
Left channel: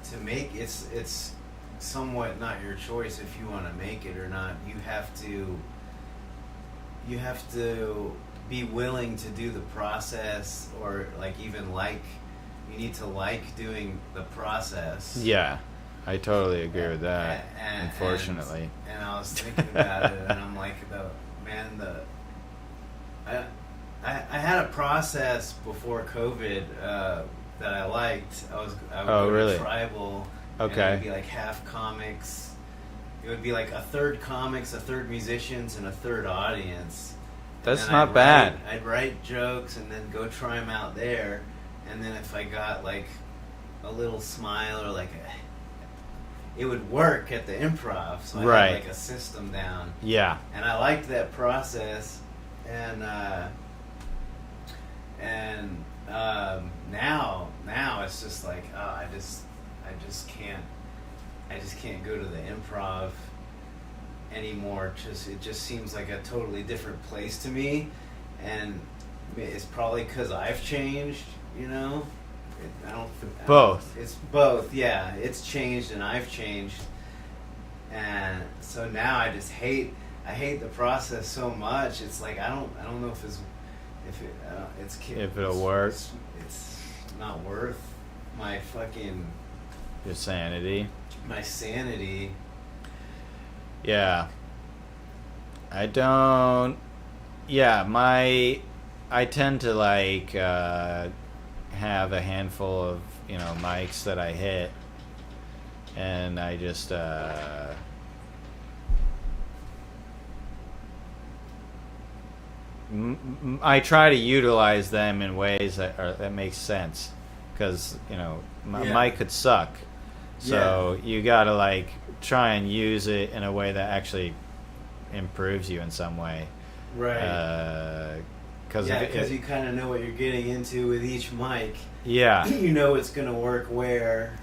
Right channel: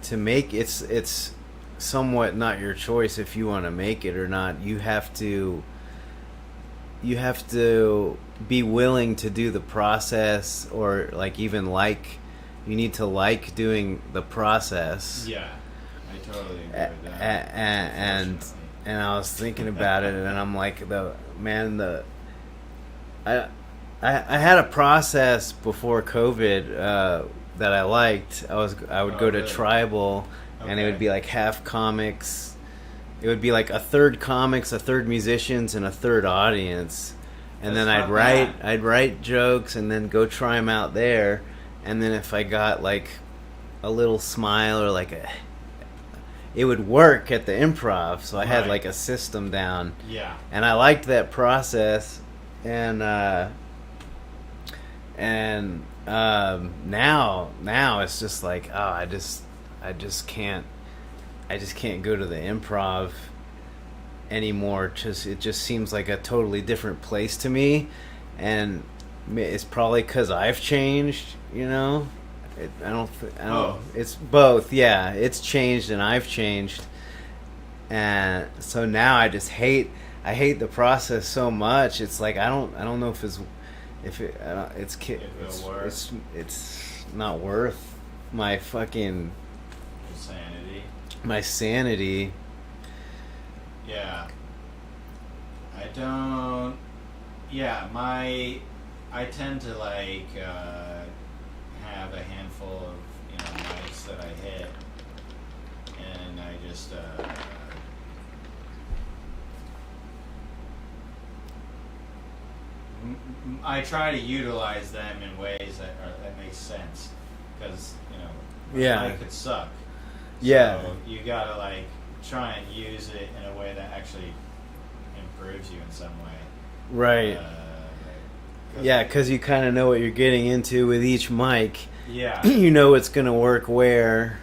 to make it's somewhat not your choice if you want to make it or not. You have to be willing to do the process, or like even you need to like doing the process. Yeah, I totally agree with that. Unfortunately. And I was thinking about it, and I'm like, I had a process before COVID that I liked. I would go to Tribal, and it would be like half comics. It would be like a third comics, a third musicians, and a third audience. And then I'd write jokes and then go try them out there. And then if I got like a little smile or it would work at the Improv. So I had like a system down. Yeah. And I liked that process. And now it's just like, I just can't go to the Improv anymore. It just seems like a totally different place to me, and it's probably because I've changed. Both. It's both. Yeah, it's changed and I've changed, and so now I hate the process so much. It's like I don't know if it'll work. It's not worth my fucking your sanity. My sanity. Yeah. I don't. Yeah, I tend to like have a handful of mics that I hit, and I just I try to utilize them in ways that make sense, because my mic could suck. So you gotta like try and use it in a way that actually improves you in some way. Right. Because you kind of know what you're getting into with each mic. Yeah. You know it's going to work where.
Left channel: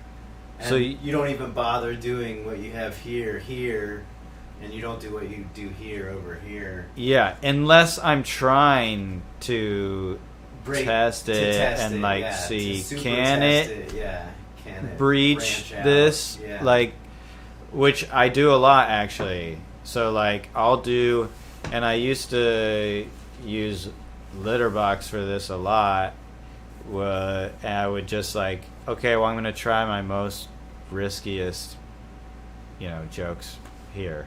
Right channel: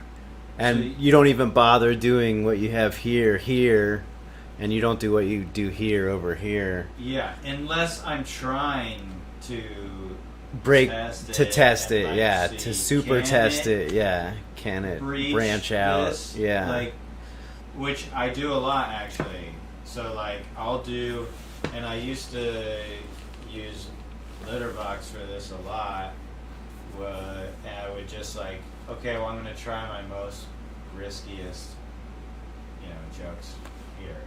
And so you don't even bother doing what you have here, and you don't do what you do here over here. Yeah, unless I'm trying to test it, like, to super test it, can it branch out? This, like, which I do a lot actually. So like I'll do, and I used to use Litterbox for this a lot. And I would just like, okay, well I'm gonna try my most riskiest, jokes here,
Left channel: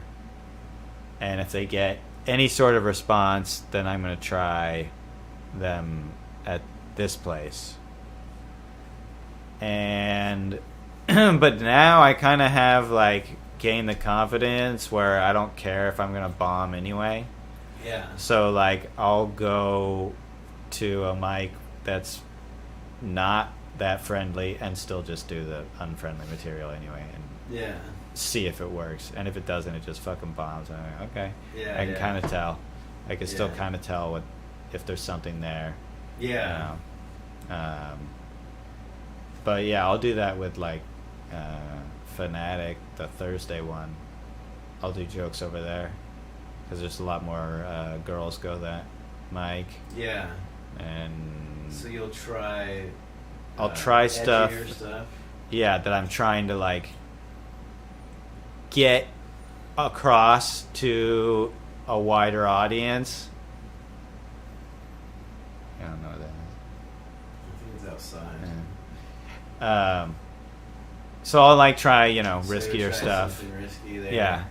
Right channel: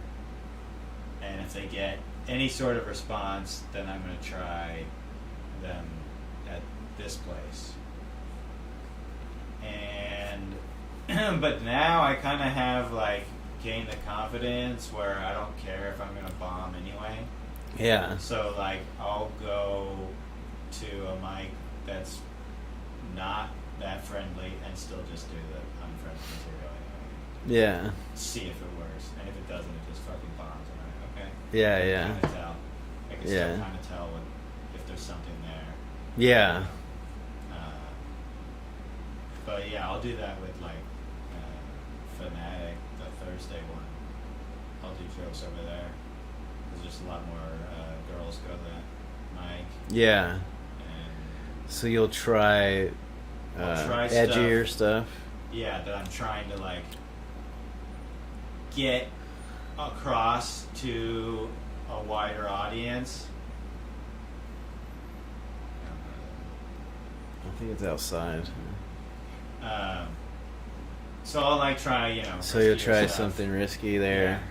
and if they get any sort of response, then I'm gonna try them at this place. And but now I kind of have like gained the confidence where I don't care if I'm gonna bomb anyway. Yeah. So like I'll go to a mic that's not that friendly and still just do the unfriendly material anyway. And see if it works, and if it doesn't, it just fucking bombs. I'm like, okay. I can kind of tell. I can still kind of tell if there's something there. Yeah. But yeah, I'll do that with like Fanatic, the Thursday one. I'll do jokes over there because there's a lot more girls go that mic. Yeah. And so you'll try. I'll try edgier stuff. Yeah, that I'm trying to like get across to a wider audience. I don't know that. I think it's outside. So I'll like try, riskier so you'll try stuff. Something risky there. Yeah.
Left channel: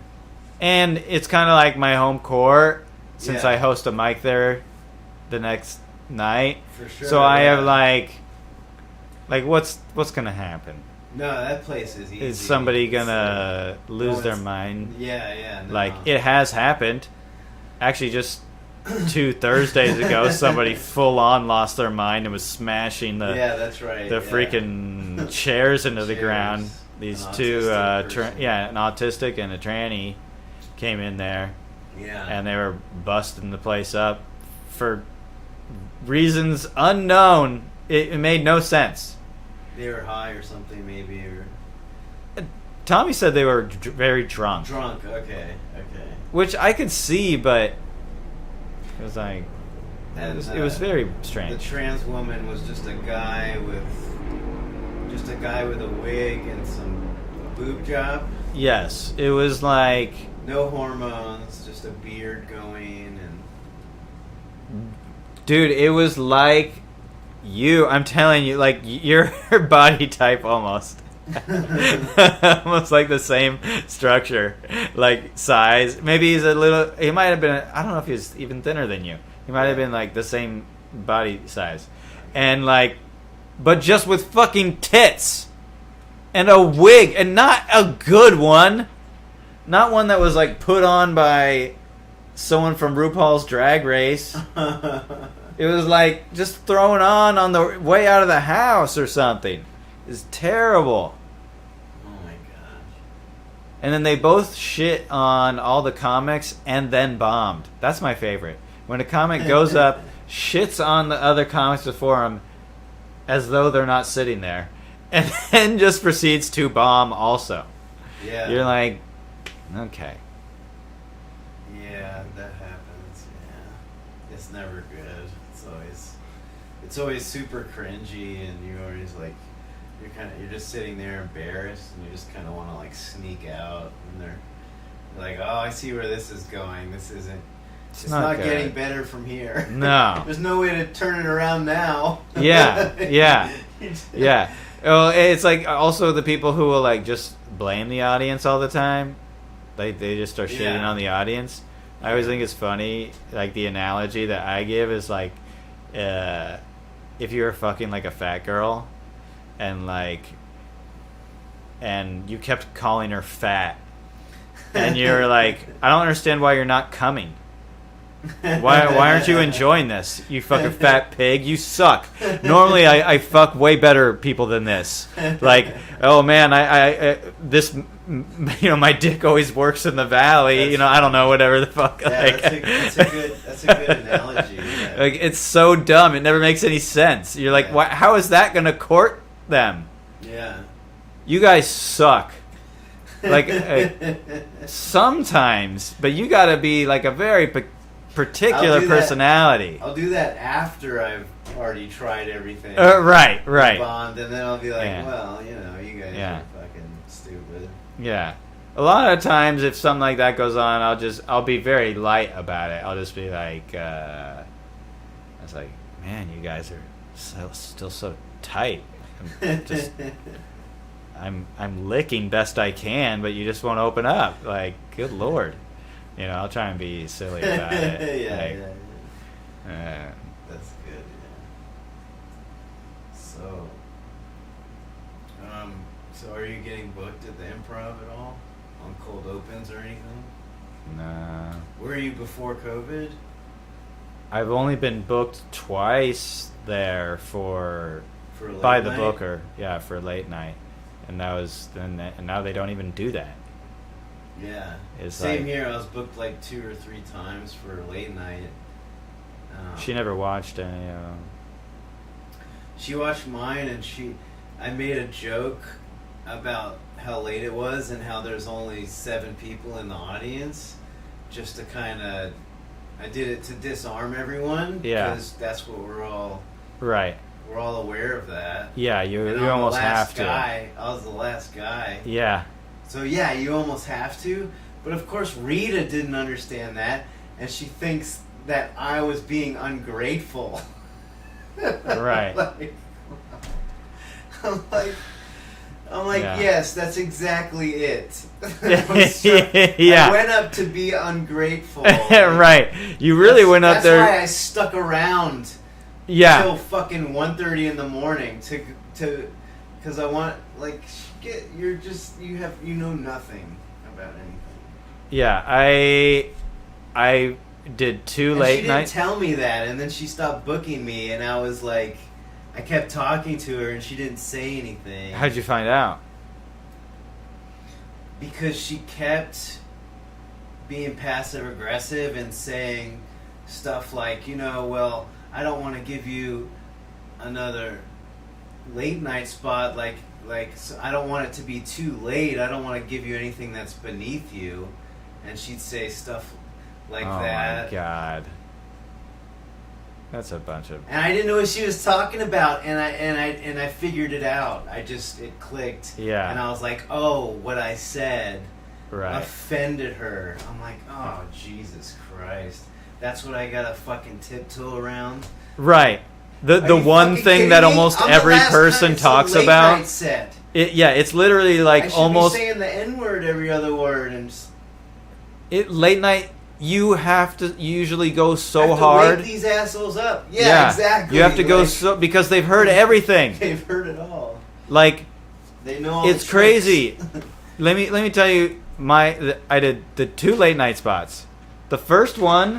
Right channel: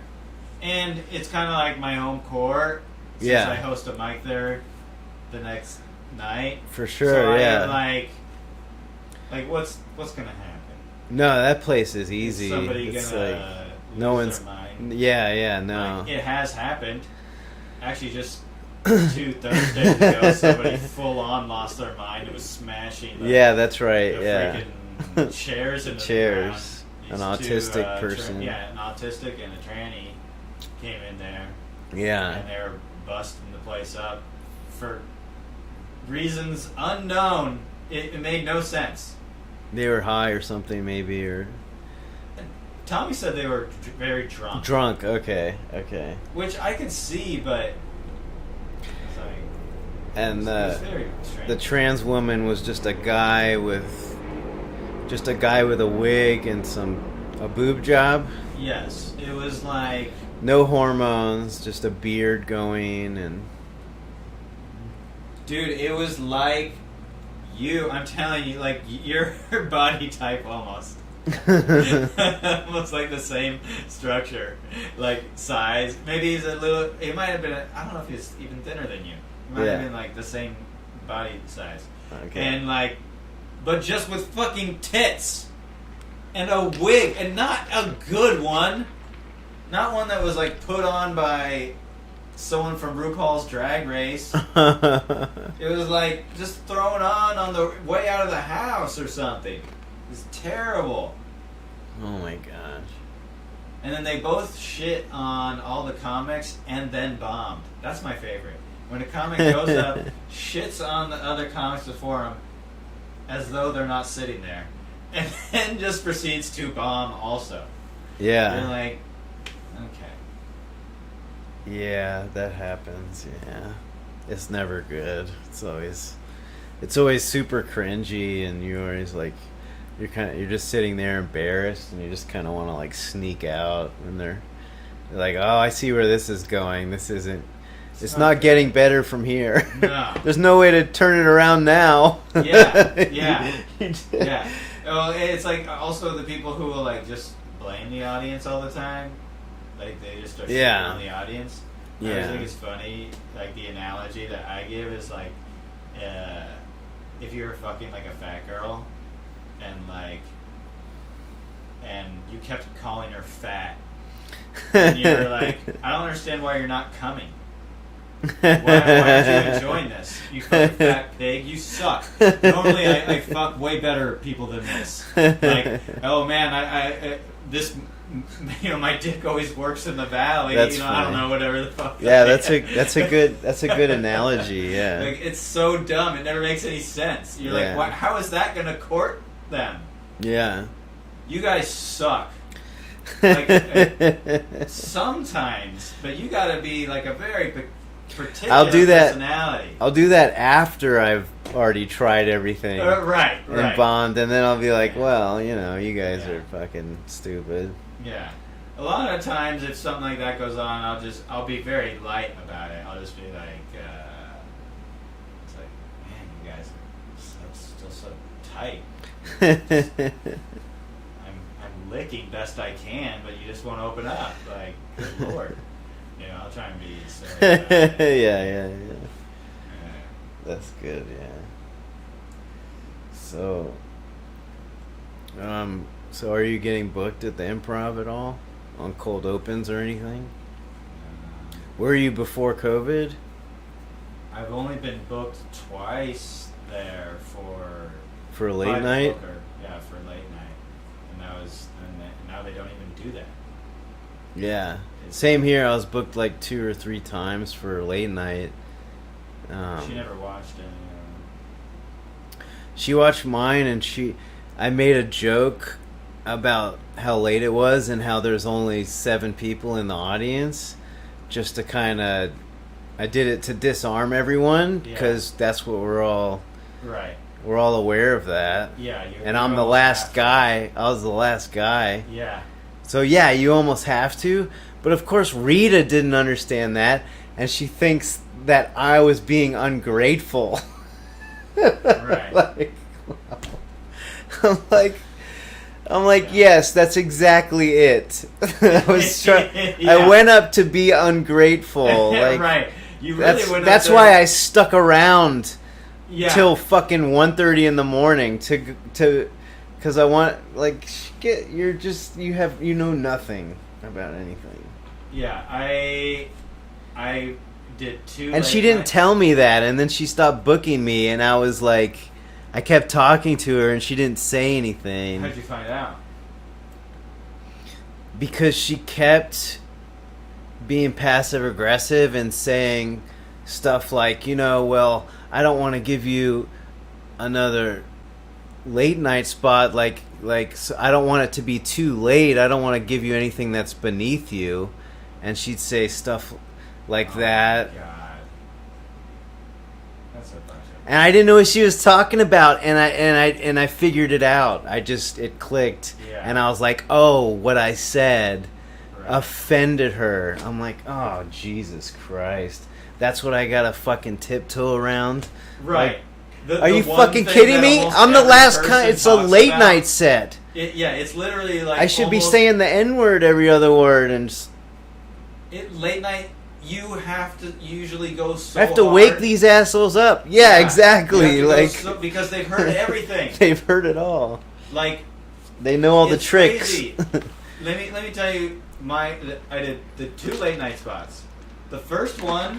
And it's kind of like my home court since I host a mic there the next night. For sure. So I have like what's gonna happen? No, that place is easy. Is somebody gonna lose their mind? Yeah, no. Like it has happened. Actually, just 2 Thursdays ago, somebody full on lost their mind and was smashing the that's right. The freaking chairs into the ground. These an two, autistic person. an autistic and a tranny came in there. Yeah, and they were busting the place up for reasons unknown. It made no sense. They were high or something, maybe, or Tommy said they were very drunk. Drunk, okay. Which I could see, but it was like, it was very strange. The trans woman was just a guy with a wig and a boob job. Yes, it was like no hormones, just a beard going, and dude, it was like I'm telling you, like your body type almost. Almost like the same structure, like size. Maybe he might have been, I don't know if he was even thinner than you. He might have been like the same body size. Okay. And like, but just with fucking tits and a wig, and not a good one. Not one that was like put on by someone from RuPaul's Drag Race. It was like just thrown on the way out of the house or something. It's terrible. Oh my gosh. And then they both shit on all the comics and then bombed. That's my favorite. When a comic goes up, shits on the other comics before him as though they're not sitting there, and then just proceeds to bomb also. Yeah. You're like, okay. Yeah, that happens. Yeah, it's never good. It's always super cringy, and you're always like, you're just sitting there embarrassed, and you just kind of want to like sneak out, and they're like, oh, I see where this is going. This isn't. It's not getting better from here. No, there's no way to turn it around now. Yeah. Well, it's like also the people who will like just blame the audience all the time. Like they just start shitting on the audience. I always think it's funny. Like the analogy that I give is like if you were fucking like a fat girl, and like, and you kept calling her fat, and you were like, I don't understand why you're not coming. Why aren't you enjoying this? You fucking fat pig. You suck. Normally, I fuck way better people than this. Like, oh man, I this, you know, my dick always works in the valley. That's you know, funny. I don't know, whatever the fuck. Yeah, like, that's a good analogy. Yeah, like it's so dumb. It never makes any sense. You're like, Yeah. how is that gonna court them? Yeah, You guys suck. Like sometimes, but you got to be like a very particular I'll do that. personality. I'll do that after I've already tried everything. Right. Bombed, and then I'll be like, Yeah. well, you know, you guys Yeah. are fucking stupid. Yeah. A lot of times, if something like that goes on, I'll be very light about it. I'll just be like, it's like, man, you guys are still so tight. I'm licking best I can, but you just won't open up. Like, good lord. You know, I'll try and be silly about it. Yeah. That's good, yeah. So are you getting booked at the Improv at all? On cold opens or anything? Nah. Were you before COVID? I've only been booked twice there For a by late the night? booker. Yeah, for a late night. And and now they don't even do that. Yeah. It's Same like- here. I was booked like 2 or 3 times for a late night. She never watched any of them. She watched mine, and I made a joke about how late it was and how there's only 7 people in the audience, just to kind of, I did it to disarm everyone, because that's what we're all aware of that. Yeah, and I'm the last guy. I was the last guy. Yeah. So yeah, you almost have to. But of course, Rita didn't understand that, and she thinks that I was being ungrateful. Right. I'm like, Yeah. yes, that's exactly it. Yeah. I went up to be ungrateful. Like, Right. You really went up That's there. why I stuck around till Yeah. fucking 1:30 in the morning to because I want, like, you know nothing about anything. Yeah, I did 2 And late she didn't night- tell me that, and then she stopped booking me, and I was like, I kept talking to her, and she didn't say anything. How'd you find out? Because she kept being passive aggressive and saying stuff like, you know, well, I don't want to give you another late night spot, like so I don't want it to be too late. I don't want to give you anything that's beneath you. And she'd say stuff like that. Oh my god. That's a bunch of... And I didn't know what she was talking about, and I figured it out. It clicked. Yeah. And I was like, oh, what I said Right. offended her. I'm like, oh, Jesus Christ. That's what I gotta fucking tiptoe around. Right. Are The you one fucking thing kidding that me? almost I'm the every last person it's a talks late about. night set. It's literally like I should almost, be saying the N-word every other word, and late night. You have to usually go so I have to hard. wake these assholes up. Yeah, exactly. You have to go Like, because they've heard everything. they've heard it all. Like, They know all the it's tricks. crazy. Let me tell you, I did the 2 late night spots. The first one,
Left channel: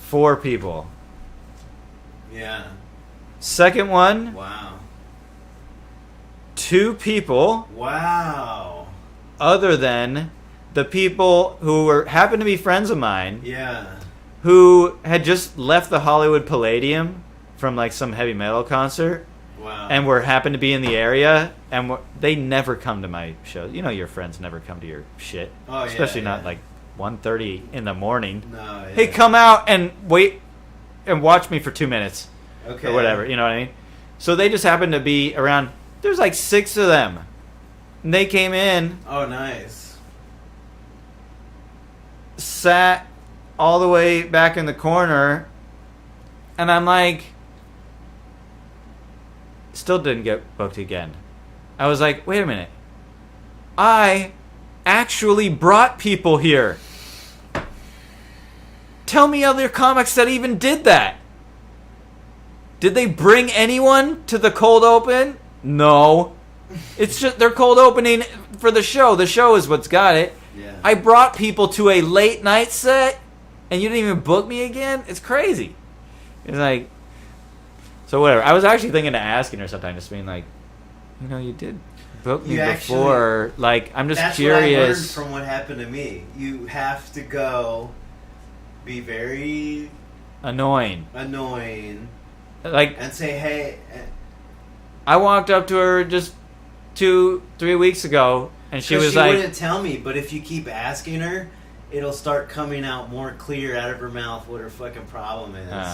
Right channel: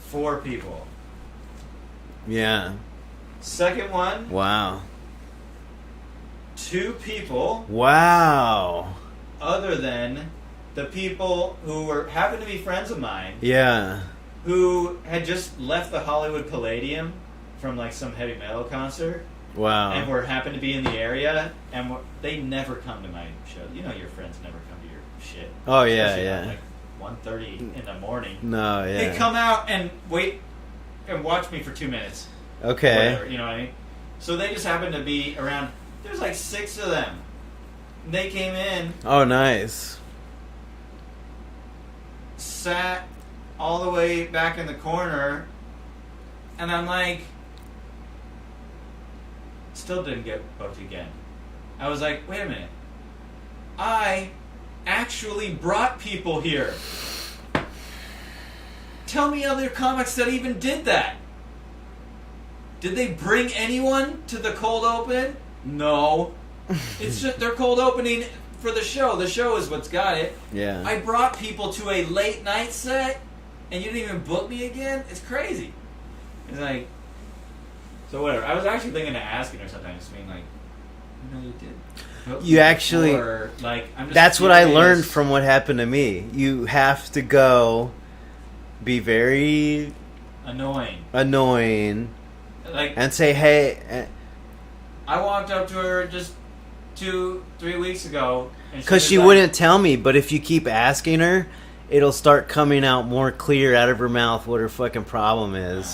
4 people. Yeah. Second one, Wow. 2 people, Wow. other than the people who happened to be friends of mine, Yeah. who had just left the Hollywood Palladium from like some heavy metal concert, Wow. and happened to be in the area, and they never come to my shows. You know, your friends never come to your shit. Oh, yeah, Especially yeah. not like 1:30 in the morning. No, yeah. They come out and wait and watch me for 2 minutes. Okay. Or whatever, you know what I mean? So they just happened to be around. There's like 6 of them. And they came in, Oh, nice. sat all the way back in the corner, and I'm like, still didn't get booked again. I was like, wait a minute. I actually brought people here. Tell me other comics that even did that. Did they bring anyone to the cold open? No. It's just they're cold opening for the show. The show is what's got it. Yeah. I brought people to a late night set, and you didn't even book me again? It's crazy. It's like, so whatever. I was actually thinking of asking her sometime, just being like, you did book me before. Like, I'm just That's curious. what I learned from what happened to me. You have to go be very annoying. Like, and say, hey. I walked up to her just 2-3 weeks ago, and because she wouldn't tell me. But if you keep asking her, it'll start coming out more clear out of her mouth what her fucking problem is,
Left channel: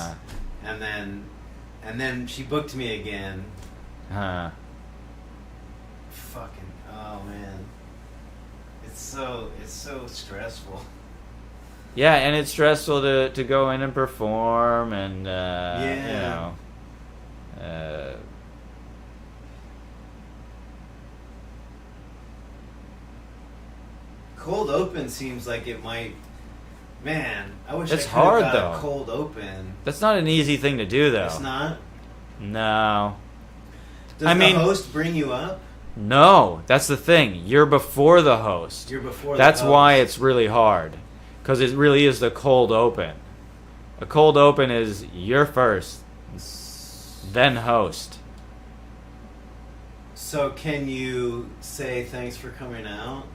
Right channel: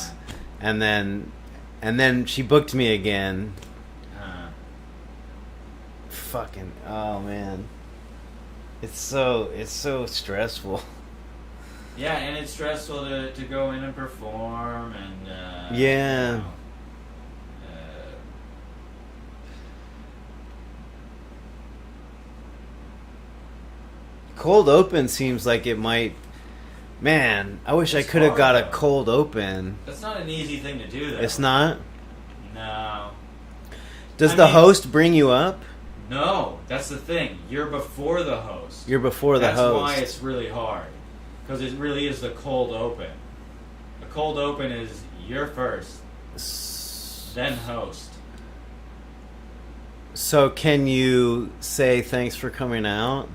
and then she booked me again. Fucking man, it's so stressful. Yeah, and it's stressful to go in and perform, and yeah. You know, cold open seems like it might. Man, I wish I could have got a cold open. That's not an easy thing to do, though. It's not? No. Does the host bring you up? No, that's the thing. You're before the host. You're before the host. That's why it's really hard. Because it really is the cold open. The cold open is you're first, then host. So can you say thanks for coming out?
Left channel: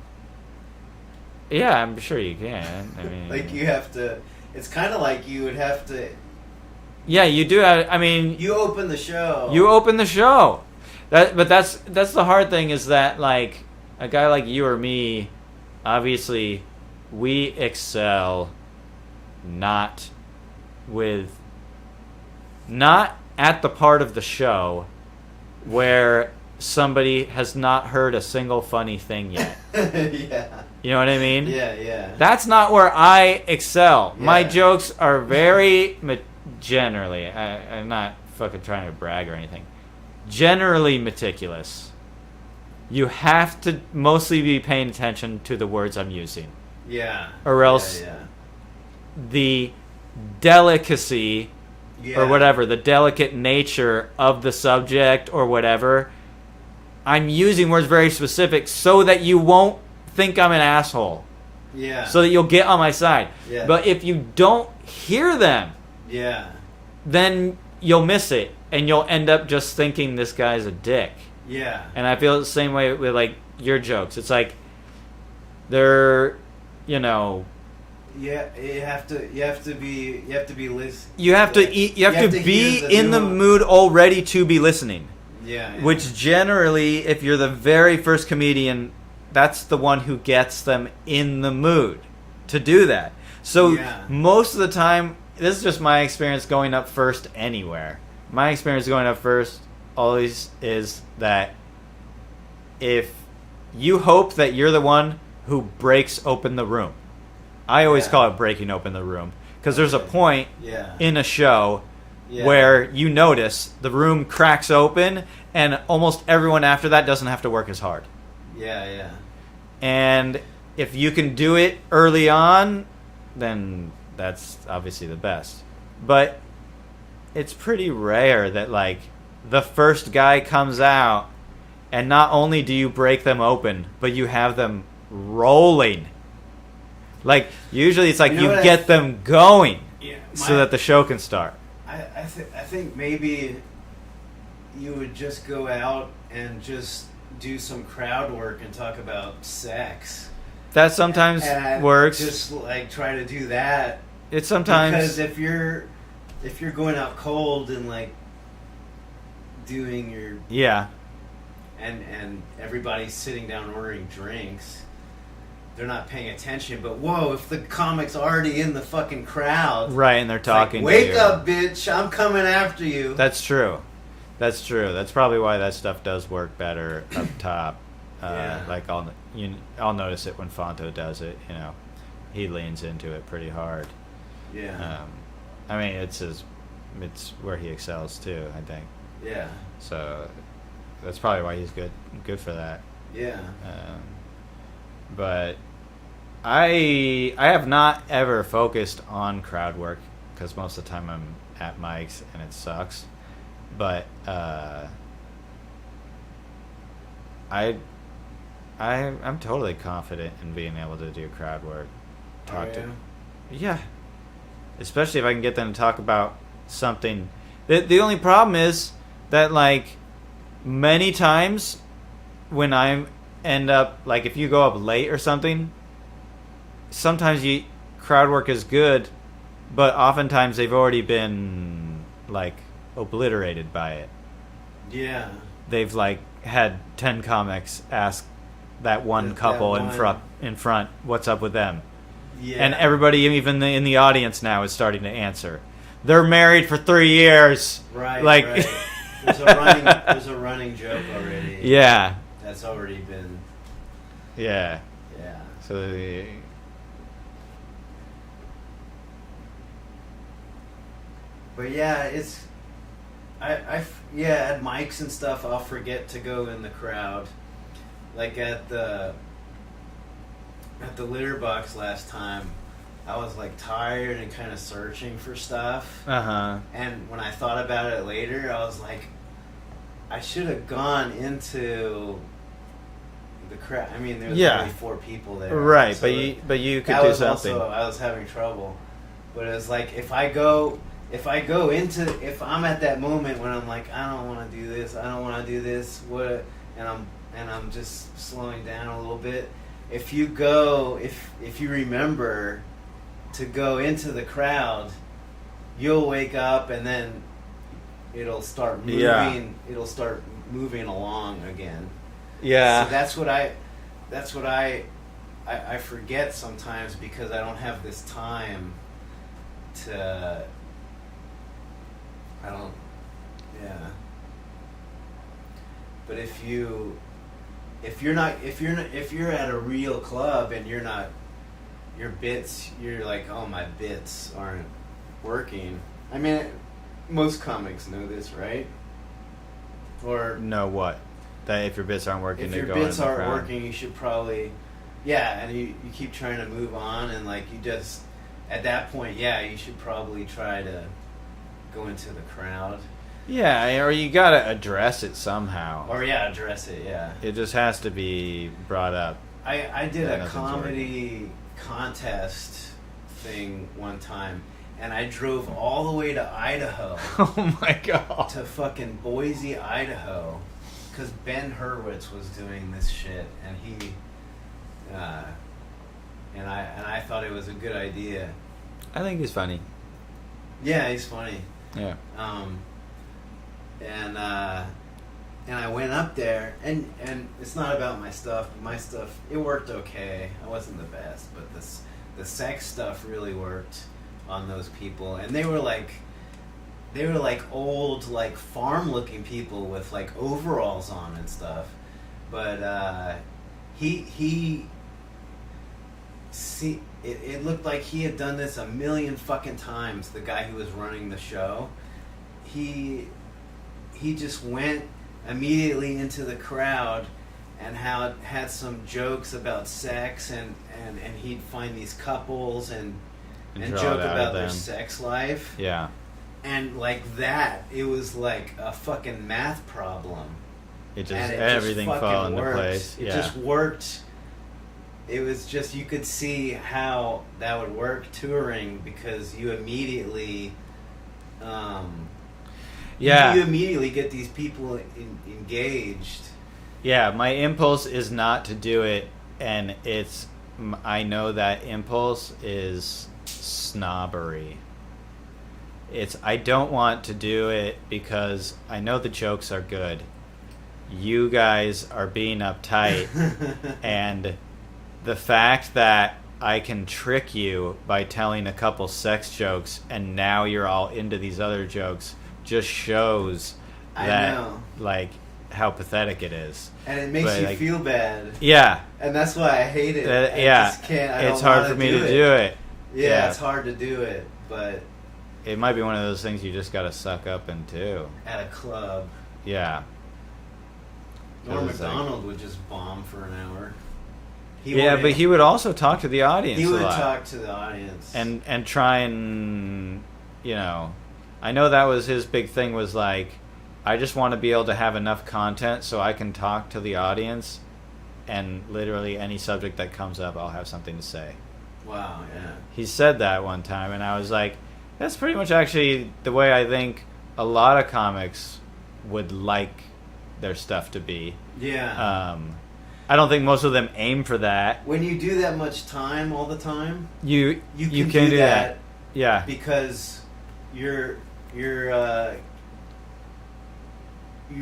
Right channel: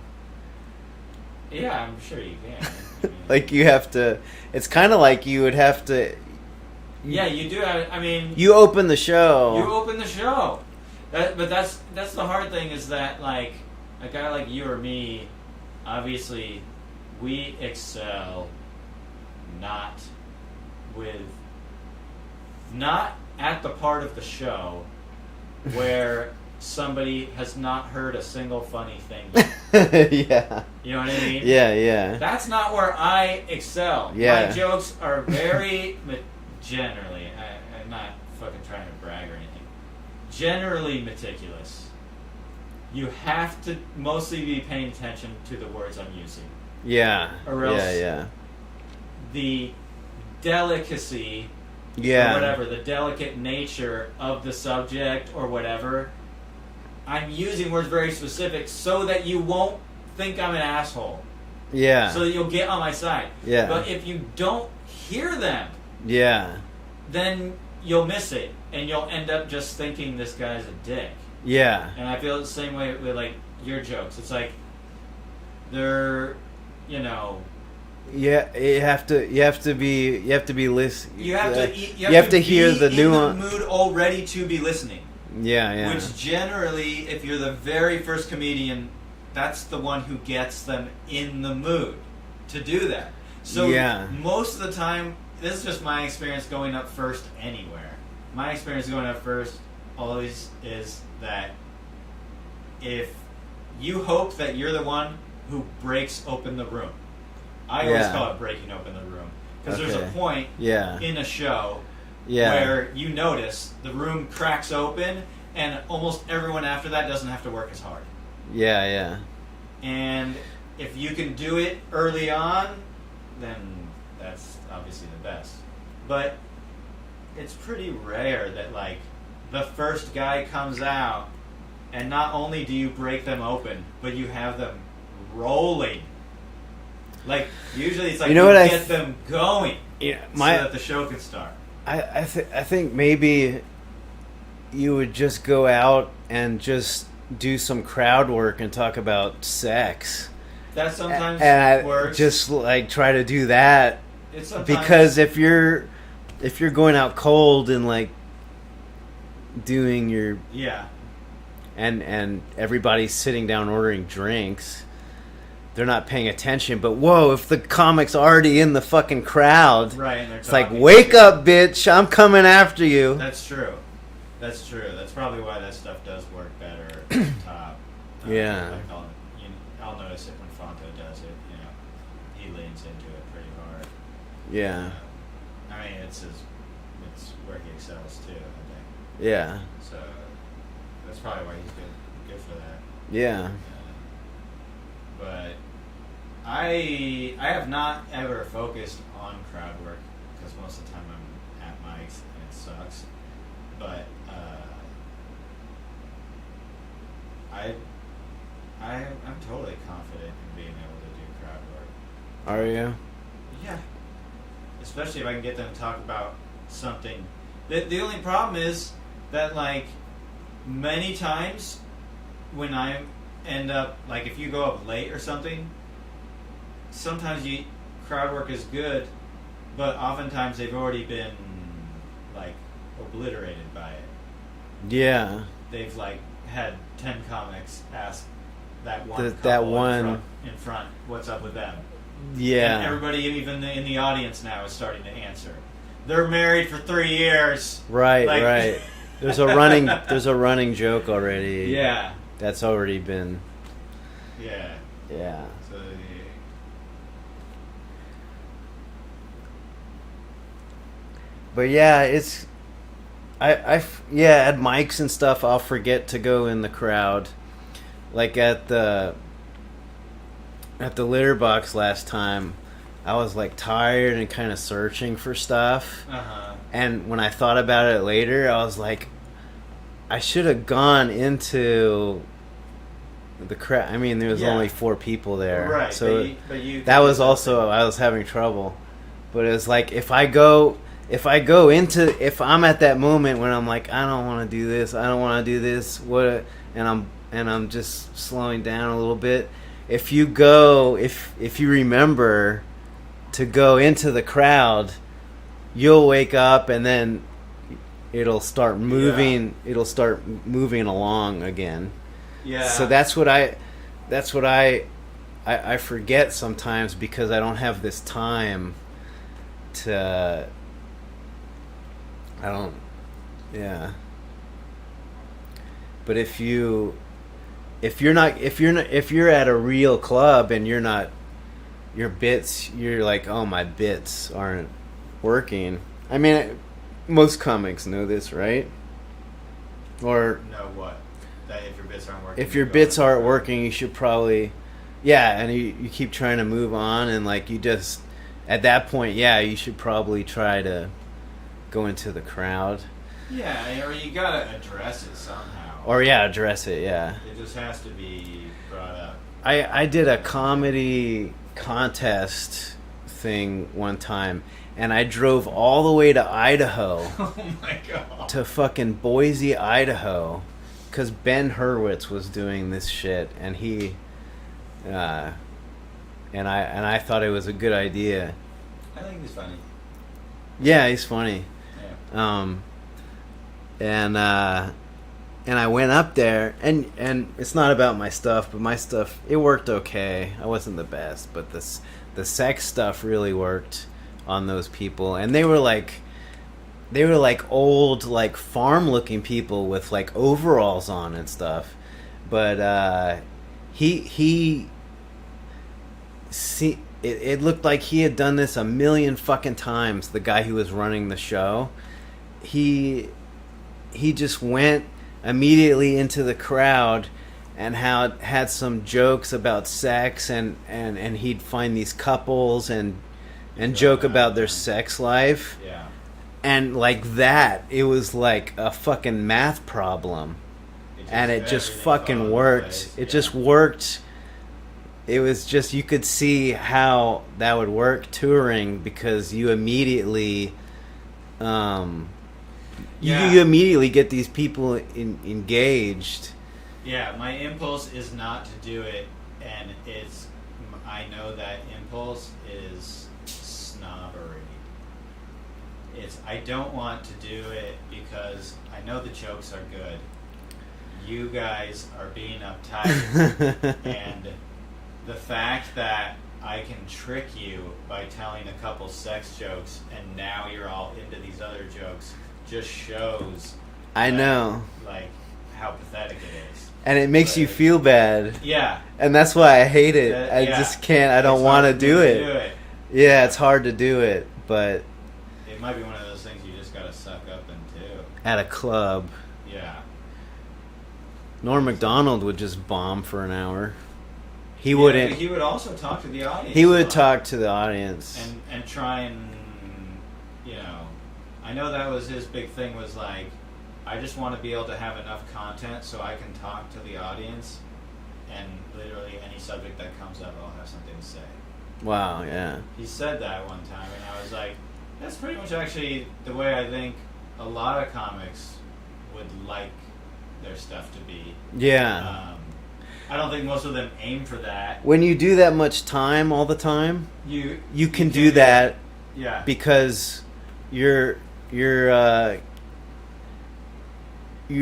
Yeah, I'm sure you can. I mean, like you have to. It's kind of like you would have to. Yeah, you do. I mean, you open the show. You open the show. But that's the hard thing is that like a guy like you or me, obviously, we excel not at the part of the show where somebody has not heard a single funny thing yet. Yeah. You know what I mean? Yeah. That's not where I excel. Yeah. My jokes are very, generally, I'm not fucking trying to brag or anything, generally meticulous. You have to mostly be paying attention to the words I'm using. Yeah. Or else the delicacy or whatever, the delicate nature of the subject or whatever, I'm using words very specific so that you won't think I'm an asshole. Yeah. So that you'll get on my side. Yeah. But if you don't hear them, then you'll miss it. And you'll end up just thinking this guy's a dick. Yeah. And I feel the same way with like your jokes. It's like they're, you know. Yeah, you have to be listening. You have to be hear in the mood already to be listening. Yeah. Which generally, if you're the very first comedian, that's the one who gets them in the mood to do that. So most of the time, this is just my experience going up first anywhere. My experience going up first always is that if you hope that you're the one who breaks open the room. I always call it breaking open the room. Because there's a point in a show where you notice the room cracks open and almost everyone after that doesn't have to work as hard. Yeah. And if you can do it early on, then that's obviously the best. But it's pretty rare that like the first guy comes out and not only do you break them open, but you have them rolling. Like usually it's like you get them going so that the show can start. I think maybe you would just go out and just do some crowd work and talk about sex. That sometimes works. Just like try to do that. It's sometimes because if you're going out cold and like doing your and everybody's sitting down ordering drinks, they're not paying attention. But whoa, if the comic's already in the fucking crowd, right, and they're it's talking, like, wake up, bitch! I'm coming after you. That's true. That's probably why that stuff does work better up top. Like I'll notice it when Fonto does it. You know, he leans into it pretty hard. Yeah. You know? I mean, it's where he excels too, I think. Yeah. So that's probably why he's good for that. Yeah. But I have not ever focused on crowd work because most of the time I'm at mics and it sucks. But I'm totally confident in being able to do crowd work. Are you? Yeah. Especially if I can get them to talk about something. The only problem is that, like, many times when I end up, like, if you go up late or something, sometimes crowd work is good, but oftentimes they've already been, like, obliterated by it. Yeah. They've, like, had 10 comics ask that one couple in front what's up with them. Yeah. And everybody, even in the audience now, is starting to answer. They're married for 3 years. Right, like, right. There's a running joke already. Yeah. That's already been. Yeah. Yeah. So. But yeah, it's. At mics and stuff, I'll forget to go in the crowd. Like at the litter box last time, I was like tired and kind of searching for stuff. And when I thought about it later, I was like, I should have gone into the crowd. I mean, there was only 4 people there, right? So but you. That was also, I was having trouble. But it was like if I'm at that moment when I'm like, I don't want to do this, and I'm just slowing down a little bit. If you remember to go into the crowd, you'll wake up and then it'll start moving. Yeah. It'll start moving along again. Yeah. So that's what I forget sometimes because I don't have this time to. I don't. Yeah. But if you're at a real club and you're like, oh, my bits aren't working. I mean, most comics know this, right? Or know what? That if your bits aren't working. If your bits aren't working, you should probably, and you keep trying to move on, and like you just, at that point, you should probably try to go into the crowd. Yeah, or you gotta address it somehow. Or address it. Yeah. It just has to be brought up. I did a comedy contest thing one time, and I drove all the way to Idaho. Oh my god. To fucking Boise, Idaho, because Ben Hurwitz was doing this shit, and he, and I thought it was a good idea. I think he's funny. Yeah, he's funny. Yeah. And I went up there, and it's not about my stuff, but my stuff, it worked okay. I wasn't the best, but the sex stuff really worked on those people, and they were like old, like farm looking people with like overalls on and stuff. But it looked like he had done this a million fucking times. The guy who was running the show, he just went immediately into the crowd and had some jokes about sex, and he'd find these couples and joke about their sex life. Yeah. And like that, it was like a fucking math problem. It just fucking worked. It just worked. It was just, you could see how that would work touring, because you immediately you immediately get these people engaged. Yeah, my impulse is not to do it, and I know that impulse is snobbery. I don't want to do it because I know the jokes are good. You guys are being uptight, and the fact that I can trick you by telling a couple sex jokes and now you're all into these other jokes just shows I know, like, how pathetic it is. And it makes you feel bad. Yeah. And that's why I hate it. I just can't. I don't want to do it. Yeah, it's hard to do it, but it might be one of those things you just got to suck up into. At a club. Yeah. Norm Macdonald would just bomb for an hour. He wouldn't. But he would also talk to the audience. He would talk to the audience and try and, you know, I know that was his big thing, was like, I just want to be able to have enough content so I can talk to the audience, and literally any subject that comes up, I'll have something to say. Wow, yeah. He said that one time, and I was like, that's pretty much actually the way I think a lot of comics would like their stuff to be. Yeah. I don't think most of them aim for that. When you do that much time all the time, you can do that. Yeah. Because you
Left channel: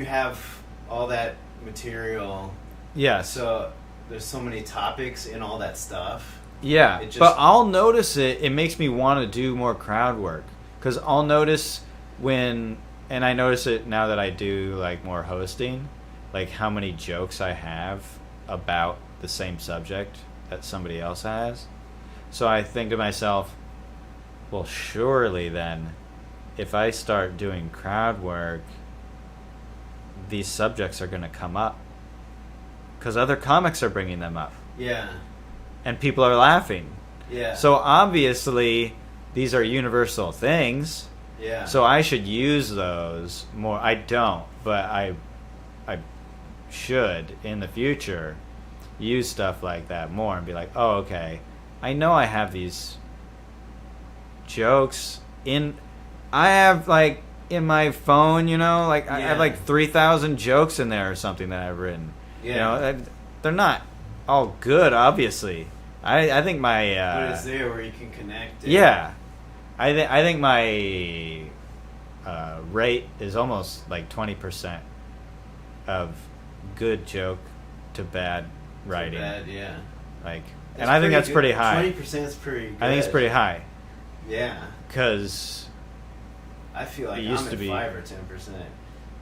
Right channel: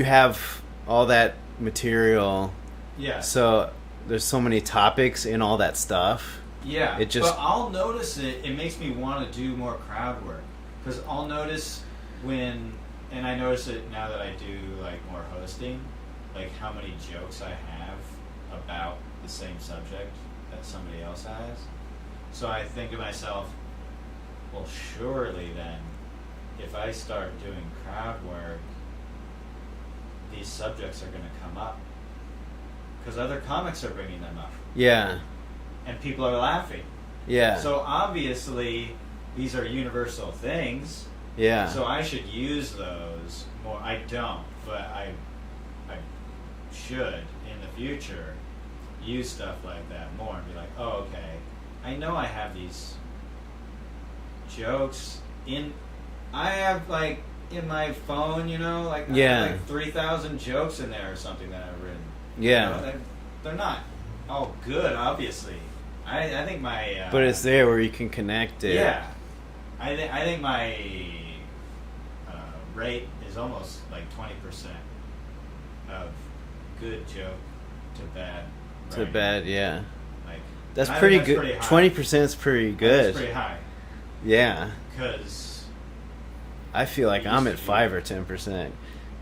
have all that material. Yeah. So there's so many topics in all that stuff. Yeah. It just, but I'll notice it makes me want to do more crowd work. Because I'll notice when, and I notice it now that I do like more hosting, like how many jokes I have about the same subject that somebody else has. So I think to myself, well, surely then, if I start doing crowd work, these subjects are going to come up. Because other comics are bringing them up. Yeah. And people are laughing. Yeah. So obviously, these are universal things. Yeah. So I should use those more. I don't, but I should in the future use stuff like that more and be like, oh, okay, I know I have these jokes I have like in my phone, you know, like I have like 3,000 jokes in there or something that I've written. Yeah. You know, they're not all good, obviously. I think my but it's there where you can connect it. Yeah. I think my rate is almost like 20% of good joke to bad writing. To bad, yeah. Like that's pretty good. Pretty high. 20% is pretty good. I think it's pretty high. Yeah. Because I feel like I'm at 5 or 10%.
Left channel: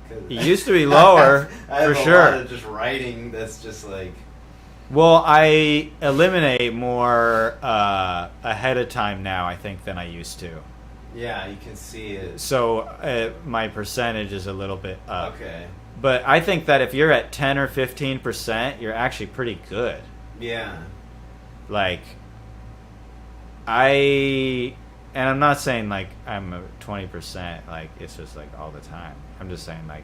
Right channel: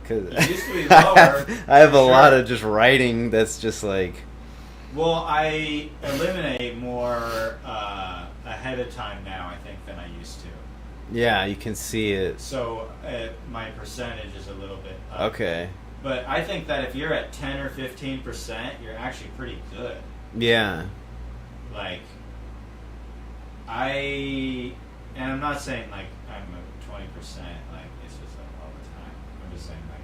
It used to be lower. I have a sure. lot of just writing that's just like. Well, I eliminate more ahead of time now, I think, than I used to. Yeah, you can see it. So my percentage is a little bit up. Okay. But I think that if you're at 10 or 15%, you're actually pretty good. Yeah. Like, and I'm not saying like I'm a 20%, like it's just like all the time. I'm just saying like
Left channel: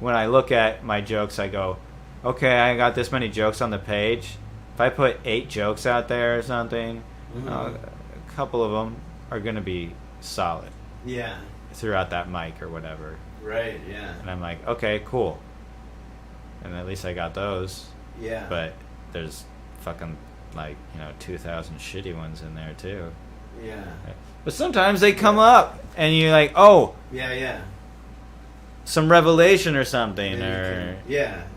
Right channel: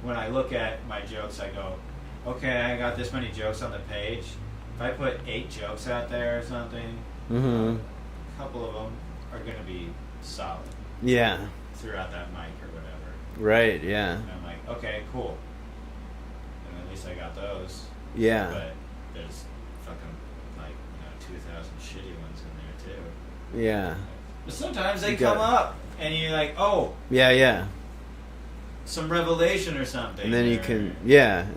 when I look at my jokes, I go, okay, I got this many jokes on the page. If I put 8 jokes out there or something, a couple of them are going to be solid. Yeah. Throughout that mic or whatever. Right, yeah. And I'm like, okay, cool. And at least I got those. Yeah. But there's fucking like, 2,000 shitty ones in there too. Yeah. But sometimes they come up and you're like, oh. Yeah. Some revelation or something. And then you can,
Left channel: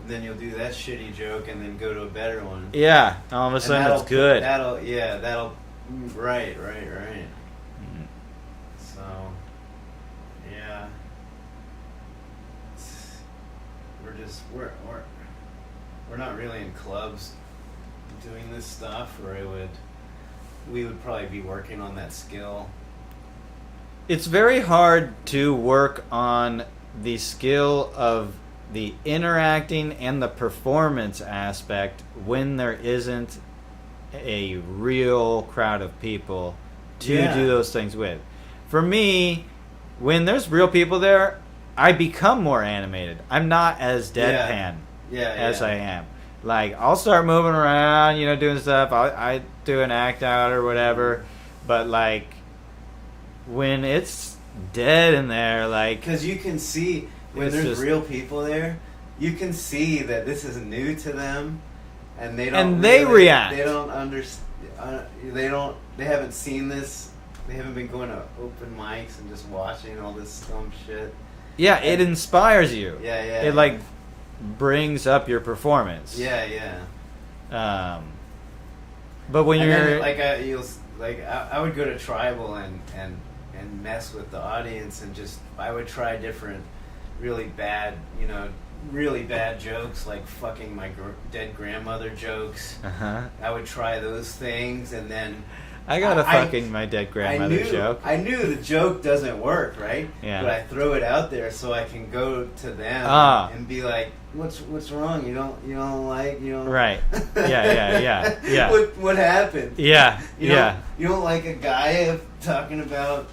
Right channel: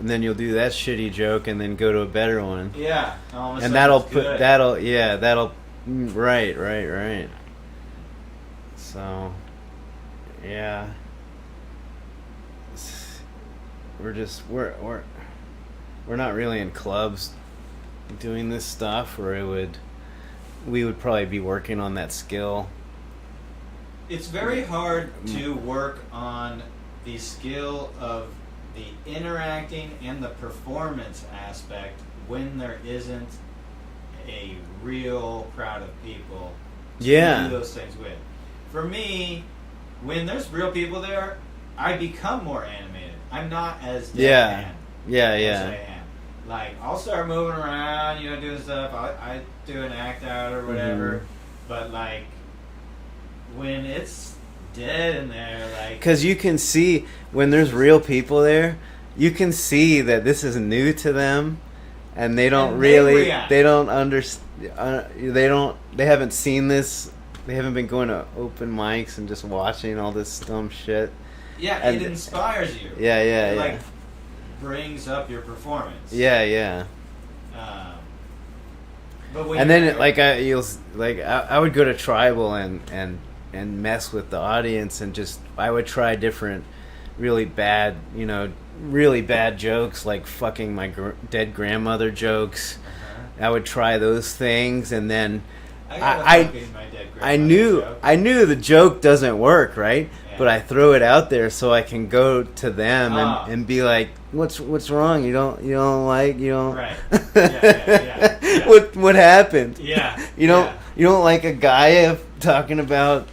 and then you'll do that shitty joke and then go to a better one. Yeah. All of a sudden that'll it's good. Right. So, yeah. We're not really in clubs doing this stuff, or we would probably be working on that skill. It's very hard to work on the skill of the interacting and the performance aspect when there isn't a real crowd of people to do those things with. For me, when there's real people there, I become more animated. I'm not as deadpan as I am. Like, I'll start moving around, doing stuff. I do an act out or whatever. But, like, when it's dead in there, like... Because you can see, when there's real people there, you can see that this is new to them. And they don't react. They don't understand. They haven't seen this. They haven't been going to open mics and just watching all this dumb shit. Yeah, it inspires you. Yeah. It brings up your performance. Yeah. But when I would go to Tribal and mess with the audience and I would try different really bad jokes, like fucking my dead grandmother jokes. I would try those things, and then I got a fucking my dead grandmother joke. I knew the joke doesn't work, right? Yeah. But I throw it out there so I can go to them and be like, "What's wrong? You don't like. Right. Yeah. What happened? Yeah. You don't like a guy talking about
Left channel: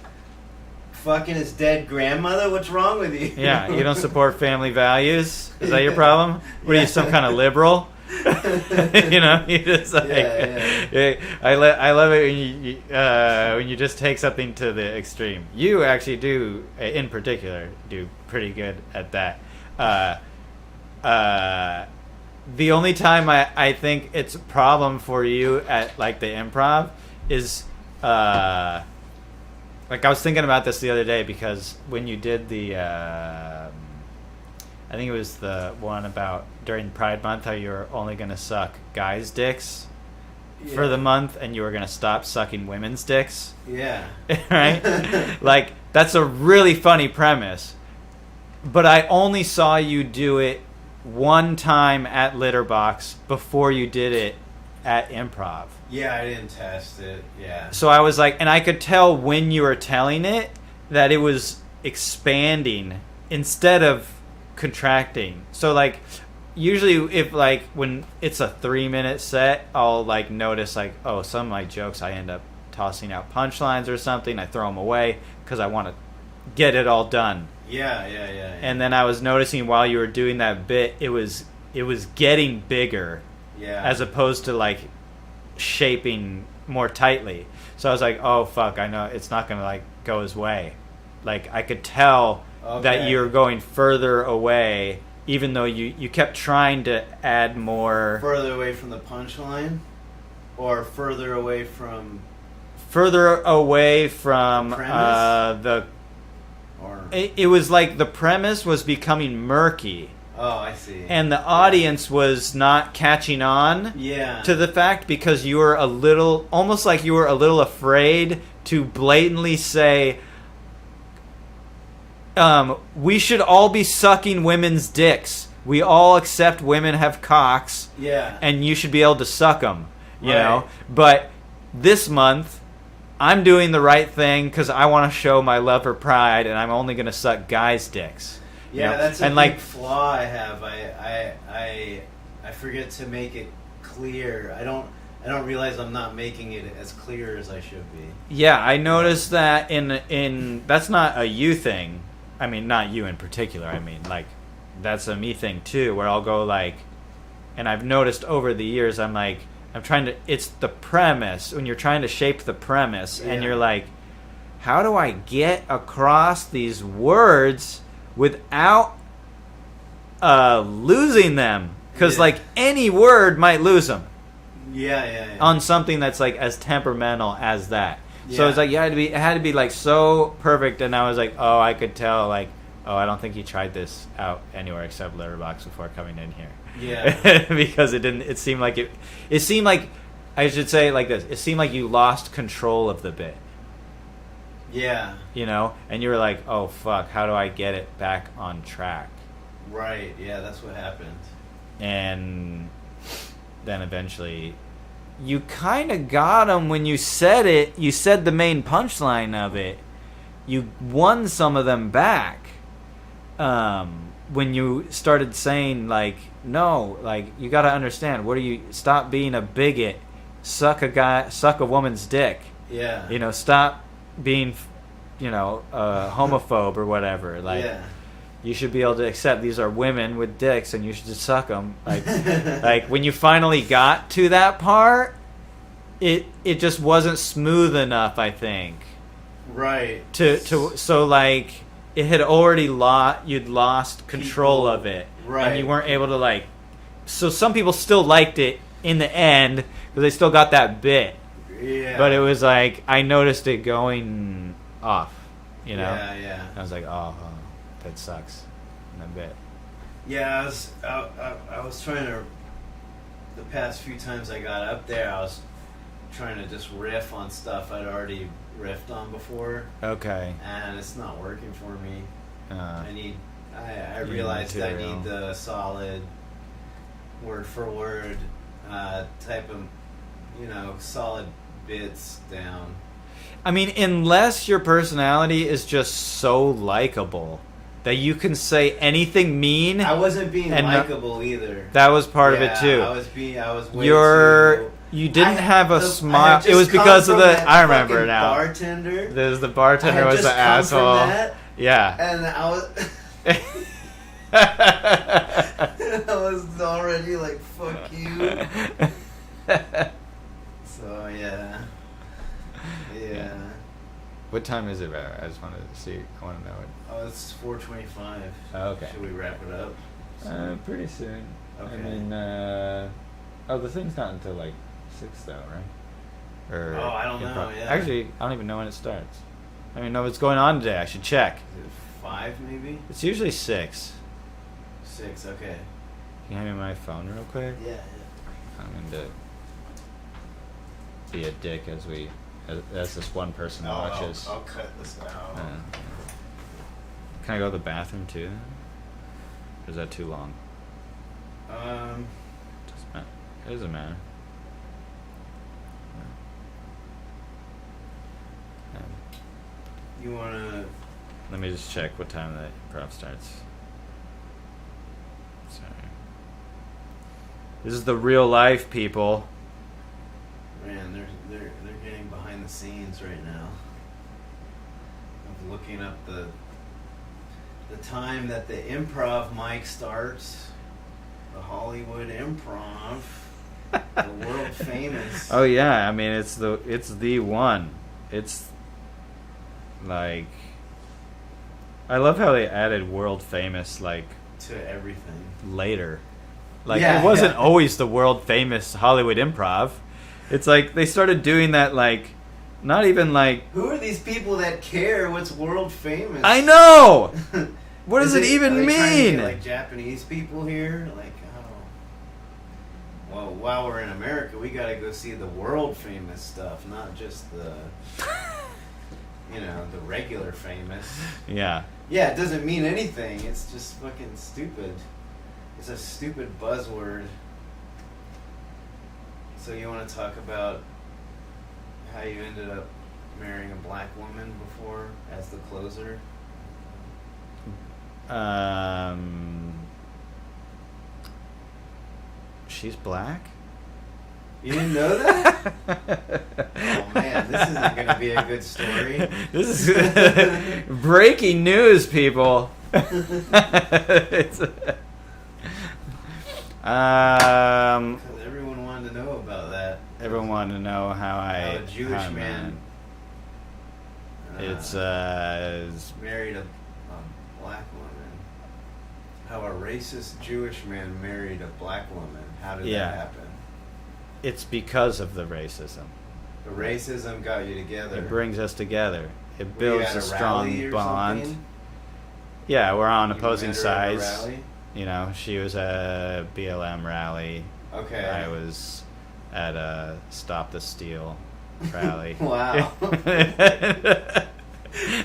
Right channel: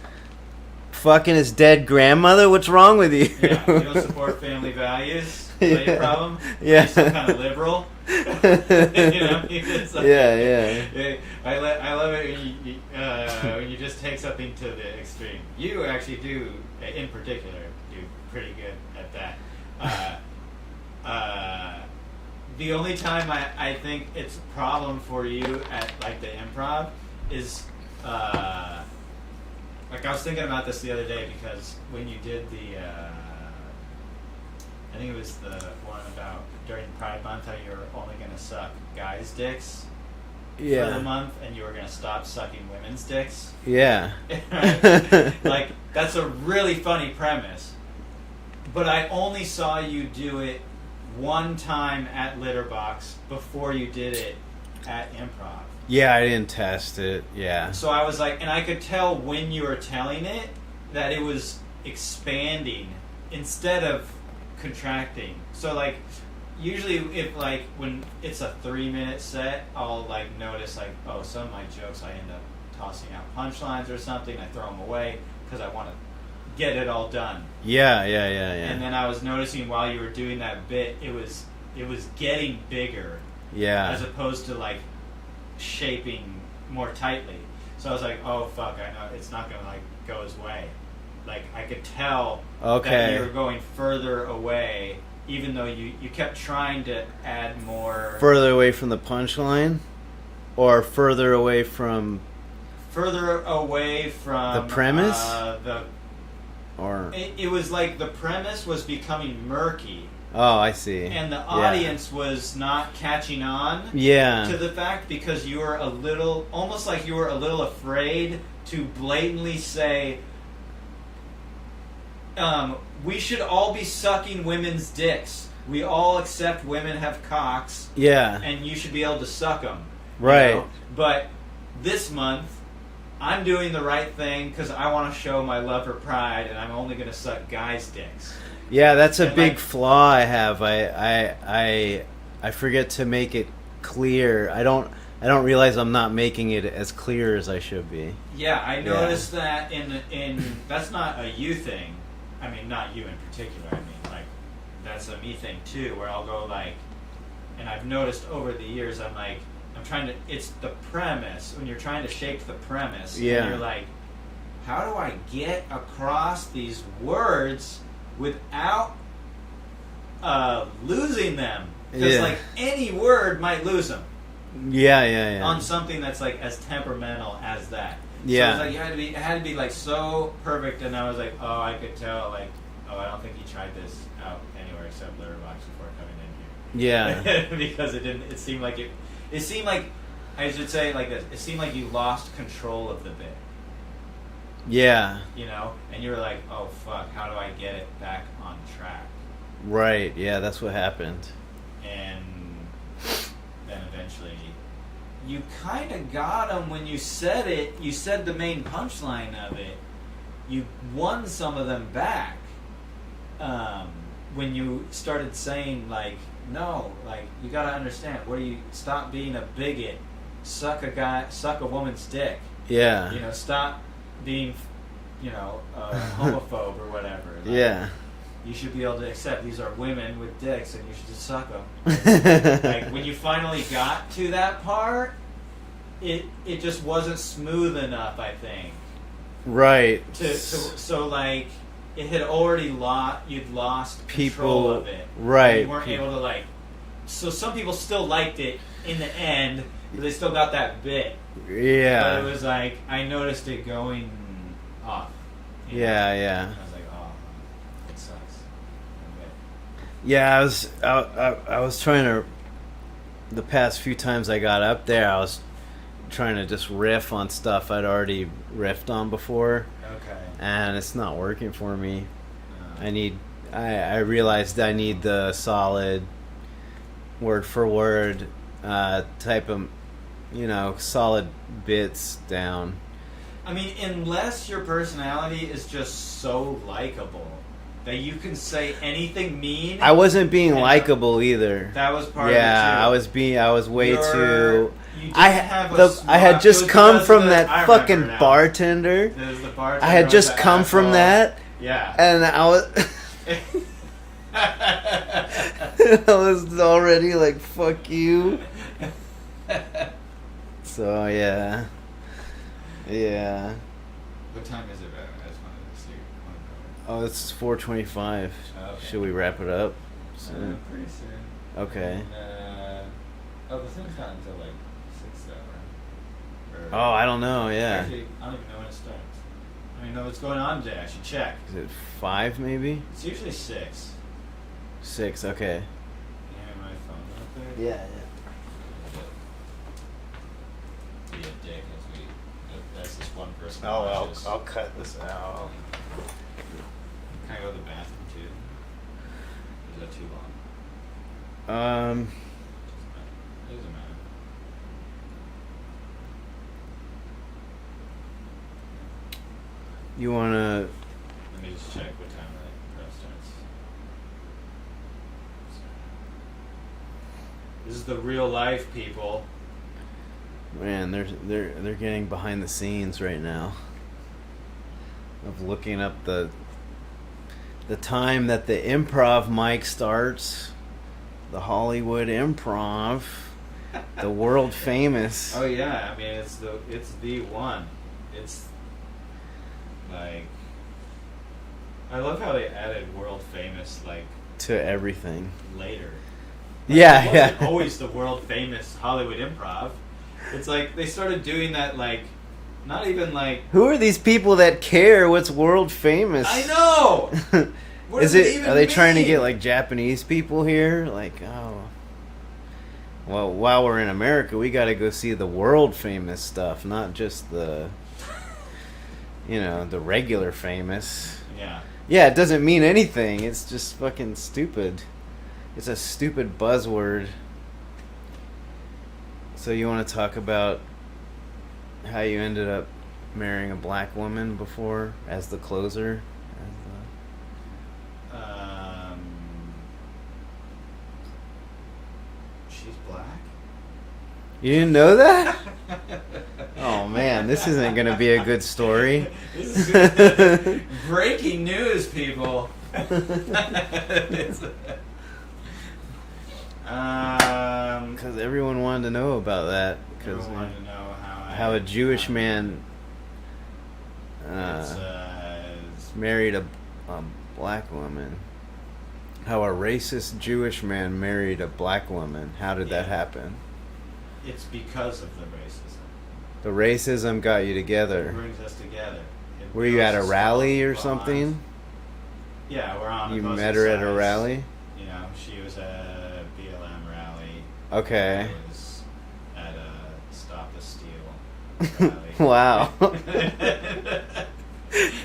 fucking his dead grandmother? What's wrong with you? Yeah. You don't support family values? Is that your problem? Yeah. You're some kind of liberal? You just like, I love it when you just take something to the extreme. You actually do, in particular, do pretty good at that. The only time I think it's a problem for you at like the improv is like I was thinking about this the other day because when you did the I think it was the one about during Pride Month how you were only going to suck guys' dicks for the month and you were going to stop sucking women's dicks. Yeah. Right? Like, that's a really funny premise. But I only saw you do it one time at Litterbox before you did it at improv. Yeah, I didn't test it. Yeah. So I was like, and I could tell when you were telling it that it was expanding instead of contracting. So like usually if like when it's a 3-minute set, I'll like notice like, oh, some of my jokes I end up tossing out punchlines or something. I throw them away because I want to get it all done. Yeah. And then I was noticing while you were doing that bit, it was getting bigger. Yeah. As opposed to like shaping more tightly. So I was like, oh fuck, I know it's not gonna like go his way. Like I could tell that you were going further away, even though you kept trying to add more. Further away from the punchline, or further away from the premise. It was like the premise was becoming murky. Oh, I see. And the audience was not catching on to the fact because you were almost like you were a little afraid to blatantly say, we should all be sucking women's dicks. We all accept women have cocks. Yeah. And you should be able to suck them. Right. You know? But this month, I'm doing the right thing because I want to show my love for pride and I'm only going to suck guys' dicks. Yeah, that's a big flaw I have. I forget to make it clear. I don't realize I'm not making it as clear as I should be. Yeah, I noticed that in that's not a you thing. I mean, not you in particular. I mean, like that's a me thing too, where I'll go like, and I've noticed over the years, I'm trying to. It's the premise when you're trying to shape the premise, and you're like, how do I get across these words without losing them? Because like any word might lose them. Yeah. On something that's like as temperamental as that. Yeah. So it's like it had to be like so perfect, and I was like, oh, I could tell like, oh, I don't think he tried this out anywhere except Letterboxd before coming in here. Yeah. Because it seemed like it seemed like, I should say it like this, it seemed like you lost control of the bit. Yeah. You know? And you were like, oh fuck, how do I get it back on track? Right, yeah, that's what happened. And then eventually you kind of got them when you said it. You said the main punchline of it. You won some of them back. When you started saying like, no, like you got to understand. What do you stop being a bigot? Suck a woman's dick. Yeah. You know, stop being, a homophobe or whatever. Like, yeah. You should be able to accept these are women with dicks and you should just suck them. Like when you finally got to that part, it just wasn't smooth enough, I think. Right. So like it had already you'd lost control of it. Right. And you weren't able to like. So some people still liked it in the end because they still got that bit. Yeah. But it was like I noticed it going off. You know? Yeah. I was like, oh. It sucks a bit. Yeah, I was trying to. The past few times I got up there, I was trying to just riff on stuff I'd already riffed on before. Okay. And it's not working for me. I realized I need the solid, word for word type of solid bits down. I mean, unless your personality is just so likable that you can say anything mean. I wasn't being likable either. That was part of it too. I was way too. You didn't have a smile. I had just come from that fucking now. bartender. There's the bartender. I had just come from that. Yeah. And I was. I was already like, fuck you. So yeah. What time is it? I just wanted to see. I want to know it. Oh, it's 4:25. Oh, okay. Should we wrap it up? Pretty soon. Okay. And, the thing's not until like 6 though, right? I don't know. Yeah. Actually, I don't even know when it starts. I don't even know what's going on today. I should check. Is it 5 maybe? It's usually 6. 6. Okay. Can you hand me my phone real quick? Yeah. I'm going to be a dick as this one person watches. I'll cut this out. Can I go to the bathroom too? Or is that too long? It doesn't matter. You wanna? Let me just check what time the prop starts. Sorry. This is the real life, people. Man, they're getting behind the scenes right now. Of looking up the time that the improv mic starts. The Hollywood Improv, the world famous. Oh yeah, I mean it's the one. It's like I love how they added world famous like to everything later. Like, yeah, it wasn't always the world famous Hollywood Improv. It's like they started doing that like not even like who are these people that care what's world famous? I know. What does it even mean? Are they trying to get like Japanese people here? Like, oh, well, while we're in America, we got to go see the world famous stuff, not just the, the regular famous. Yeah. Yeah, it doesn't mean anything. It's just fucking stupid. It's a stupid buzzword. So you want to talk about how you ended up marrying a black woman before as the closer? She's black? You didn't know that? Oh man, this isn't gonna be a good story. This is breaking news, people. Because everyone wanted to know about that. Everyone wanted to know how a Jewish man married a black woman. How a racist Jewish man married a black woman. How did that happen? It's because of the racism. The racism got you together. It brings us together. Were you at a rally or something? Yeah, we're on opposing sides. You met her at a rally? She was at a BLM rally. Okay. I was at a Stop the Steal rally. Wow.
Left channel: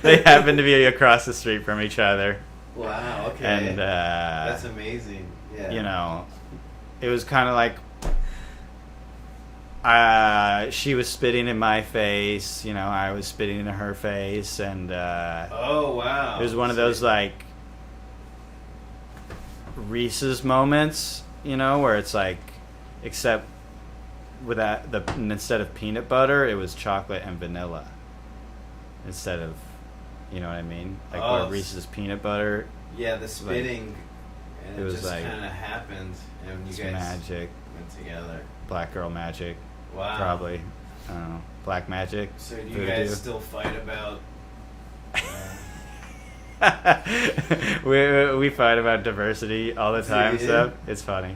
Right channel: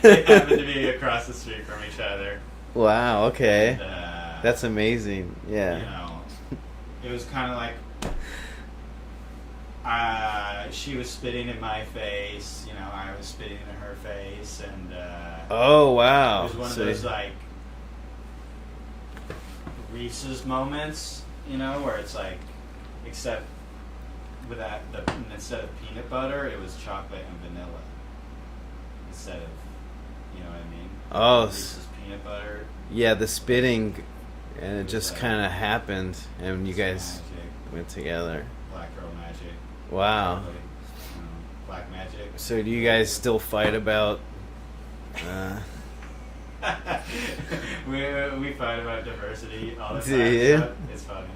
They happened to be across the street from each other. Wow, okay. And, that's amazing. Yeah. It was kind of like she was spitting in my face, I was spitting in her face, and oh wow. It was one of those like Reese's moments, where it's like except instead of peanut butter, it was chocolate and vanilla. Instead of, you know what I mean? Like Reese's peanut butter. Yeah, the spitting, and it just like, kind of happened, and you guys magic. Went together. Black girl magic. Wow. Probably. I don't know. Black magic. So do you guys still fight about... we fight about diversity all the time. So it's funny.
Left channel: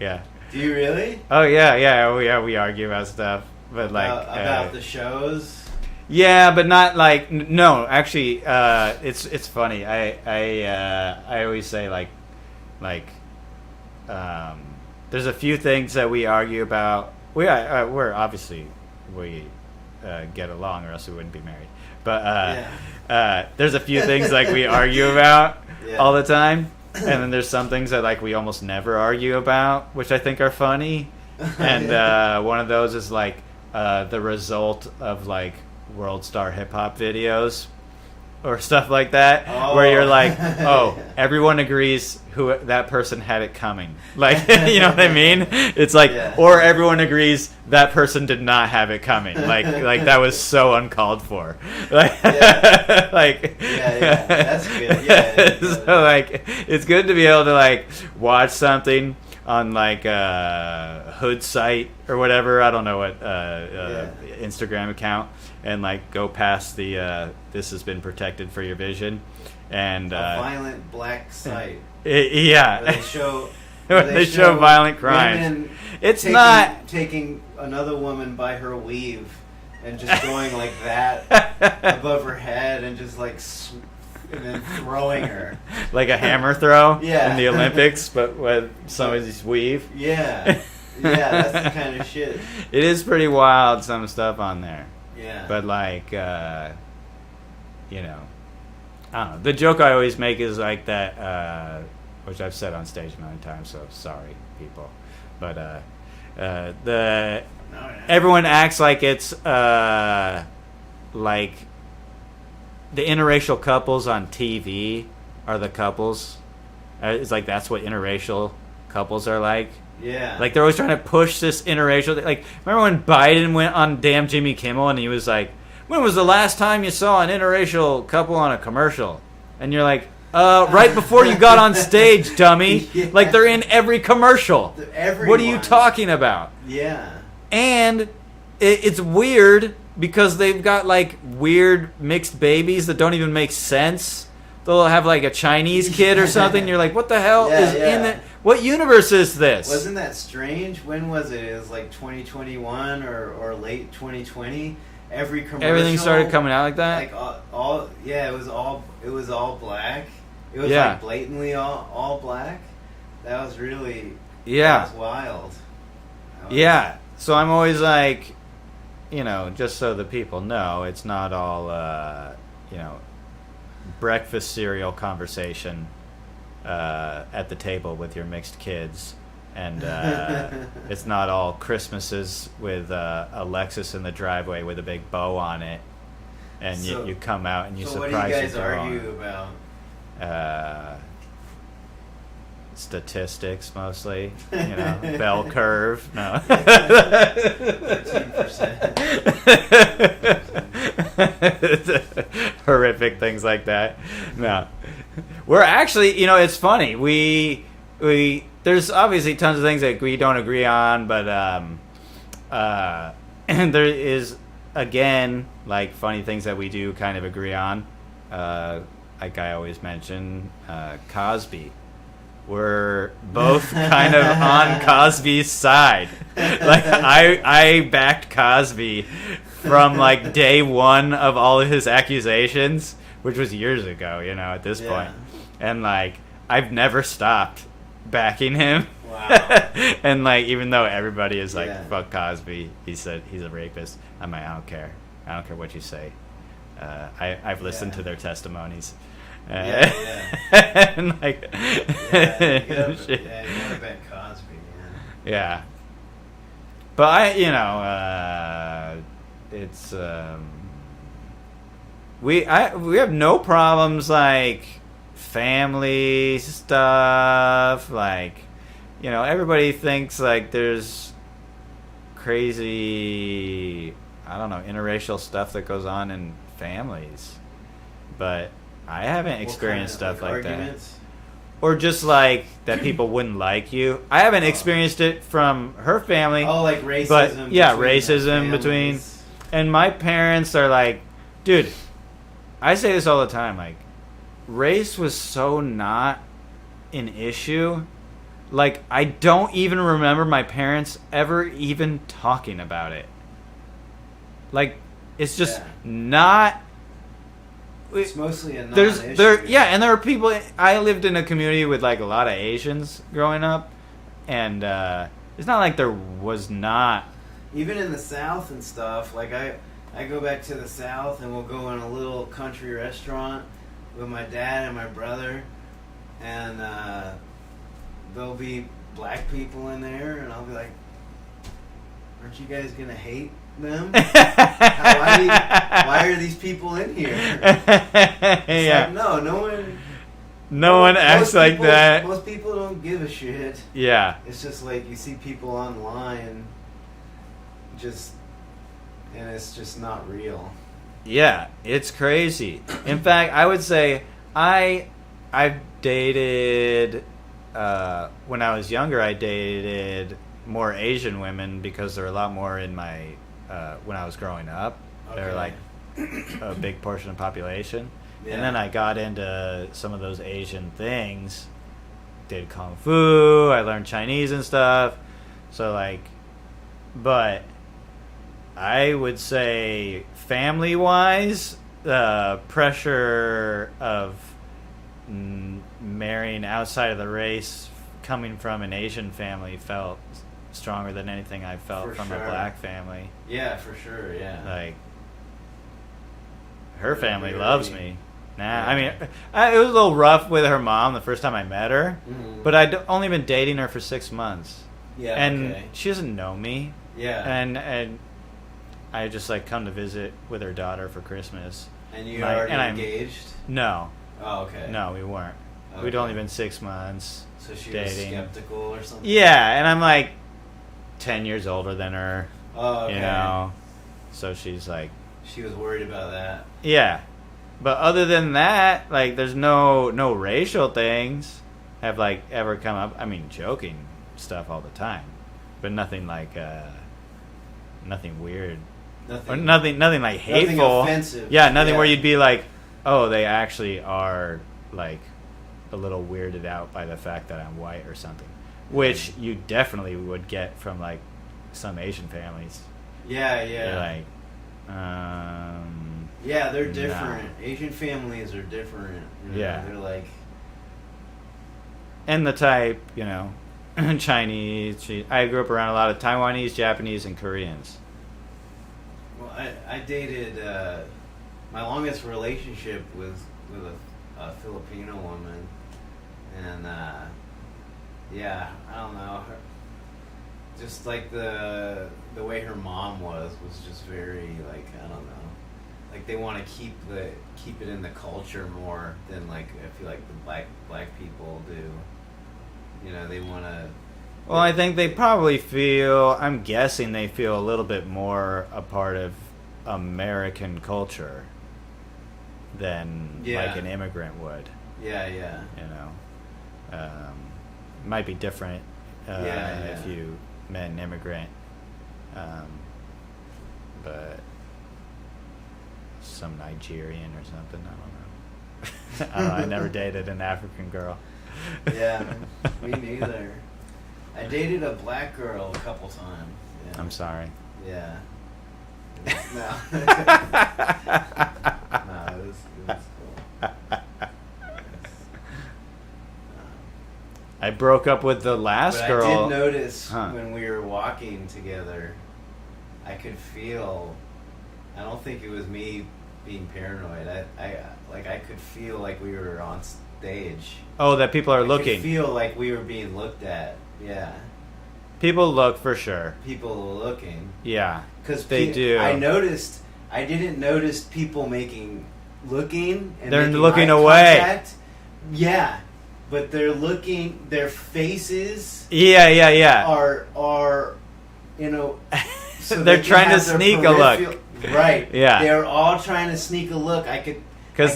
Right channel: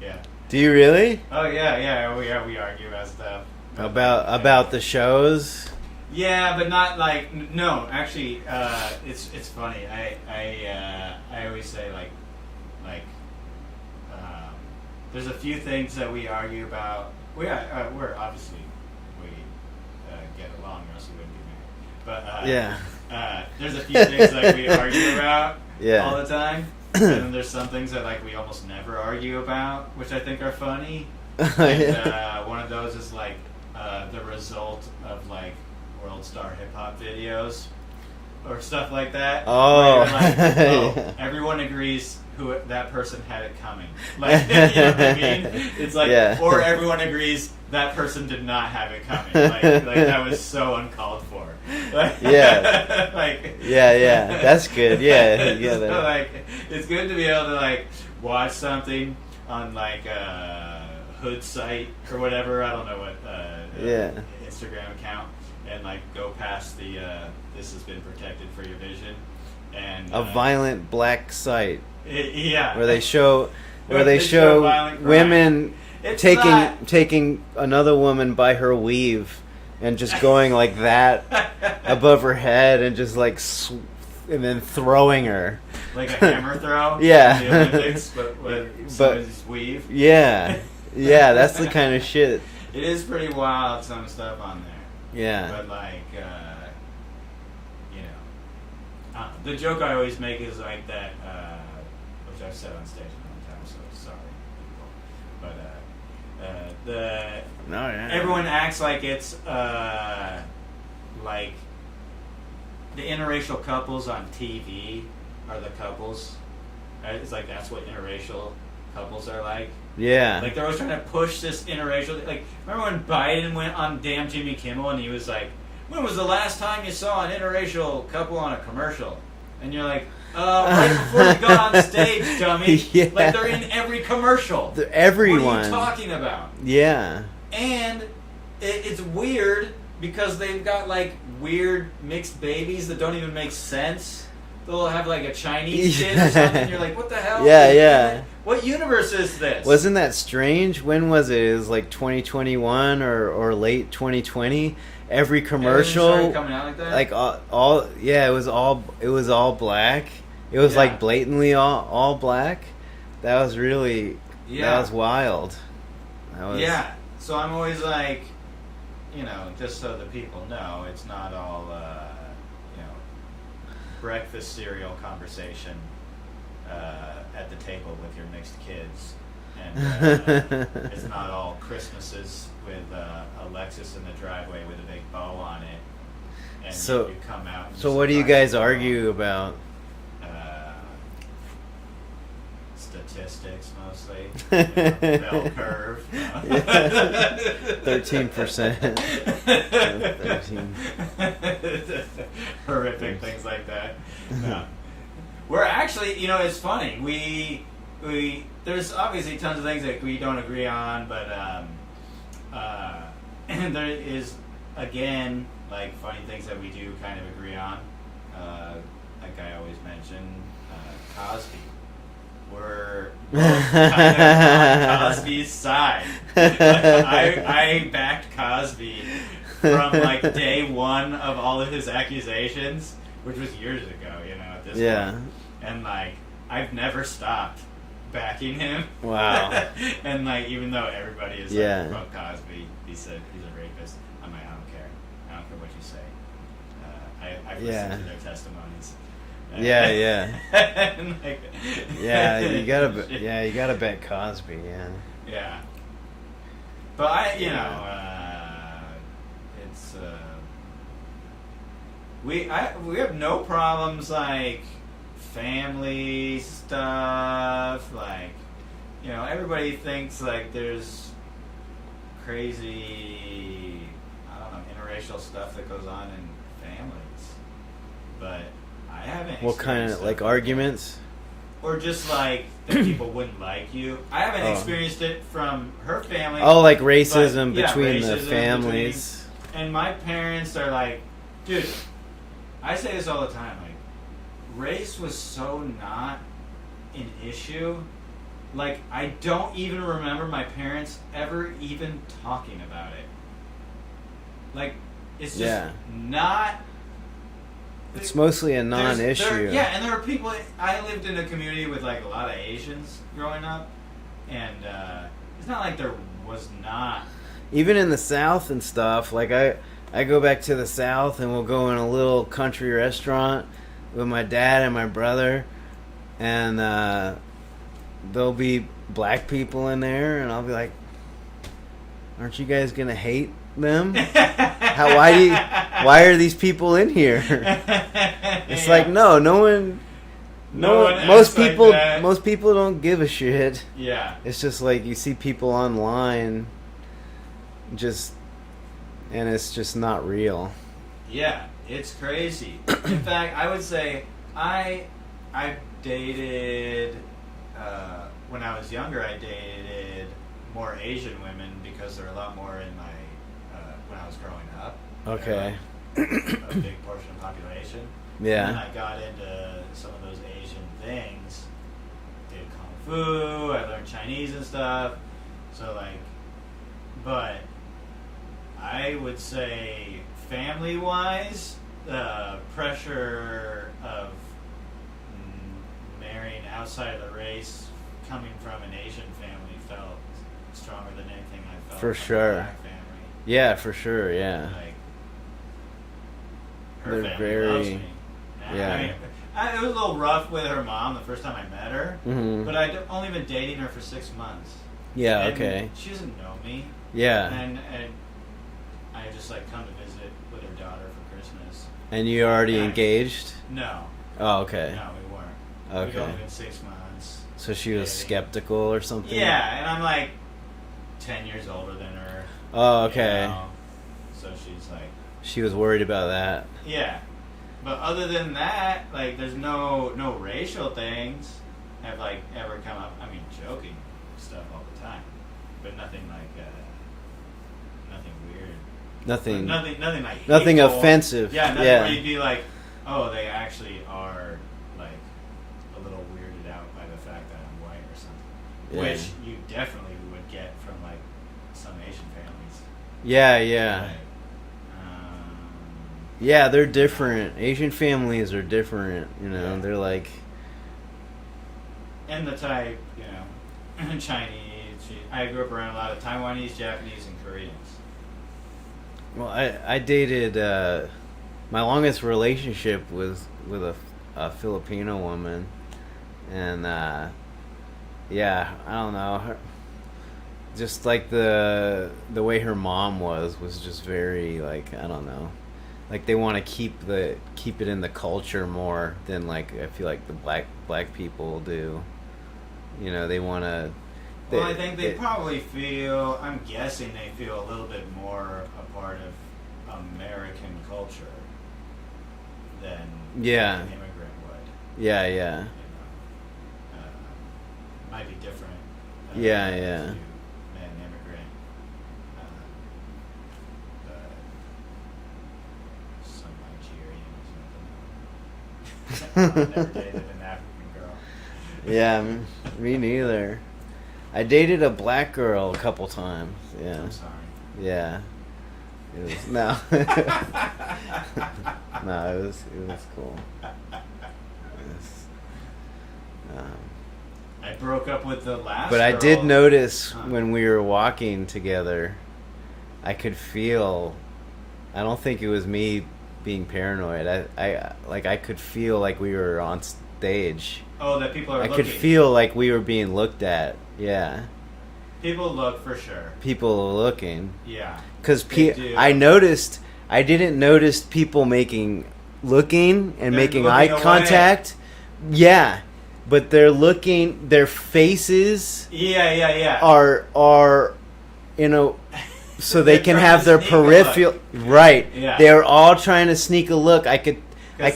Yeah. Do you really? Oh yeah. We argue about stuff. But about the shows. Yeah, but not like no. Actually, it's funny. I always say like there's a few things that we argue about. We're obviously we get along, or else we wouldn't be married. But there's a few things like we argue about all the time, and then there's some things that like we almost never argue about, which I think are funny. and one of those is like the result of like World Star Hip Hop videos or stuff like that, where you're like, oh, everyone agrees who that person had it coming. Like, you know what I mean? It's like, or everyone agrees that person did not have it coming. Like that was so uncalled for. Like, like, that's good. Yeah. So like, it's good to be able to like watch something on like a Hood site or whatever. I don't know what Instagram account. And like go past the this has been protected for your vision, and a violent black site. Where they show violent crime. Women taking another woman by her weave and just going like that above her head and just like and then throwing her like a hammer throw. In the Olympics, but with somebody's weave. Yeah, that's the kind of shit. It is pretty wild. Some stuff on there. Yeah. But like, you know, I don't know. The joke I always make is like that, which I've said on stage a million times, so sorry, people. But everyone acts like it's like the interracial couples on TV are the couples. It's like that's what interracial couples are like. Yeah. Like, they're always trying to push this interracial... Like, remember when Biden went on damn Jimmy Kimmel and he was like, when was the last time you saw an interracial couple on a commercial? And you're like, right before you got on stage, dummy. Yeah. Like, they're in every commercial. Everyone. What are you talking about? Yeah. And it's weird because they've got, like, weird mixed babies that don't even make sense. They'll have like a Chinese kid or something. And you're like, what the hell? What universe is this? Wasn't that strange? When was it? It was like 2021 or late 2020. Every commercial everything started coming out like that. Like it was all black. It was like blatantly all black. That was really that was wild. So I'm always like, you know, just so the people know, it's not all you know, breakfast cereal conversation at the table with your mixed kids, and it's not all Christmases with a Lexus in the driveway with a big bow on it, and you come out and so what do you guys argue about? Statistics mostly, you know, bell curve. 13%. Horrific things like that. No, we're actually, you know, it's funny. We there's obviously tons of things that we don't agree on, but and there is again like funny things that we do kind of agree on. Like I always mention, Cosby. We're both kind of on Cosby's side. Like I backed Cosby from like day one of all of his accusations, which was years ago, you know, at this point. And like I've never stopped backing him. Wow. And like even though everybody is like, fuck Cosby, he said he's a rapist. I'm like, I don't care what you say. I've listened to their testimonies. And like, you gotta bet Cosby, yeah. But it's we have no problems like family stuff, like, you know, everybody thinks like there's crazy, I don't know, interracial stuff that goes on in families, but I haven't experienced stuff like arguments? That. Or just like that people wouldn't like you. I haven't experienced it from her family. Oh, like racism between. And my parents are like, dude, I say this all the time, like, race was so not an issue. Like, I don't even remember my parents ever even talking about it. Like, it's just not... It's mostly a non-issue. And there are people... I lived in a community with, like, a lot of Asians growing up, and it's not like there was not... Even in the South and stuff, like, I go back to the South, and we'll go in a little country restaurant with my dad and my brother, and there'll be black people in there, and I'll be like, aren't you guys gonna hate them? Why are these people in here? It's like no one. No one acts like that. Most people don't give a shit. Yeah. It's just like you see people online, and it's just not real. Yeah, it's crazy. In fact, I would say I've dated when I was younger. I dated more Asian women because they're a lot more in my when I was growing up. Okay. They're like a big portion of the population. Yeah. And then I got into some of those Asian things. Did Kung Fu. I learned Chinese and stuff. So, like, but I would say family-wise, the pressure of marrying outside of the race coming from an Asian family felt stronger than anything I felt from a black family. Yeah, for sure, yeah. Like, her They're family very, loves me. Nah, yeah. I mean, it was a little rough with her mom the first time I met her, but I'd only been dating her for 6 months. Yeah, and okay. she doesn't know me. Yeah. And I just, like, come to visit with her daughter for Christmas. And you already engaged? No. Oh, okay. No, we weren't. Okay. We'd only been 6 months. So she was skeptical or something? Yeah, and I'm, like, 10 years older than her. Oh, okay. You know? So she's, like... She was worried about that. Yeah. But other than that, like, there's no racial things have, like, ever come up. I mean, joking stuff all the time. But nothing, like, nothing weird. Nothing like hateful. Nothing offensive. Yeah, nothing where you'd be like, oh, they actually are, like, a little weirded out by the fact that I'm white or something. Yeah. Which you definitely would get from, like, some Asian families. Yeah, yeah. Like, yeah, they're different. Yeah. Asian families are different, you know. Yeah. They're like... And the type, you know, Chinese. I grew up around a lot of Taiwanese, Japanese, and Koreans. Well, I dated... my longest relationship was with a Filipino woman. And, yeah, I don't know. Just like the way her mom was just very, like, I don't know. Like, they want to keep it in the culture more than, like, I feel like the black people do. You know, they want to... Well, I think they probably feel... I'm guessing they feel a little bit more a part of American culture than like an immigrant would. Yeah, yeah. You know, might be different. If you met an immigrant, but some Nigerian or something. I don't know. I never dated an African girl. Yeah, me neither. I dated a black girl a couple times. Yeah. I'm sorry. Yeah. It was, no. No, it was cool. I broke up with the last girl. But I did notice when we were walking together, I could feel... I don't think it was me being paranoid. I could feel like we were on stage. Oh, that people are looking. I could feel like we were being looked at. Yeah. People look for sure. People are looking. Yeah. Because I didn't notice people making eye contact. Yeah. But they're looking, their faces are so they can have their peripheral, right. Yeah. They're all trying to sneak a look. I could tell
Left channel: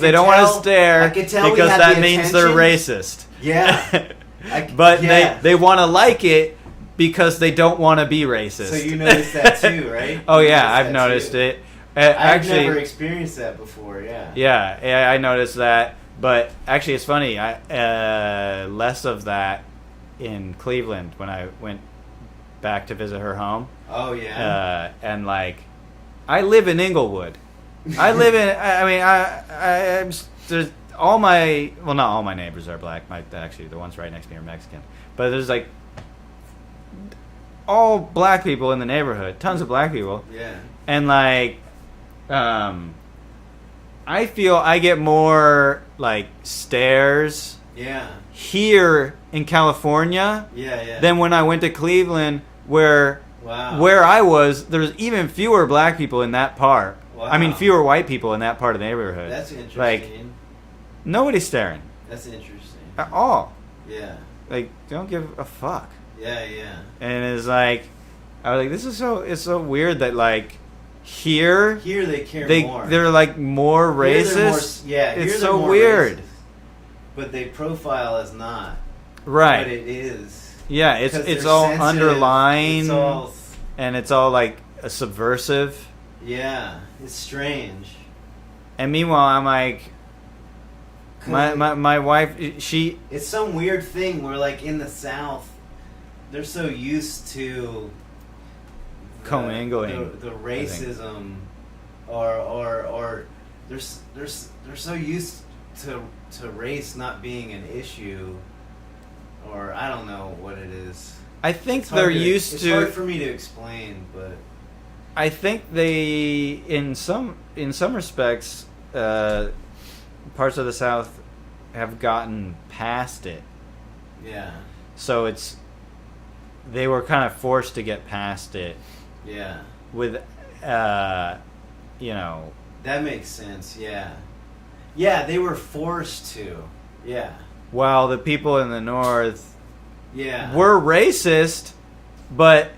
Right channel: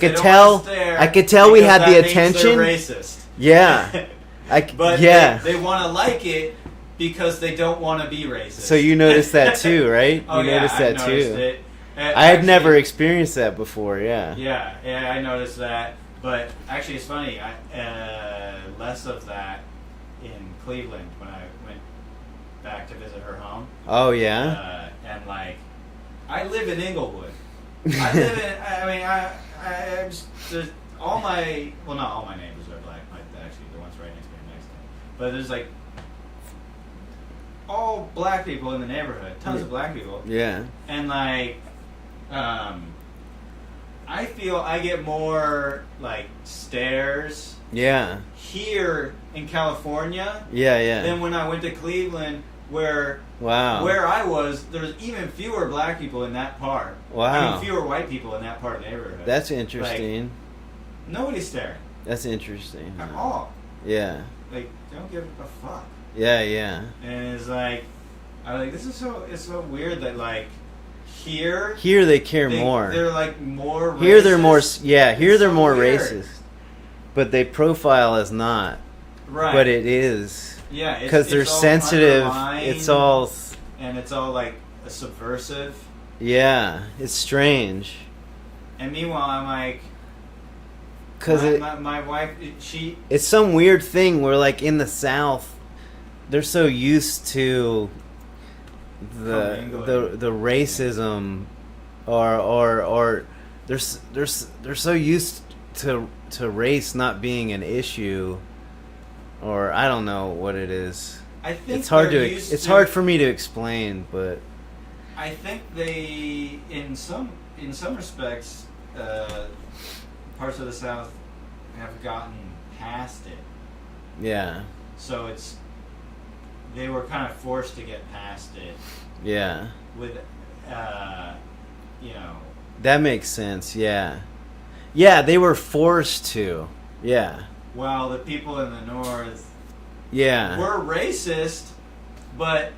we had the attention. They're racist. Yeah. They want to like it because they don't want to be racist. So you noticed that too, right? Oh, yeah, I've noticed it. I've never experienced that before, yeah. Yeah, I noticed that. But actually, it's funny. Less of that in Cleveland when I went back to visit her home. Oh yeah. And like, I live in Inglewood. I'm there's all my not all my neighbors are black. Actually, the ones right next to me are Mexican. But there's like all black people in the neighborhood. Tons of black people. Yeah. And like, I feel I get more like stares. Yeah. Here in California. Yeah. Than when I went to Cleveland, where Wow. Where I was, there's even fewer black people in that part. Wow. I mean, fewer white people in that part of the neighborhood. That's interesting. Like, nobody's staring. That's interesting. At all. Yeah. Like, don't give a fuck. Yeah, yeah. And it's like, I was like, it's so weird that, like, here they care more. They're, like, more racist. Here they're more, yeah, here it's they're so more weird. racist. But they profile as not. Right. But it is. Yeah, because it's they're all sensitive. underlined, it's all, and it's all like a subversive. Yeah, it's strange. And meanwhile, I'm like, my wife, she. It's some weird thing where, like, in the South, they're so used to the racism, or they're so used to race not being an issue. Or I don't know what it is. I think it's hard it's hard for me to explain, but I think they, in some respects, parts of the South have gotten past it. Yeah. So they were kind of forced to get past it. Yeah. With, you know. That makes sense. Yeah. Yeah, they were forced to. Yeah. While the people in the North were racist, but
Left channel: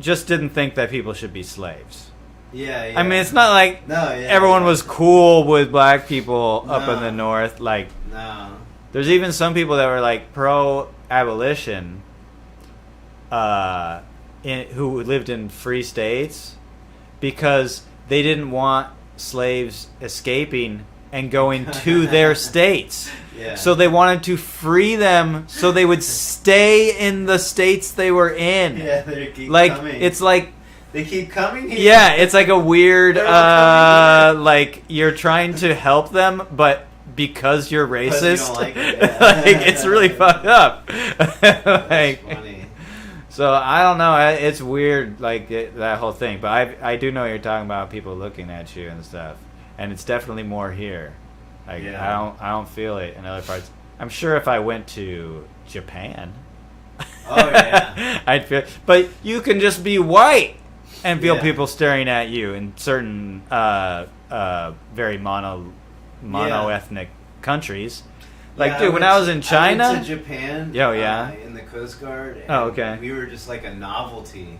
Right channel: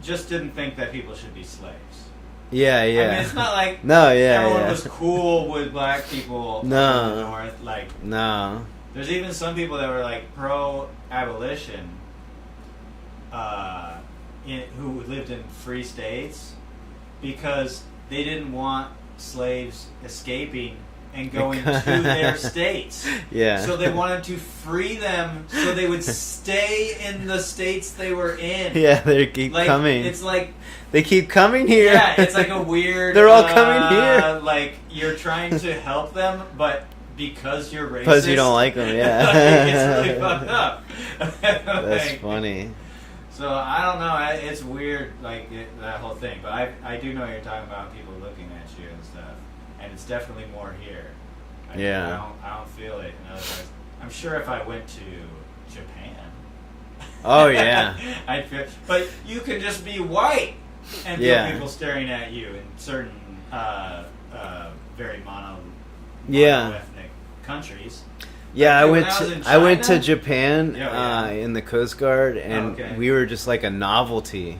just didn't think that people should be slaves. Yeah, yeah. I mean, it's not like everyone was cool with black people up in the North. Like, no. There's even some people that were like pro-abolition, who lived in free states because they didn't want slaves escaping and going to their states. Yeah. So they wanted to free them so they would stay in the states they were in. Yeah, they keep coming. It's like they keep coming here. Yeah, it's like a weird they're all coming here. Like you're trying to help them, but because you're racist, because you don't like them, yeah. like, it's really fucked up. That's funny. So I don't know. It's weird, like that whole thing. But I do know you're talking about people looking at you and stuff. And it's definitely more here. I don't feel it in other parts. I'm sure if I went to Japan, oh yeah, I'd feel. But you can just be white and feel people staring at you in certain very mono-ethnic countries. Yeah, like, I was in China, I went to Japan. In the Coast Guard, and we were just like a novelty.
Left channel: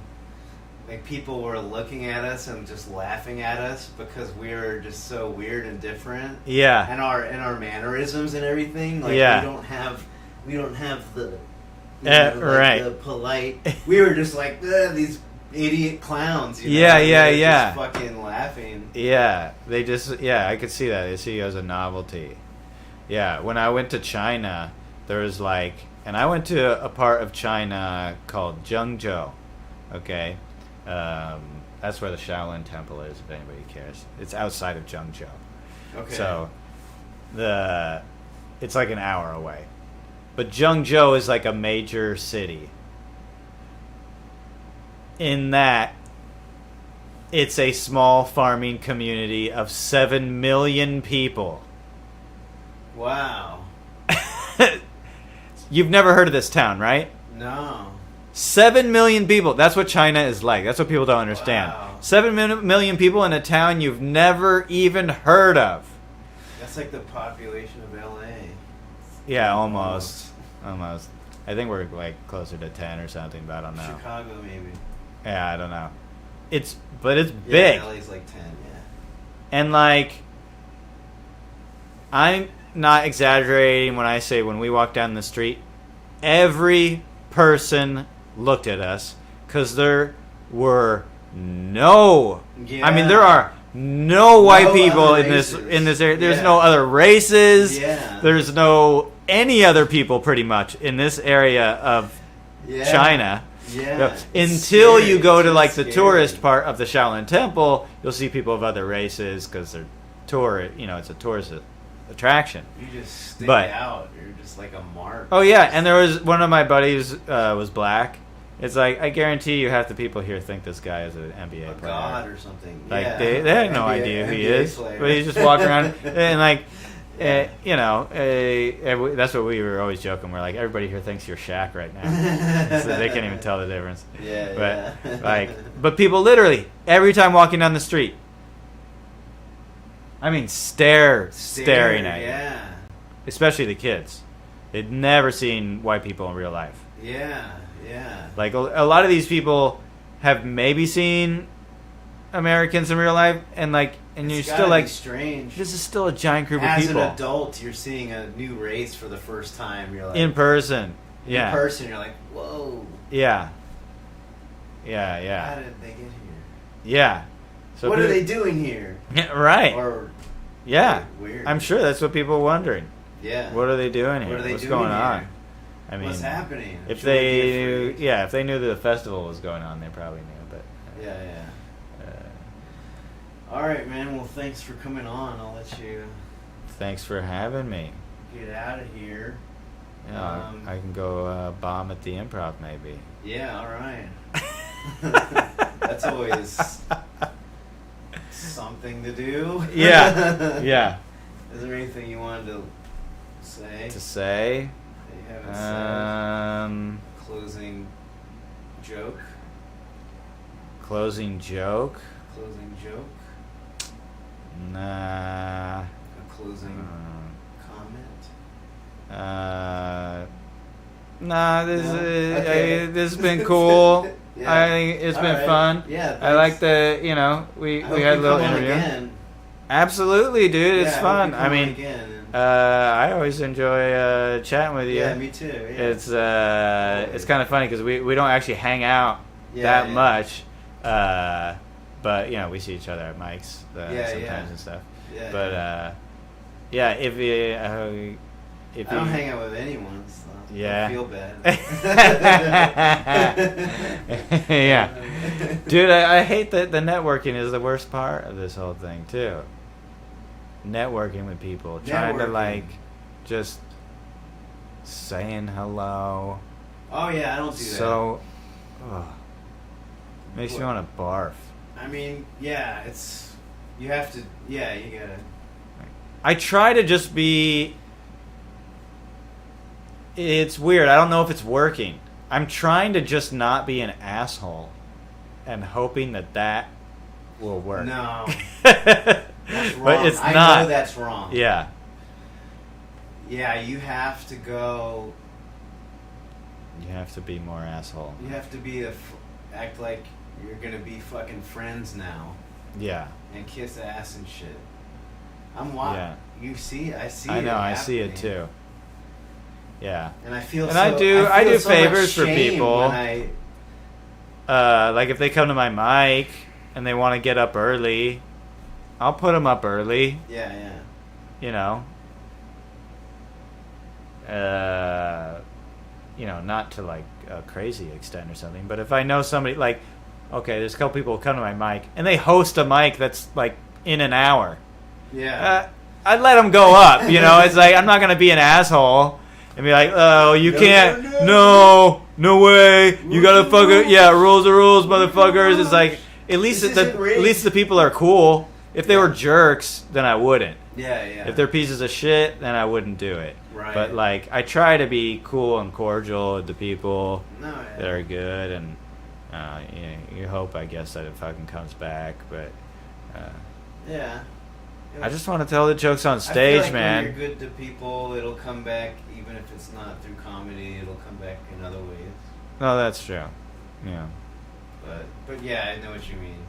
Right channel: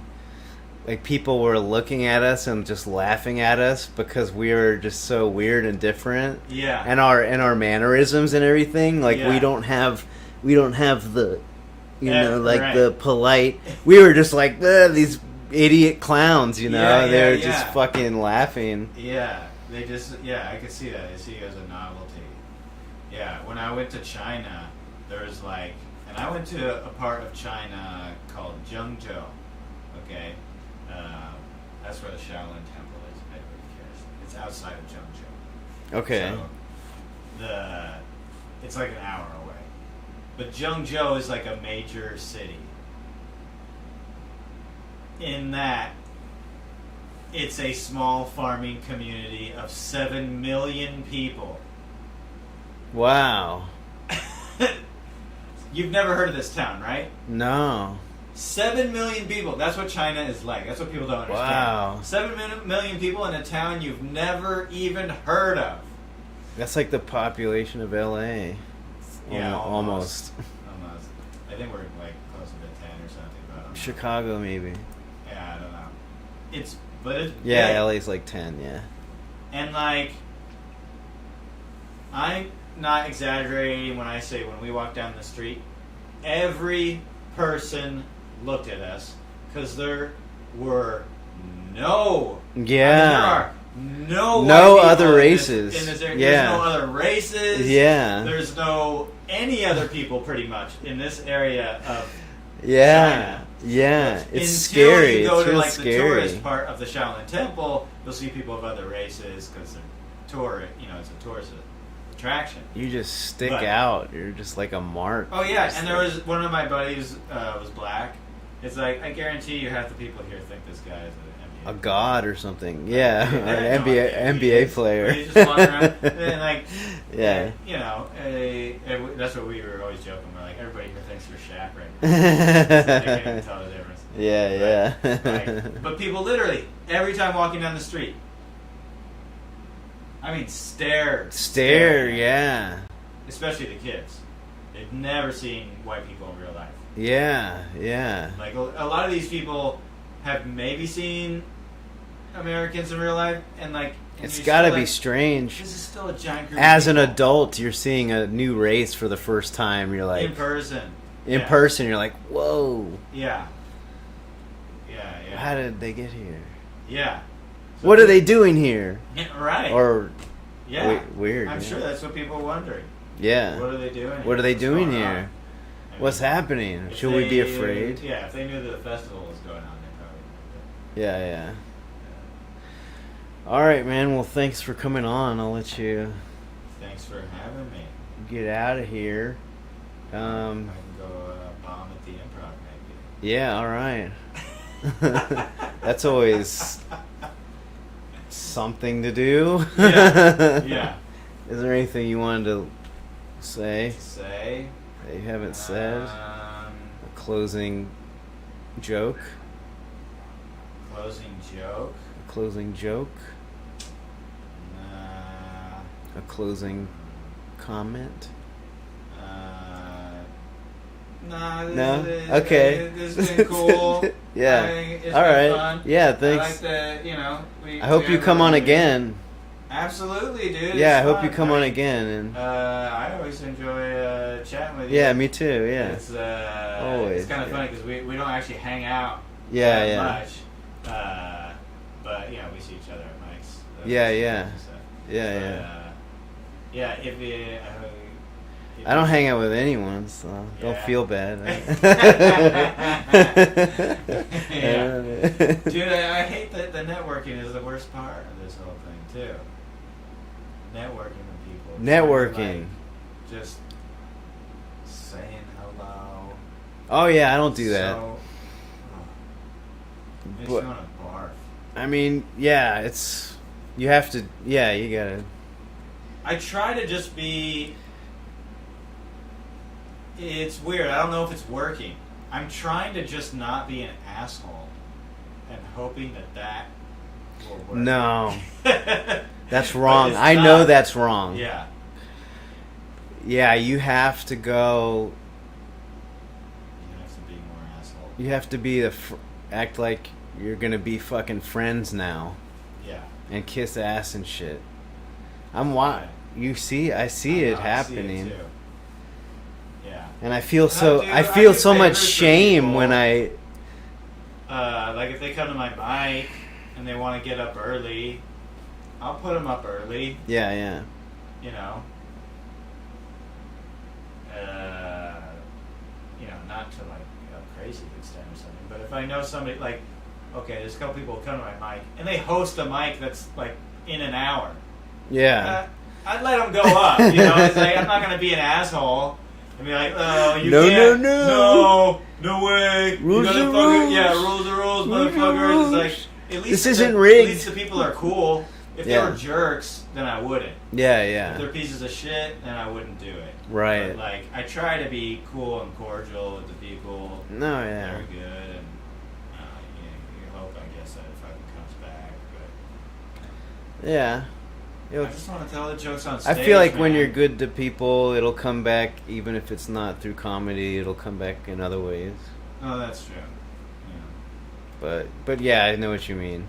Like, people were looking at us and just laughing at us because we were just so weird and different. Yeah. And our mannerisms and everything. Like, we don't have the, the polite. We were just like, these idiot clowns, you know? Yeah, just fucking laughing. Yeah. They just, I could see that. They see you as a novelty. Yeah. When I went to China, there was like, and I went to a part of China called Zhengzhou. Okay. That's where the Shaolin Temple is, if anybody cares. It's outside of Zhengzhou. Okay. So, it's like an hour away. But Zhengzhou is like a major city. In that, it's a small farming community of 7 million people. Wow. You've never heard of this town, right? No. 7 million people. That's what China is like. That's what people don't understand. Wow. 7 million people in a town you've never even heard of. That's like the population of LA. Yeah, almost. Almost. I think we're like closer to 10 or something, but I don't know. Chicago, maybe. Yeah, I don't know. But it's big. Yeah, LA's like 10, yeah. And like, I'm not exaggerating when I say when we walk down the street, every person looked at us because there were no. Yeah. I mean, there are no white people in this area. Yeah. There's no other races. Yeah. There's no any other people pretty much in this area of China. Yeah. Until scary. you go to like the tourist part of the Shaolin Temple, you'll see people of other races because they're it's a tourist attraction. You just stick out. You're just like a mark. Oh yeah, and there was one of my buddies was black, It's like, I guarantee you half the people here think this guy is an NBA player. God or something. Like, yeah, they have no idea who he NBA is. player. But he's just walking around and like, yeah. you know, that's what we were always joking. We're like, everybody here thinks you're Shaq right now. So they can't even tell the difference. Yeah, But people literally, every time walking down the street, I mean, stare, yeah. Especially the kids. They'd never seen white people in real life. Yeah. Like, a lot of these people have maybe seen Americans in real life, and like, and it's you're gotta still be like, strange. this is still a giant group As of people. an adult, you're seeing a new race for the first time. You're like, in person. in person, you're like, whoa. Yeah. How did they get here? Yeah. So what are they doing here? Right. Or weird. I'm sure that's what people are wondering. Yeah. What are they doing here? What are they What's doing going here? on? I mean, What's happening? If Should we be afraid? Yeah, if they knew the festival was going on, they probably knew. But Yeah. All right, man. Well, thanks for coming on. I'll let you thanks for having me. get out of here. I can go bomb at the Improv, maybe. Yeah, all right. That's always something to do. Yeah. Is there anything you wanted to say? That you haven't said? A closing joke? Closing joke? Closing joke? Nah. A closing comment? Nah, Okay. This has been cool. Yeah. I think it's All been right. fun. Yeah, thanks. I like the, I hope you come on again. Absolutely, dude. Yeah, It's I hope fun. you come on again. And I always enjoy chatting with you. yeah, me too. Yeah. It's kind of funny because we don't actually hang out Yeah, that much. But we see each other at mics. Yeah. And stuff. Yeah. If I don't hang out with anyone, so Yeah. don't feel bad. Yeah. Dude, I hate that the networking is the worst part of this whole thing, too. Networking with people. Networking. Trying to, like, just saying hello. Oh, yeah, I don't do that. So, makes me want to barf. I mean, yeah, you have to, yeah, you gotta. I try to just be... It's weird. I don't know if it's working. I'm trying to just not be an asshole and hoping that will work. No. That's wrong. It's I not. know that's wrong. Yeah. Yeah, you have to go. You have to be more asshole. You have to be act like you're gonna be fucking friends now. Yeah. And kiss ass and shit. I see it happening. I see it too. Yeah. And I feel And I I do so much favors for shame people. when I. Like if they come to my mic and they want to get up early, I'll put them up early. Yeah. Not to like a crazy extent or something, but if I know somebody, like, okay, there's a couple people who come to my mic and they host a mic that's like in an hour. Yeah. I'd let them go up. It's like I'm not gonna be an asshole and be like, oh, you can't. No way. You gotta fucking rules are rules, motherfuckers. It's like at least isn't rigged. At least the people are cool. If they were jerks, then I wouldn't. Yeah. If they're pieces of shit, then I wouldn't do it. Right. But like, I try to be cool and cordial with the people that are good, and you hope, I guess, that it fucking comes back. But yeah. I just want to tell the jokes on stage. I feel like man. when you're good to people, it'll come back, even if it's not through comedy. It'll come back in other ways. No, that's true. Yeah. But yeah, I know what you mean.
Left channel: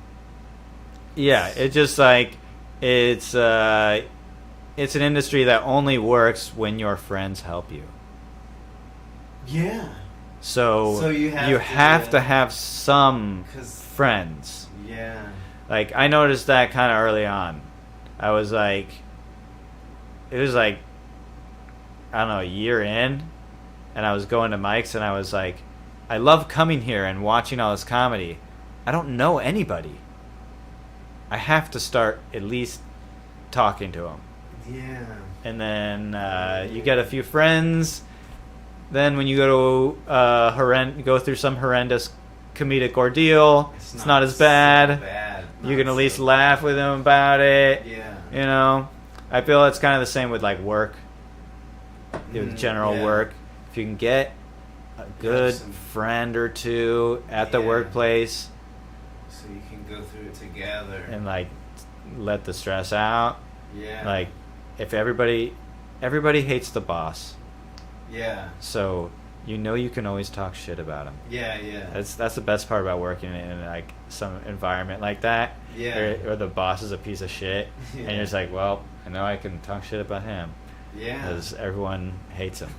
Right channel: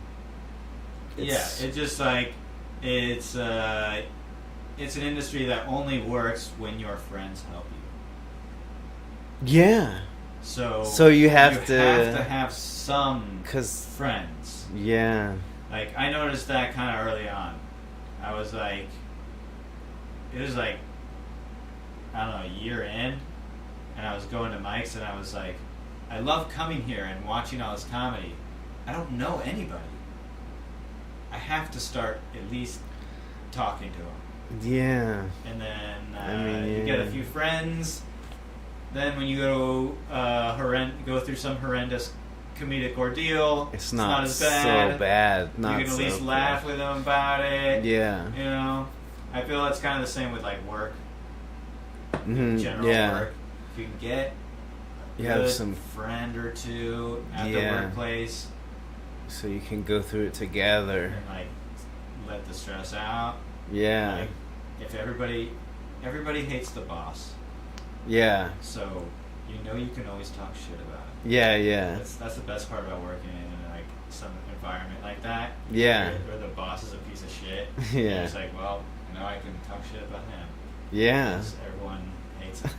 It's just like it's an industry that only works when your friends help you. Yeah. So you have to have some friends. Yeah. Like I noticed that kind of early on. I was like, it was like, I don't know, a year in, and I was going to mics, and I was like, I love coming here and watching all this comedy. I don't know anybody. I have to start at least talking to them. Yeah. And then you get a few friends, then when you go to go through some horrendous comedic ordeal, it's not as bad. So bad. You can at least laugh with them about it. Yeah. You know, I feel it's kind of the same with like work, general work. If you can get a good friend or two at the workplace, so you can go through it together and like let the stress out. Yeah. Like if everybody hates the boss. Yeah. So you know you can always talk shit about him. Yeah, yeah. That's the best part about working in like some environment like that. Yeah. Where the boss is a piece of shit. Yeah. And it's like, well, I know I can talk shit about him. Yeah. Because everyone hates him.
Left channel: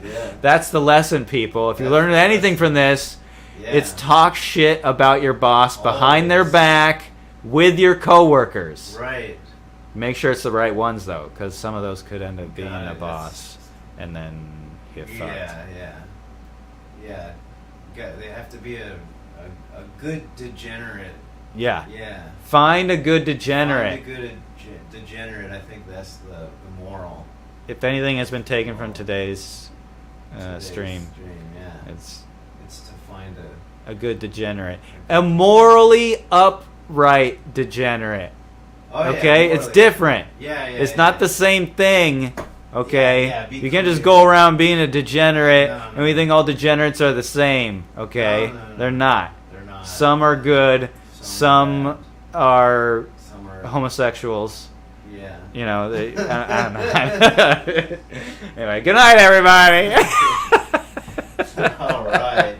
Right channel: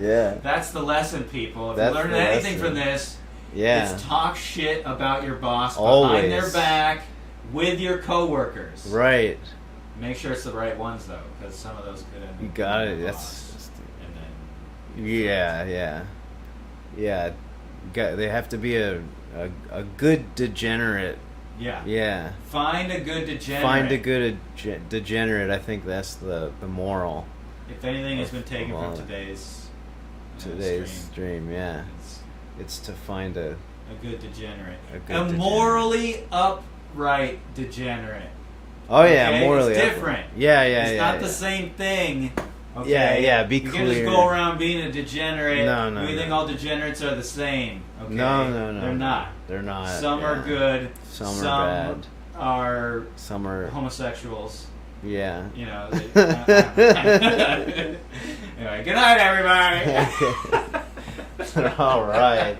Yeah. That's the lesson, people. If you learn anything from this, it's talk shit about your boss behind their back with your coworkers. Right. Make sure it's the right ones, though, because some of those could end up being the boss. And then they have to be a good degenerate. Yeah. Find a good degenerate. Find a good degenerate. I think that's the moral. If anything has been taken from today's stream, yeah, it's to find a good degenerate, a morally upright degenerate. Oh yeah, okay, it's different. Yeah, it's not the same thing. Okay, you can't just go around being a degenerate. No, and we think all degenerates are the same. Okay, no. They're not. They're not. Some are good. Some are homosexuals. Yeah. You know. I don't know. Anyway, good night, everybody. All right.